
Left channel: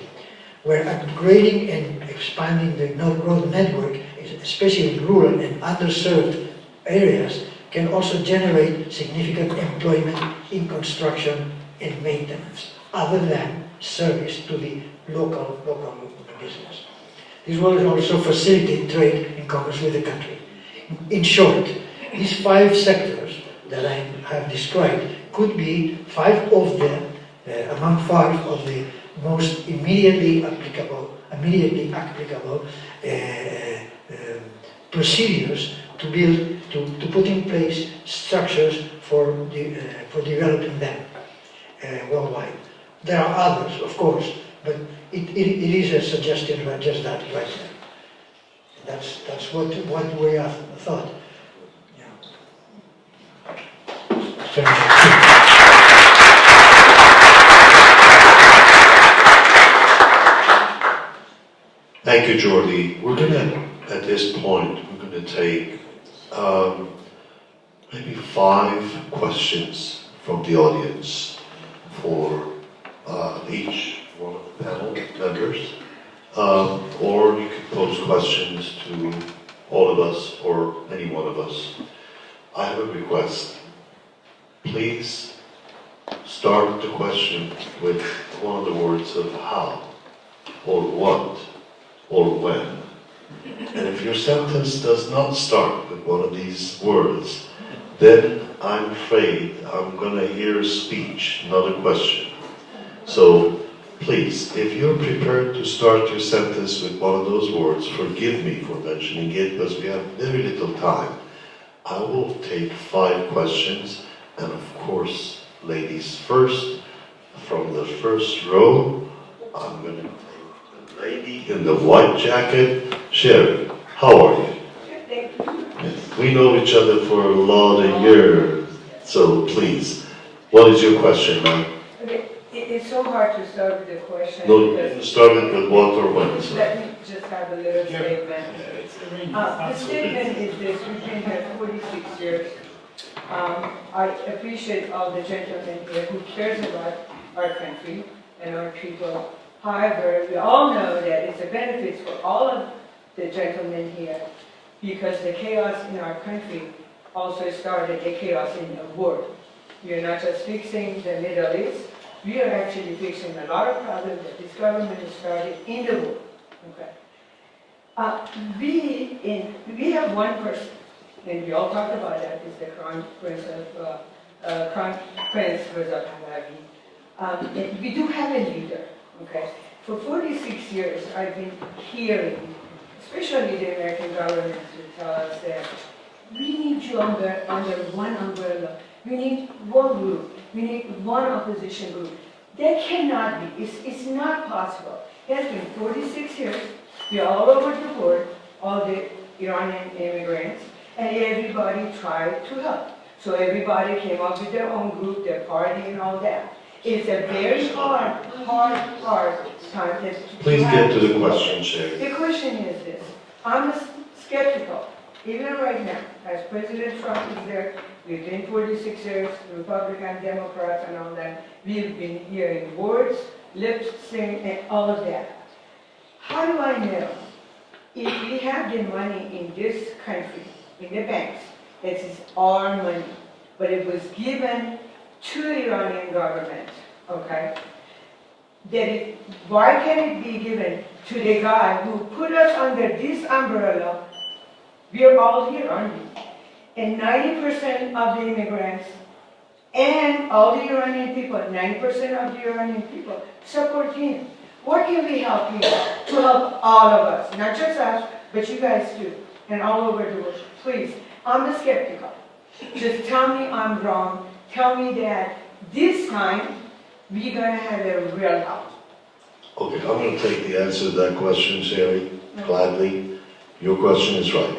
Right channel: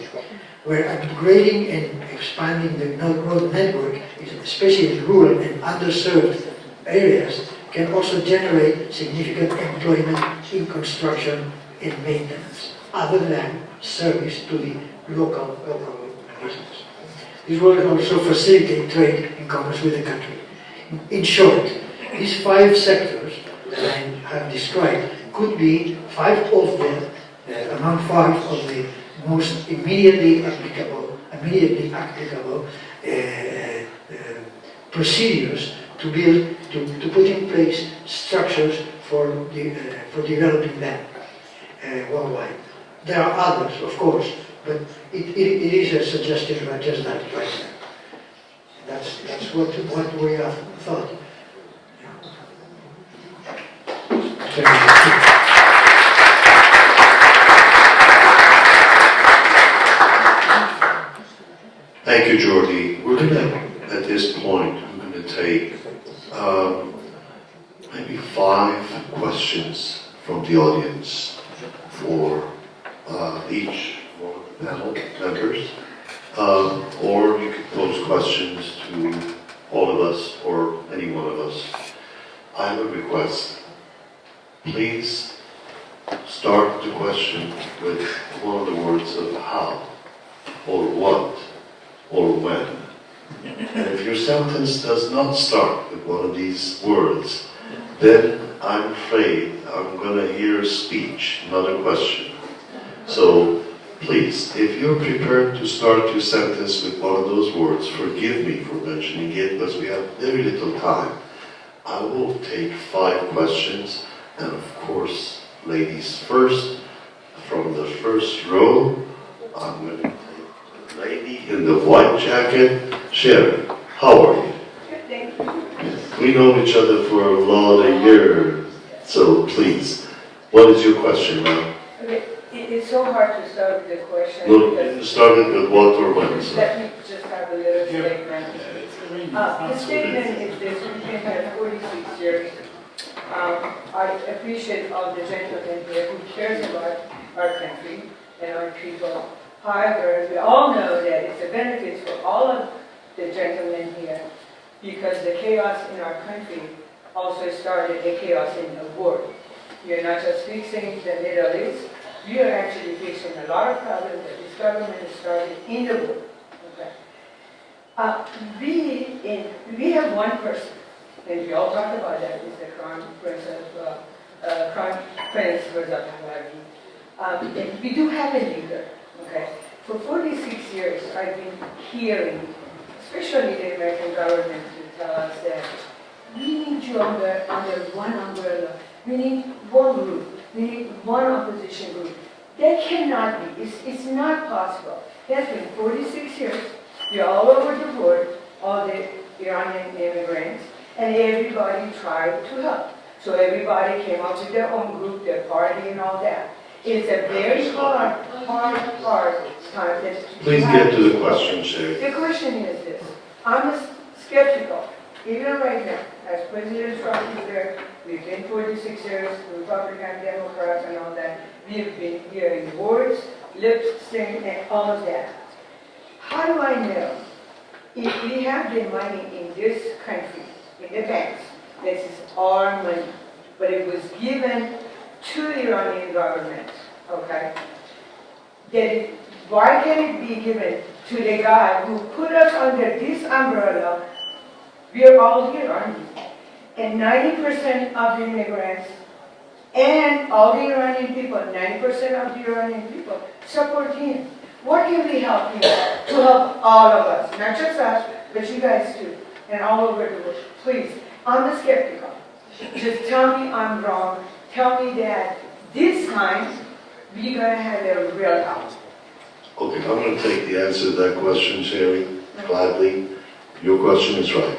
where upgrading and expanding the road network, especially in rural and underserved areas, can also generate significant employment in construction and maintenance, other than service to the local business. This will also facilitate trade and commerce with the country. In short, these 5 sectors that I have described could be 5 of them, among 5 of the most immediately applicable procedures to build, to put in place structures for developing them worldwide. There are others, of course, but it is a suggestion about just that right there. That's what we have thought. Yeah. Thank you, Jordi. We're gonna, at this point, we're gonna take maybe 5 questions from the audience for each one of the panel members, or you could pose questions to all of us or any one of us. I have a request. Please start the question with one of the words of how, or what, or when. And if your sentence does not start with one of these words, then I'm afraid I'm going to hear a speech, not a question. So please, if you're prepared to start your sentence with one of those words, forgive me for mentioning it because we have very little time. I will take 5 questions, and of course, ladies first. From the first row, I'm going to take the lady in the white jacket. Sharon, how are you? We know each other for a lot of years, so please, what is your question, ma'am? Okay, it's it's so hard to start with the question. No, because- started with what or when, sir? Let me just have a little statement. It's arranged. The statement is this: we've been here 46 years. I appreciate all the gentlemen here who cares about our country and our people. However, we all know that it's a benefit for all of the gentlemen here because the chaos in our country also started the chaos in the world. We are not just fixing the Middle East, we are actually fixing a lot of problems that this government has started in the world. Okay. We have one person, and we all talk about that, is the Crown Prince Reza Pahlavi. We do have a leader, okay? For 46 years, I've been hearing, especially the American government, to tell us that we need you under one umbrella. We need one group. We need one opposition group. That cannot be. It's not possible. It has been 46 years. We are all over the world, all the Iranian immigrants, and everybody tried to help. So everybody came up with their own group, their party, and all that. It's a very hard time. Please get to the question, Sherry. The question is this. I'm skeptical, even right now, as President Trump is there, we've been 46 years, Republican, Democrats, and all that. We've been hearing words, lip sync, and all of that. How do I know if we have the money in this country, in the banks, this is our money, but it was given to the Iranian government, okay? Why can't it be given to the guy who put us under this umbrella? We're all here, aren't we? And 90% of the immigrants and all the Iranian people, 90% of the Iranian people support him. What can we help him to help all of us? Not just us, but you guys too, and all over the world. Please, I'm skeptical. Just tell me I'm wrong. Tell me that this time we're going to have a real help. Okay, I'm going to take the answer to that question, Sherry, gladly. Your question is right.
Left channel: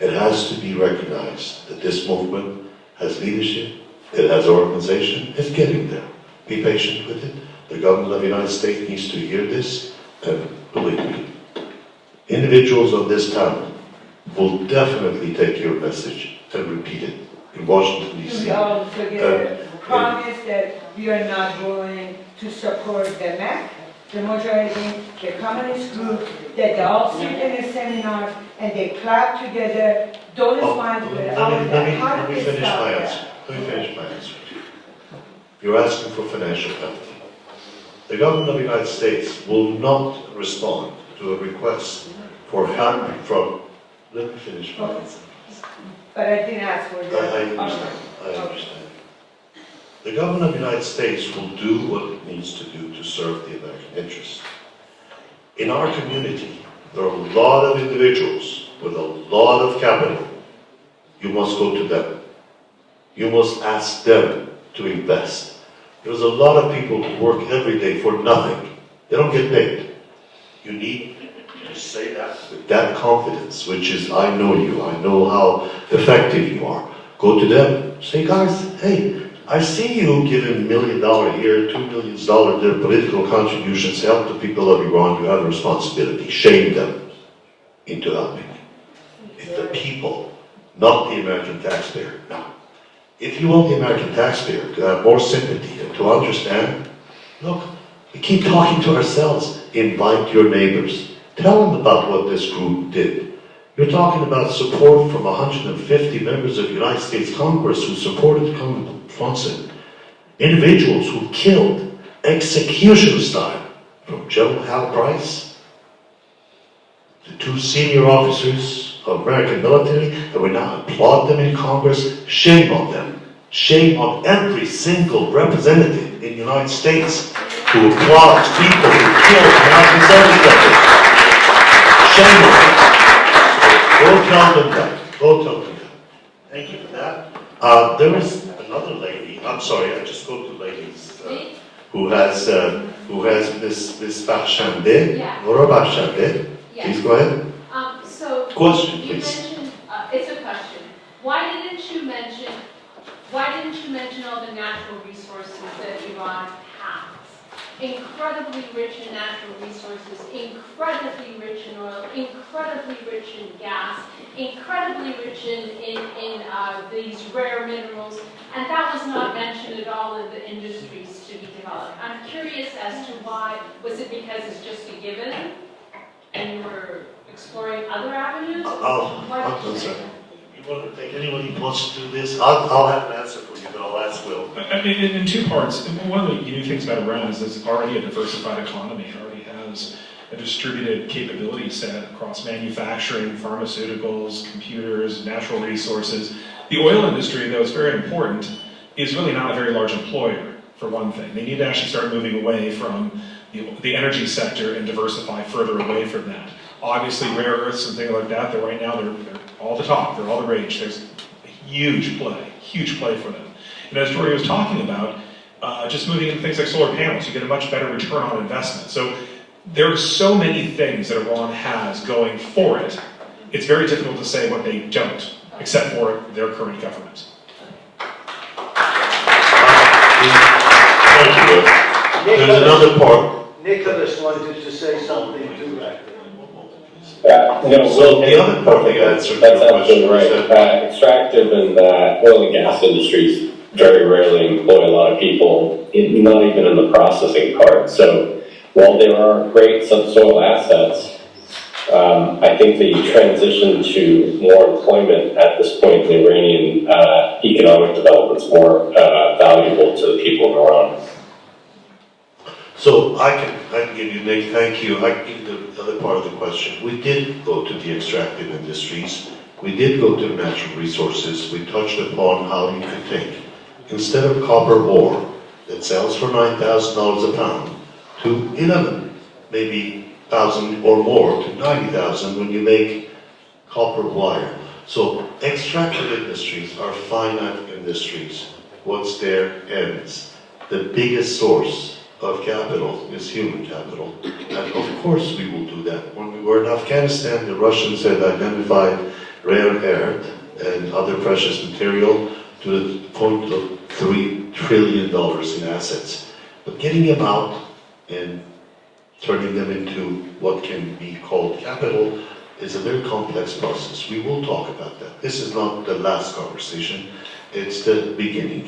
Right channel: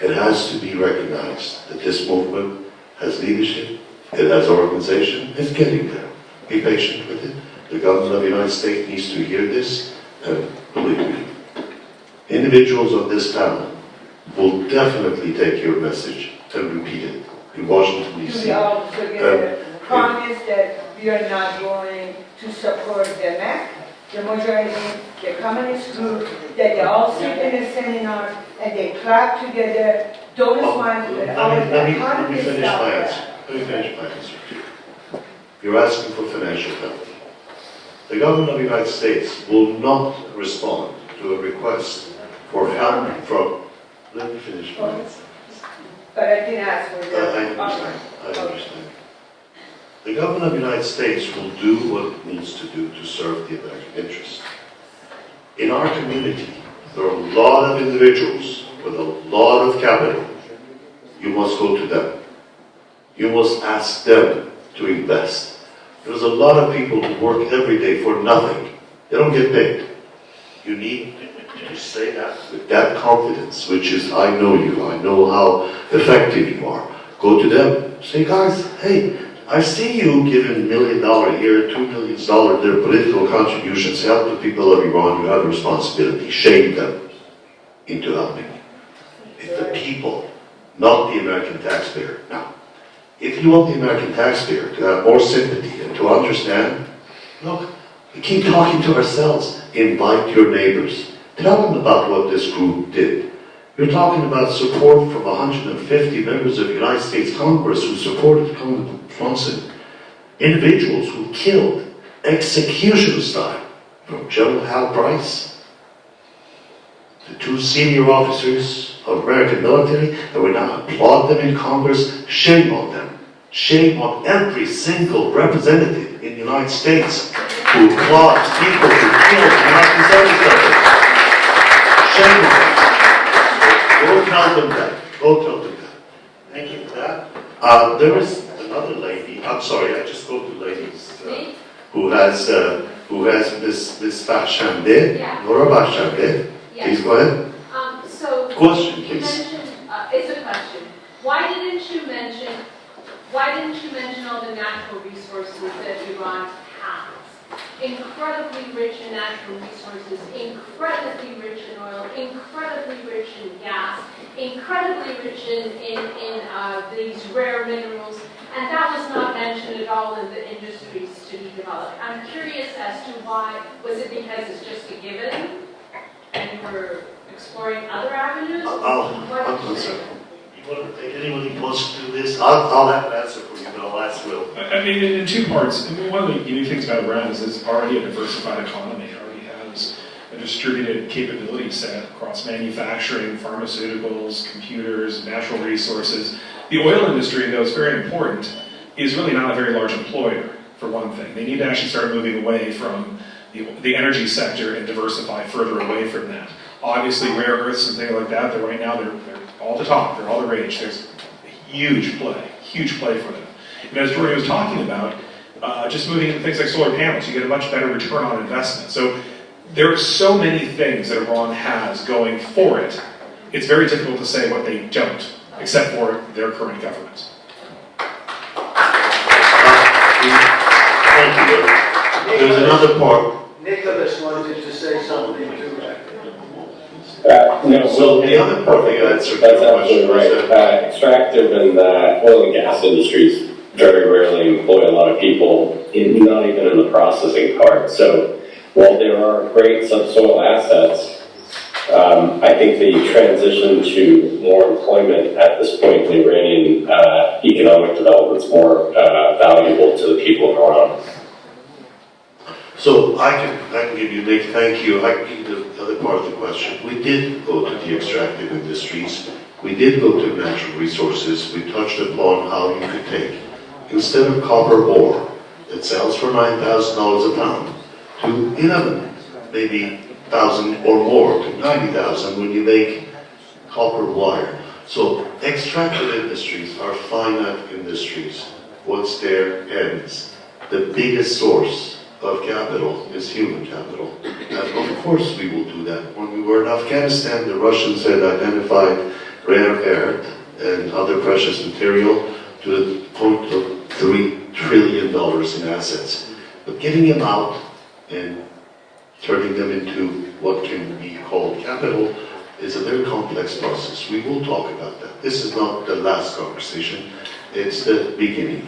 It has to be recognized that this movement has leadership, it has organization, it's getting there. Be patient with it. The government of the United States needs to hear this, and believe me, individuals of this talent will definitely take your message and repeat it in Washington, D.C. We all together promise that we are not going to support the MAC, the Mujahideen, the communist group, that they all sit in a seminar and they clap together. Don't respond to it. Let me finish my answer. Let me finish my answer. You're asking for financial penalty. The government of the United States will not respond to a request for help from. Let me finish my answer. But I didn't ask for that. I understand. The government of the United States will do what it needs to do to serve the American interest. In our community, there are a lot of individuals with a lot of capital. You must go to them. You must ask them to invest. There's a lot of people who work every day for nothing. They don't get paid. You need to say that with that confidence, which is, I know you, I know how effective you are. Go to them. Say, guys, hey, I see you giving $1 million here, $2 million, their political contributions, help the people of Iran. You have a responsibility. Shame them into helping. It's the people, not the American taxpayer. Now, if you want the American taxpayer to have more sympathy and to understand, look, we keep talking to ourselves. Invite your neighbors. Tell them about what this group did. You're talking about support from 150 members of the United States Congress who supported Congressman Brunson. Individuals who killed execution style, from General Hal Price to 2 senior officers of American military, and we now applaud them in Congress. Shame on them. Shame on every single representative in the United States who applauds people who killed American service members. Shame on them. Go tell them that. Go tell them that. Thank you for that. There is another lady. I'm sorry, I just go to ladies who has Miss Bahshande. Yeah. Nora Bahshande. Yes. Please go ahead. So Question, you please. mentioned it's a question. Why didn't you mention all the natural resources that Iran has? incredibly rich in natural resources, incredibly rich in oil, incredibly rich in gas, incredibly rich in these rare minerals, and that was not mentioned at all in the industries to be developed. I'm curious as to why. Was it because it's just a given and you were exploring other avenues? Why did you say that? You want to take anybody who wants to do this? I'll have an answer for you, but I'll ask Will. I mean, in two parts. And one of the unique things about Iran is it's already a diversified economy. It already has a distributed capability set across manufacturing, pharmaceuticals, computers, natural resources. The oil industry, though it's very important, is really not a very large employer, for one thing. They need to actually start moving away from the energy sector and diversify further away from that. Obviously, rare earths and things like that, right now they're all the talk, they're all the rage. There's a huge play for them. And as Jordan was talking about, just moving into things like solar panels, you get a much better return on investment. So there are so many things that Iran has going for it, it's very difficult to say what they don't, except for their current government. Thank you, Will. There's another part. Nicholas wanted to say something too. No, So the other part of the answer to that's your absolutely question was right. Extractive and oil and gas industries very rarely employ a lot of people, not even in the processing part. So while there are great subsoil assets, I think the transition to more employment at this point in the Iranian economic development is more valuable to the people in Iran. So I can give you, Nick, thank you. I can give you the other part of the question. We did go to the extractive industries. We did go to natural resources. We touched upon how you could take, instead of copper ore that sells for $9,000 a pound, to 11, maybe 1,000 or more, to 90,000 when you make copper wire. So extractive industries are finite industries. What's their ends? The biggest source of capital is human capital. And of course we will do that. When we were in Afghanistan, the Russians had identified rare earth and other precious material to the point of $3 trillion in assets. But getting them out and turning them into what can be called capital is a very complex process. We will talk about that. This is not the last conversation. It's the beginning.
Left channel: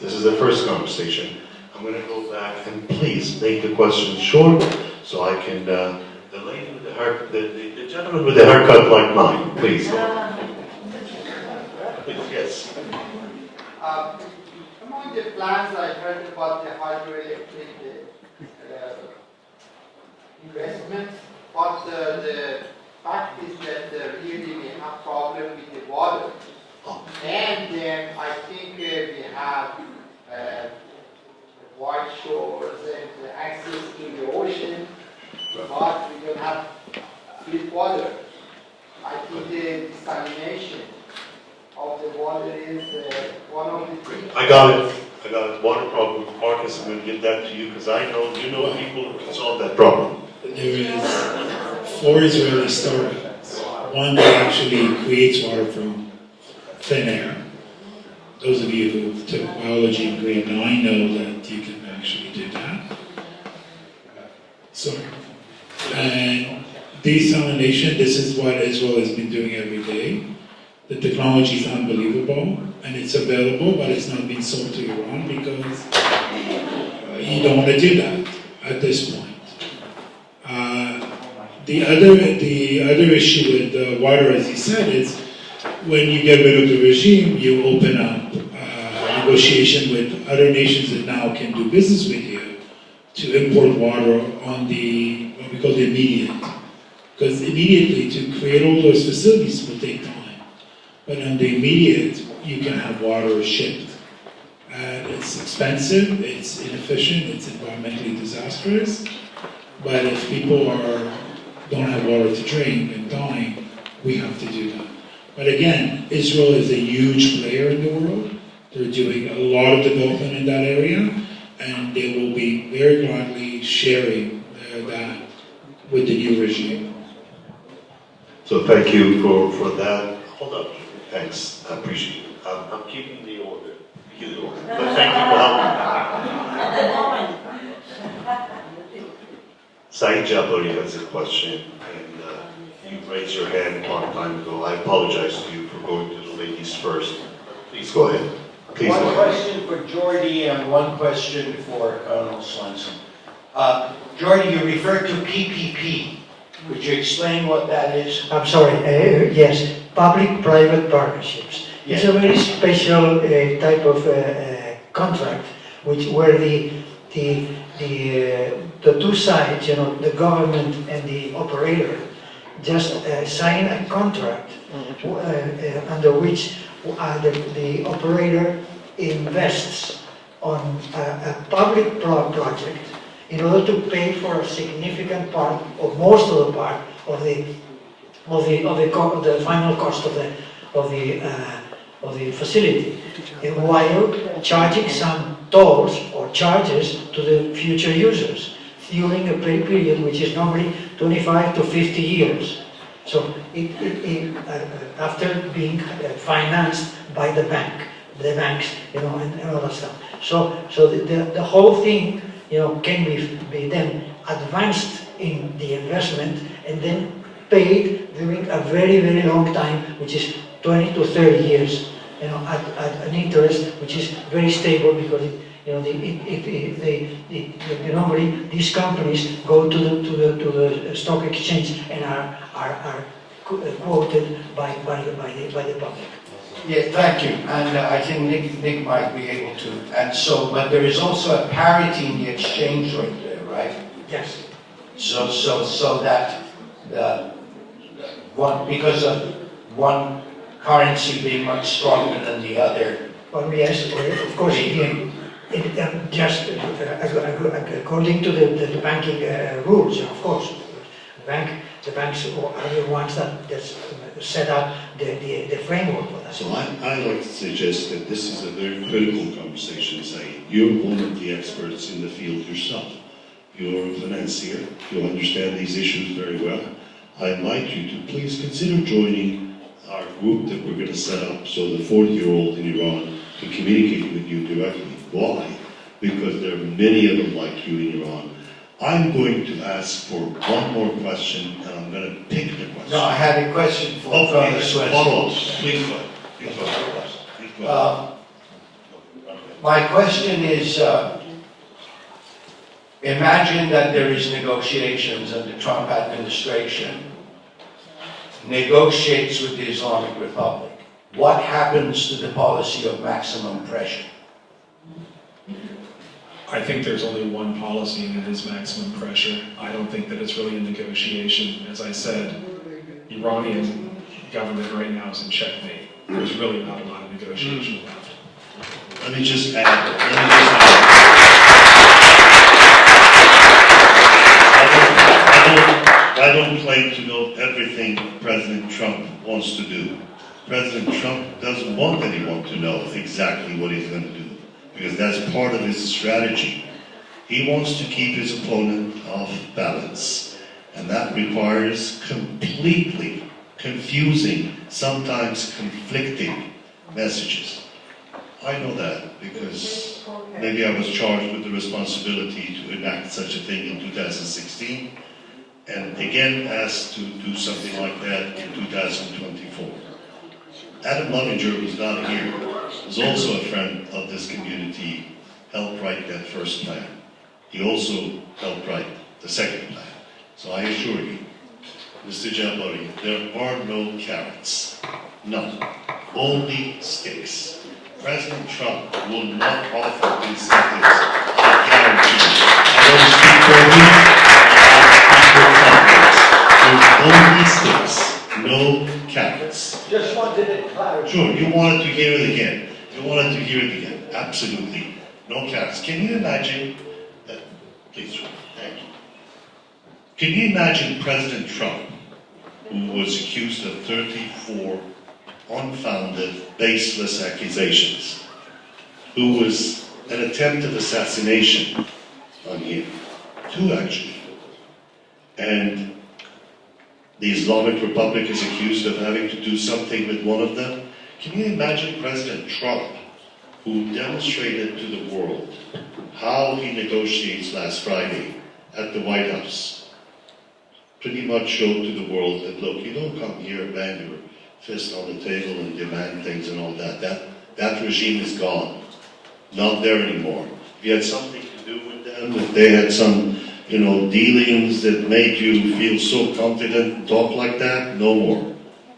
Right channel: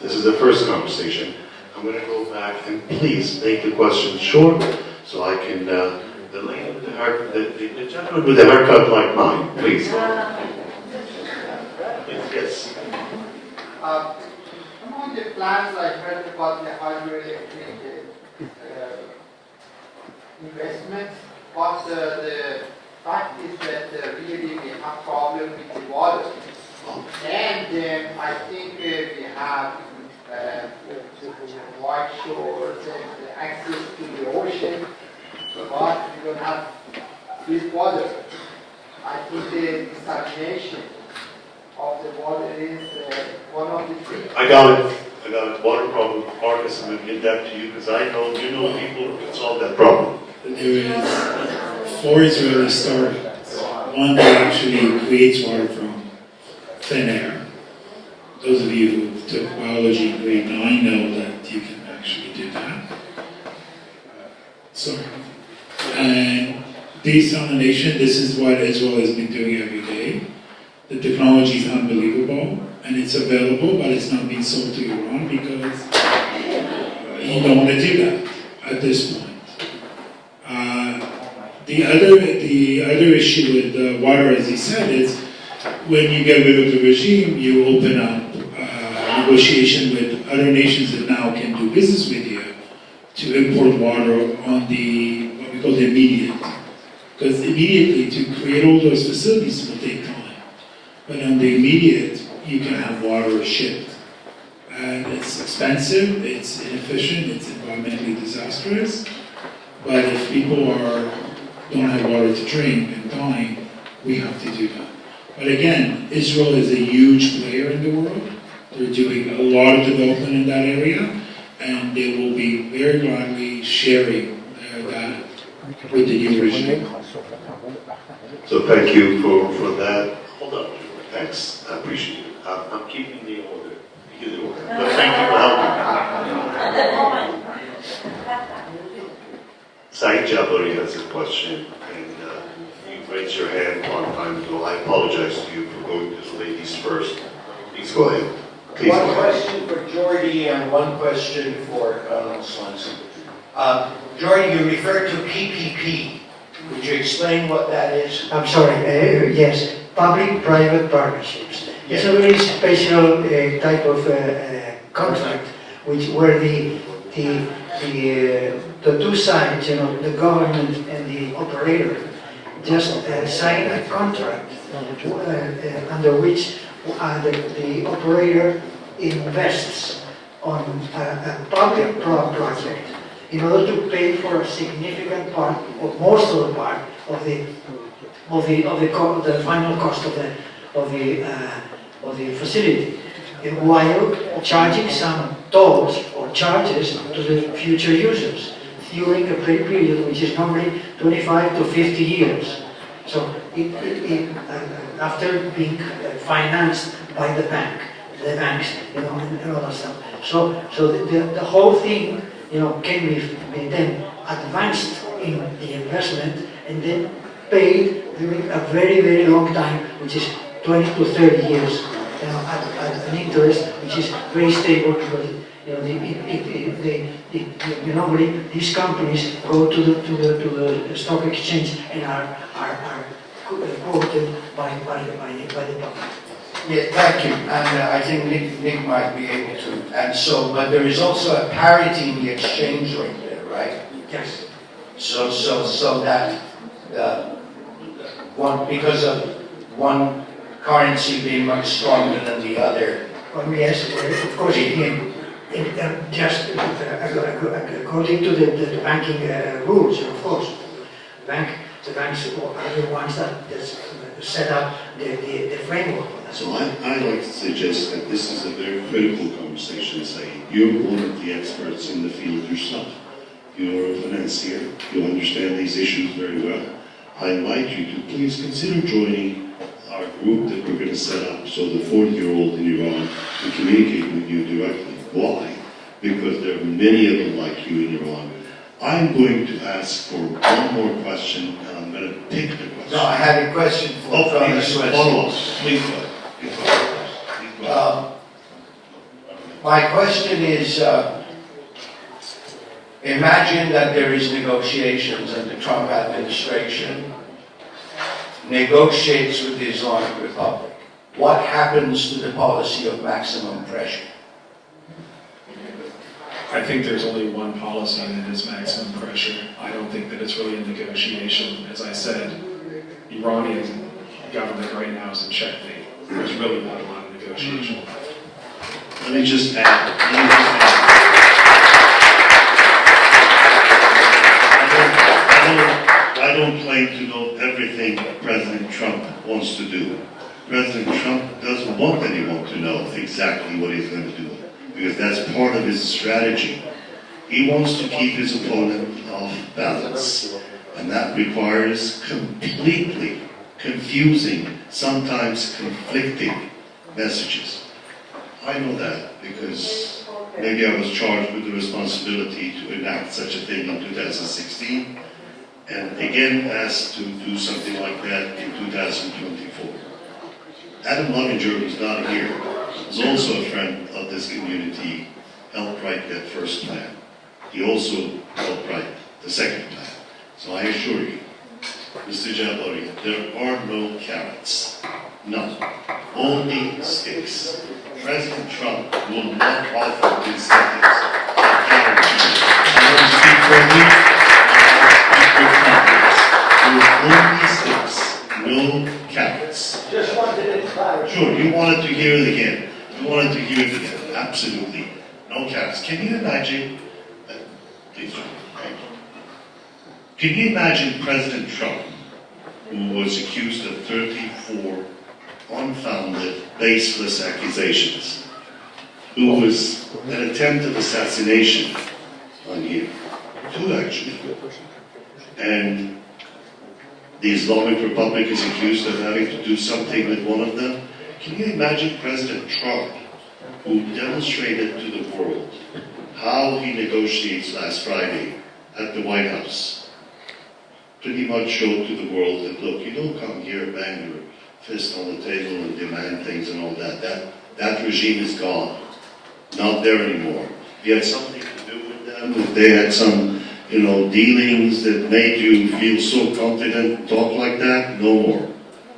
This is the first conversation. I'm going to go back and please make the questions short so I can, the lady with the haircut, the gentleman with the haircut like mine, please. Please, yes. Among the plans I heard about the hydroelectric investments, but the fact is that really we have problem with the water. And I think we have white shores and access to the ocean, but we don't have good water. I think the desalination of the water is one of the things. I got it. Water problem, Marcus, I'm going to give that to you because I know you know people who can solve that problem. There is 4 Israeli startups. One that actually creates water from thin air. Those of you who took biology in grade 9 know that you can actually do that. And desalination, this is what Israel has been doing every day. The technology is unbelievable, and it's available, but it's not being sold to Iran because you don't want to do that at this point. The other issue with water, as he said, is when you get rid of the regime, you open up negotiation with other nations that now can do business with you to import water on the, what we call the immediate. Because immediately to create all those facilities will take time. But on the immediate, you can have water shipped. And it's expensive, it's inefficient, it's environmentally disastrous. But if people don't have water to drink and dying, we have to do that. But again, Israel is a huge player in the world. They're doing a lot of development in that area, and they will be very gladly sharing that with the new regime. So thank you for that. Hold up. Thanks. I appreciate it. I'm keeping the order. But thank you for helping. Saeed Jabari has a question, and you raised your hand a long time ago. I apologize to you for going to the ladies first. Please go ahead. Please go One ahead. question for Jordy and one question for Colonel Swanson. Jordy, you referred to PPP. Could you explain what that is? I'm sorry, yes, public-private partnerships. It's a very special type of contract, where the two sides, the government and the operator, just sign a contract under which the operator invests on a public project in order to pay for a significant part, or most of the part, of the final cost of the facility, while charging some tolls or charges to the future users during a period which is normally 25 to 50 years. So after being financed by the banks, and all that stuff. So the whole thing, can be then advanced in the investment and then paid during a very, very long time, which is 20 to 30 years, at an interest which is very stable, because normally these companies go to the stock exchange and are quoted by the public. Yeah, thank you. And I think Nick might be able to. And so, but there is also a parity in the exchange rate there, right? Yes. So that because of one currency being much stronger than the other. Well, yes, of course, just according to the banking rules, of course. The banks are the ones that just set up the framework for that. So I'd like to suggest that this is a very critical conversation, Saeed. You're one of the experts in the field yourself. You're a financier. You understand these issues very well. I invite you to please consider joining our group that we're going to set up so the 40-year-old in Iran can communicate with you directly. Why? Because there are many of them like you in Iran. I'm going to ask for one more question, and I'm going to pick the question. No, I had a question for Colonel Swanson. Please go. My question is, imagine that there is negotiations and the Trump administration negotiates with the Islamic Republic. What happens to the policy of maximum pressure? I think there's only one policy, and it is maximum pressure. I don't think that it's really a negotiation. As I said, Iranian government right now is in checkmate. There's really not a lot of negotiation. Let me just add. I don't claim to know everything President Trump wants to do. President Trump doesn't want anyone to know exactly what he's going to do, because that's part of his strategy. He wants to keep his opponent off balance, and that requires completely confusing, sometimes conflicting messages. I know that because maybe I was charged with the responsibility to enact such a thing in 2016, and again asked to do something like that in 2024. Adam Lovinger, who's not here, was also a friend of this community, helped write that first plan. He also helped write the second plan. So I assure you, Mr. Jabari, there are no carrots. None. Only sticks. President Trump will not offer incentives. I guarantee you. I don't speak for you. I speak for Congress. There's only sticks. No carrots. Just wanted it clarified. Sure, you wanted to hear it again. You wanted to hear it again. Absolutely. No carrots. Can you imagine, please, thank you. Can you imagine President Trump, who was accused of 34 unfounded, baseless accusations, who was an attempt of assassination on him, two actually, and the Islamic Republic is accused of having to do something with one of them? Can you imagine President Trump, who demonstrated to the world how he negotiates last Friday at the White House, pretty much showed to the world that, look, you don't come here, bang your fist on the table and demand things and all that. That regime is gone. Not there anymore. If you had something to do with them, if they had some, dealings that made you feel so confident, talk like that, no more.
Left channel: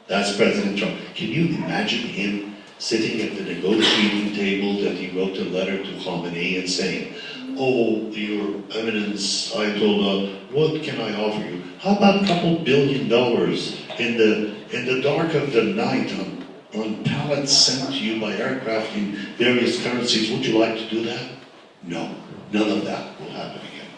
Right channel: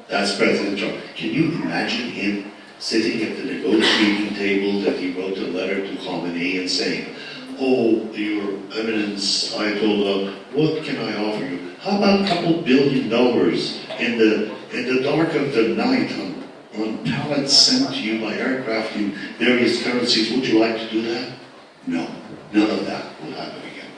That's President Trump. Can you imagine him sitting at the negotiating table that he wrote a letter to Khamenei and saying, "Oh, Your Eminence, Ayatollah, what can I offer you? How about a couple $1 billion in the dark of the night on pallets sent to you by aircraft in various currencies? Would you like to do that?" No, none of that will happen again.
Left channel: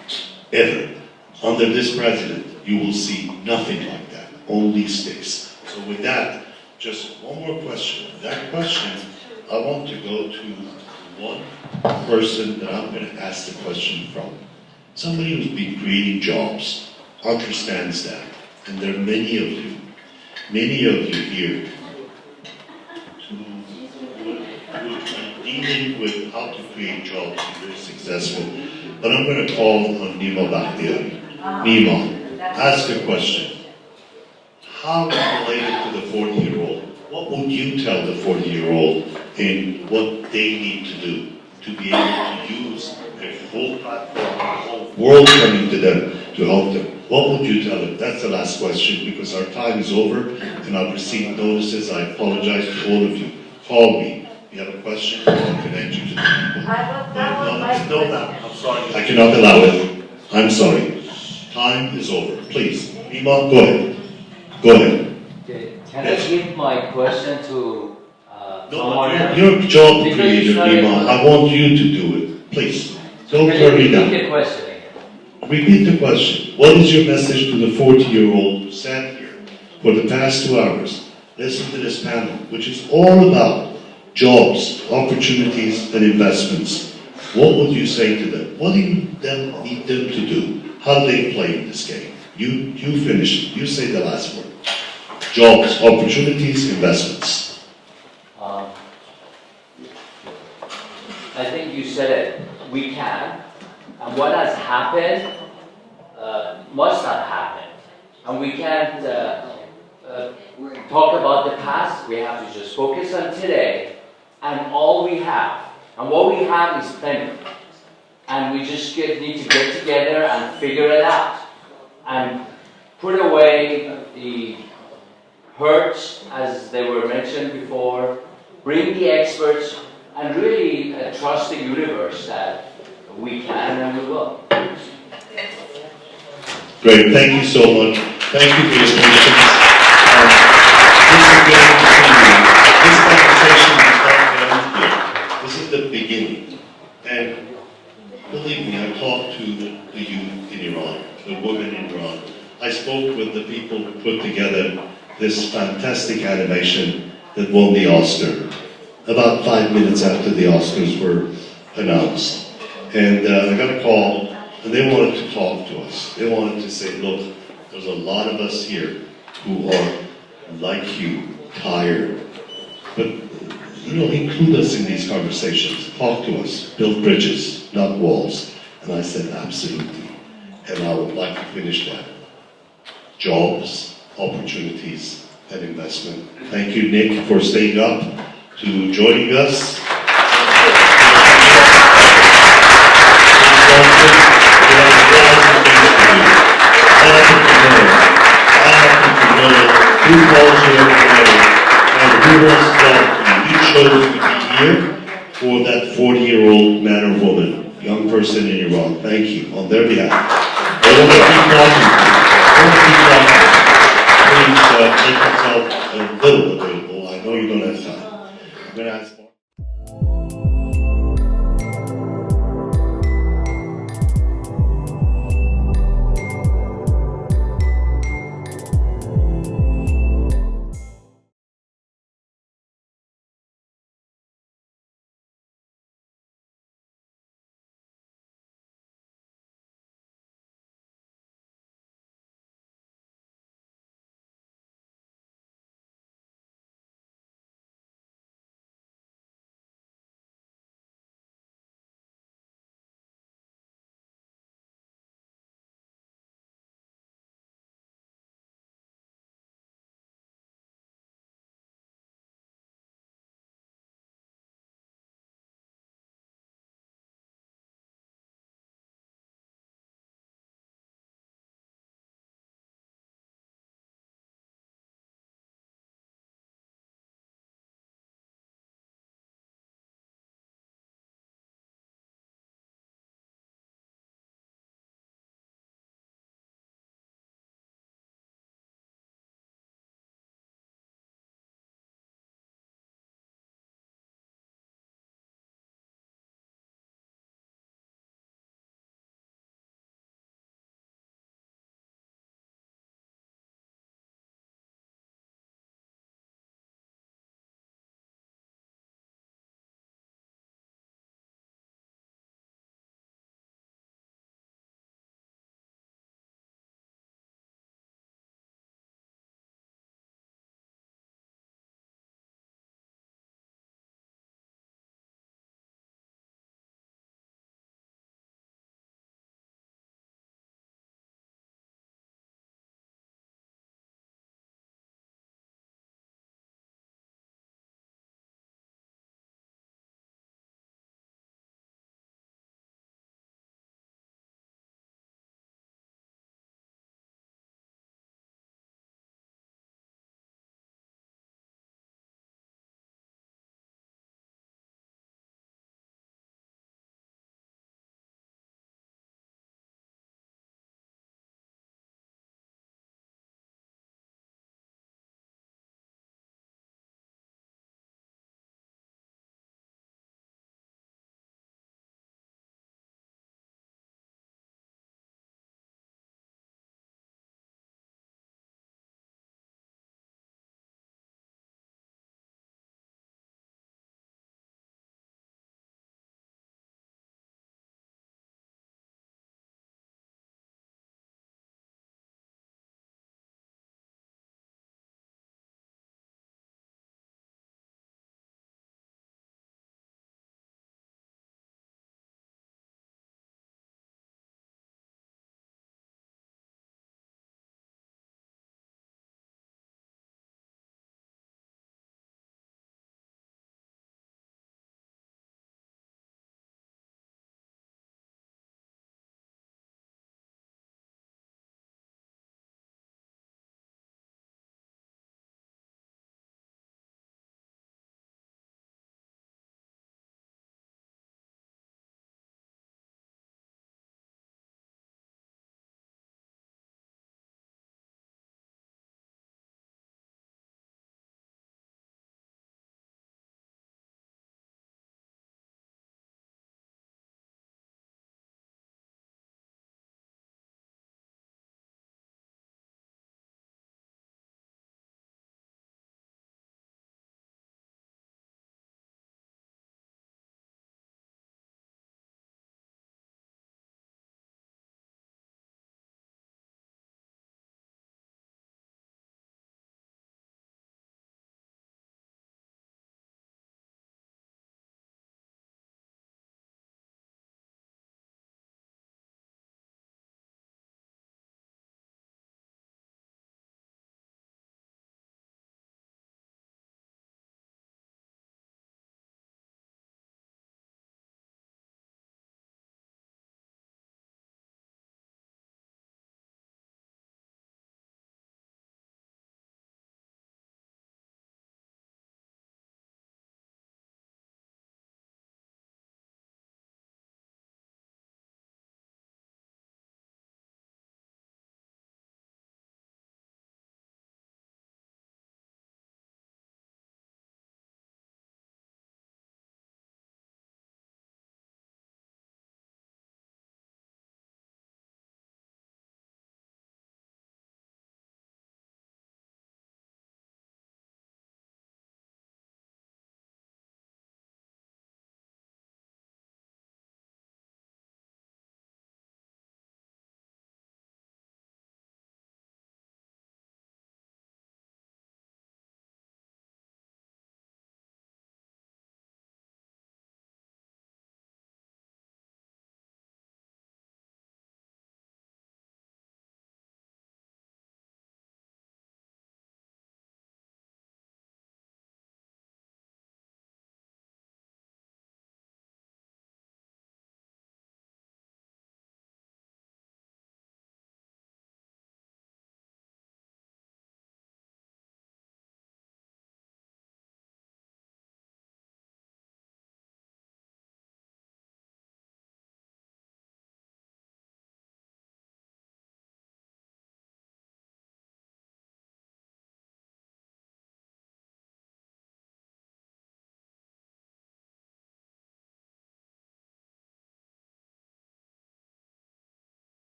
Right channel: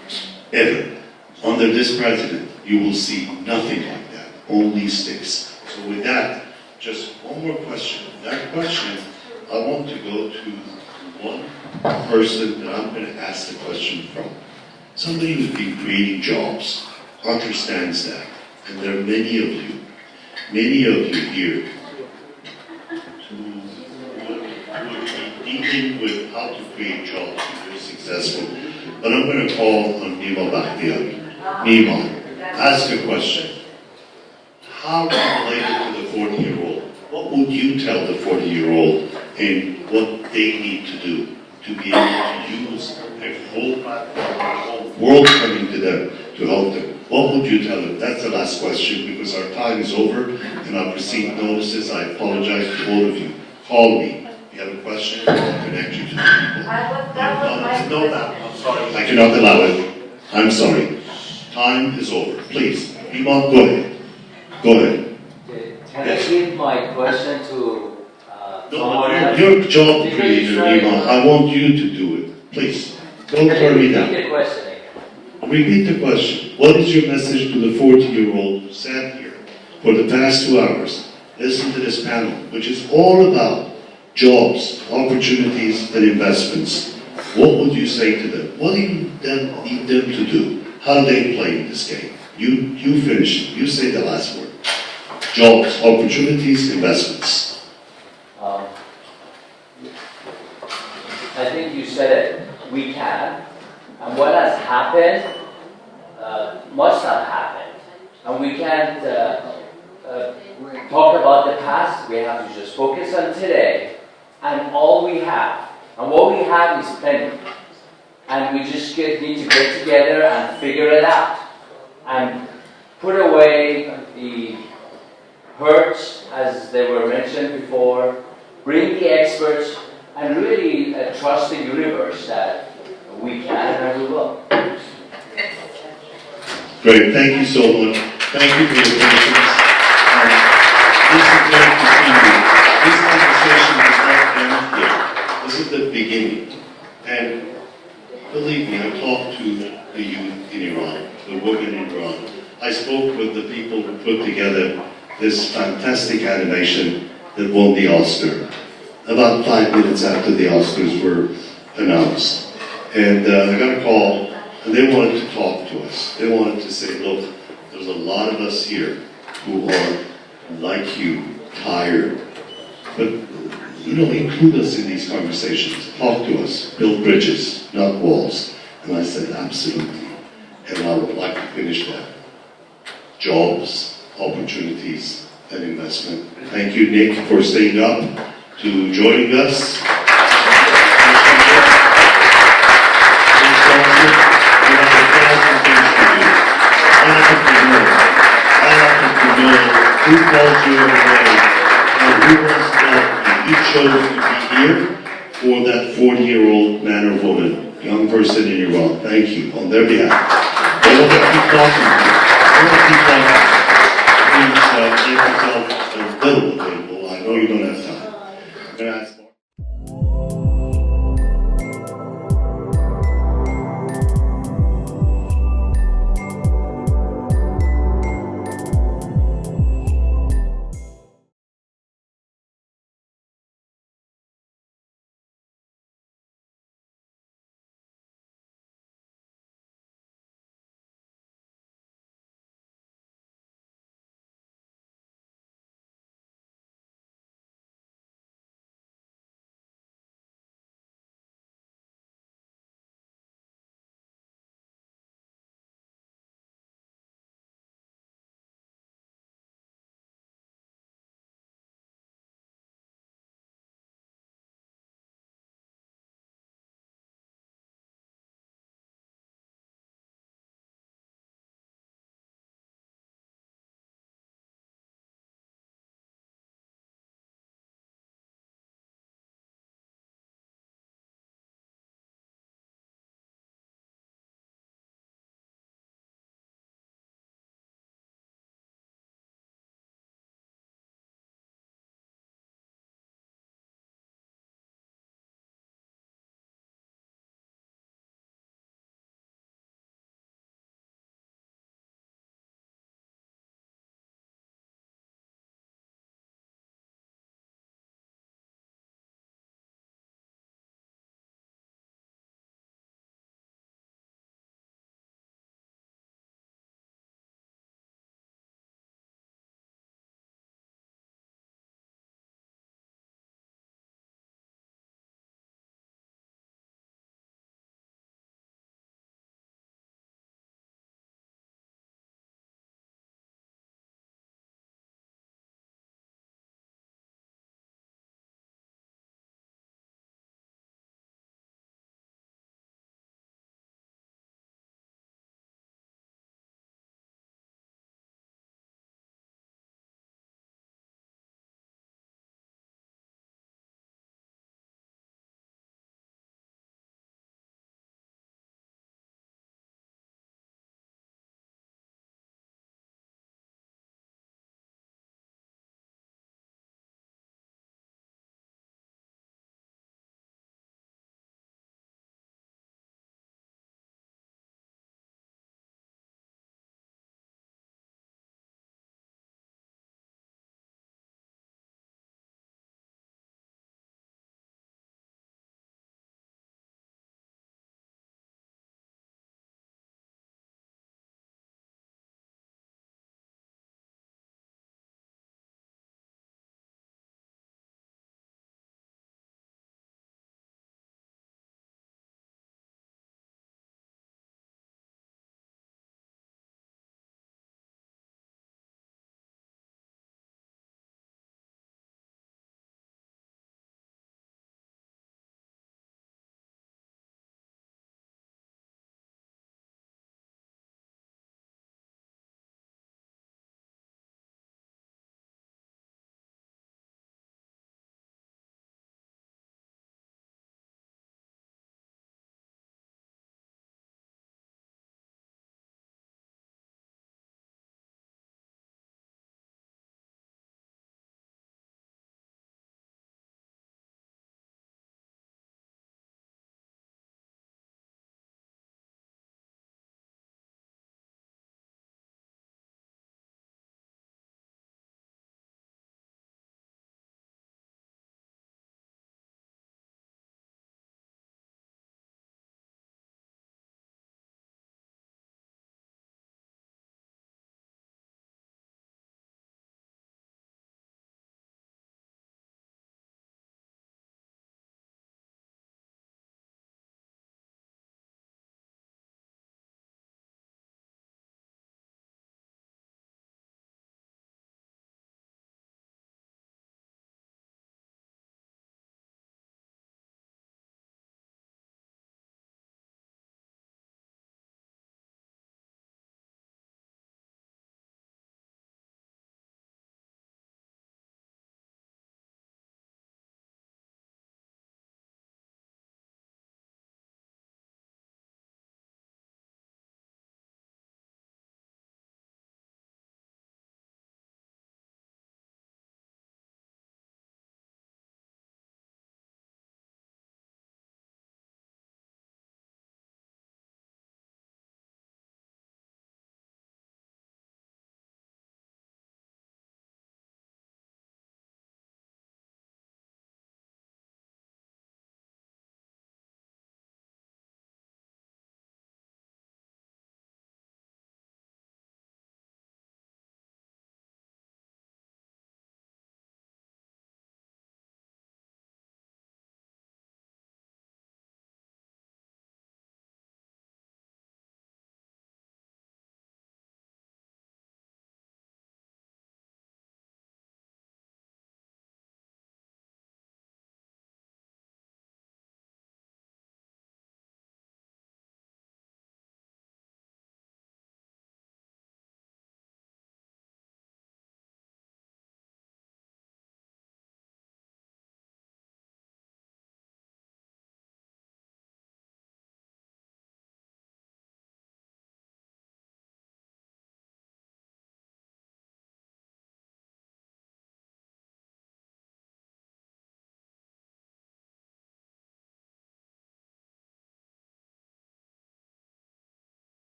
Ever. Under this president, you will see nothing like that. Only sticks. So with that, just one more question. That question, I want to go to one person that I'm going to ask the question from. Somebody who's been creating jobs, understands that. And there are many of you here who would be dealing with how to create jobs to be very successful. But I'm going to call on Nima Bakhtiari. Nima, ask a question. How related to the 40-year-old? What would you tell the 40-year-old in what they need to do to be able to use a full platform, a whole world coming to them to help them? What would you tell them? That's the last question because our time is over and I've received notices. I apologize to all of you. Call me. If you have a question, I'll connect you to the people. I'm sorry. I cannot allow it. I'm sorry. Time is over. Please. Iman, go ahead. Go ahead. Can I give my question to someone else? Your job creator, Iman. I want you to do it. Please. Don't hurry down. Repeat the question again. Repeat the question. What is your message to the 40-year-old who sat here for the past 2 hours? Listen to this panel, which is all about jobs, opportunities, and investments. What would you say to them? What do you need them to do? How do they play in this game? You finish. You say the last word. Jobs, opportunities, investments. I think you said it. We can. And what has happened must have happened. And we can't talk about the past. We have to just focus on today and all we have. And what we have is plenty. And we just need to get together and figure it out. And put away the hurts, as they were mentioned before, bring the experts, and really trust the universe that we can and we will. Great, thank you so much. Thank you for your patience. This is going to continue. This conversation is not end here. This is the beginning. And believe me, I talked to the youth in Iran, the women in Iran. I spoke with the people who put together this fantastic animation that won the Oscar about 5 minutes after the Oscars were announced. And I got a call, and they wanted to talk to us. They wanted to say, look, there's a lot of us here who are like you, tired. But, include us in these conversations. Talk to us. Build bridges, not walls. And I said, absolutely. And I would like to finish that. Jobs, opportunities, and investment. Thank you, Nick, for staying up to joining us. Who calls you every day, and who wants to help you. He chose to be here for that 40-year-old man or woman, young person in Iran. Thank you, on their behalf. I want to keep talking. Please make yourself a little available. I know you don't have time. I'm going to ask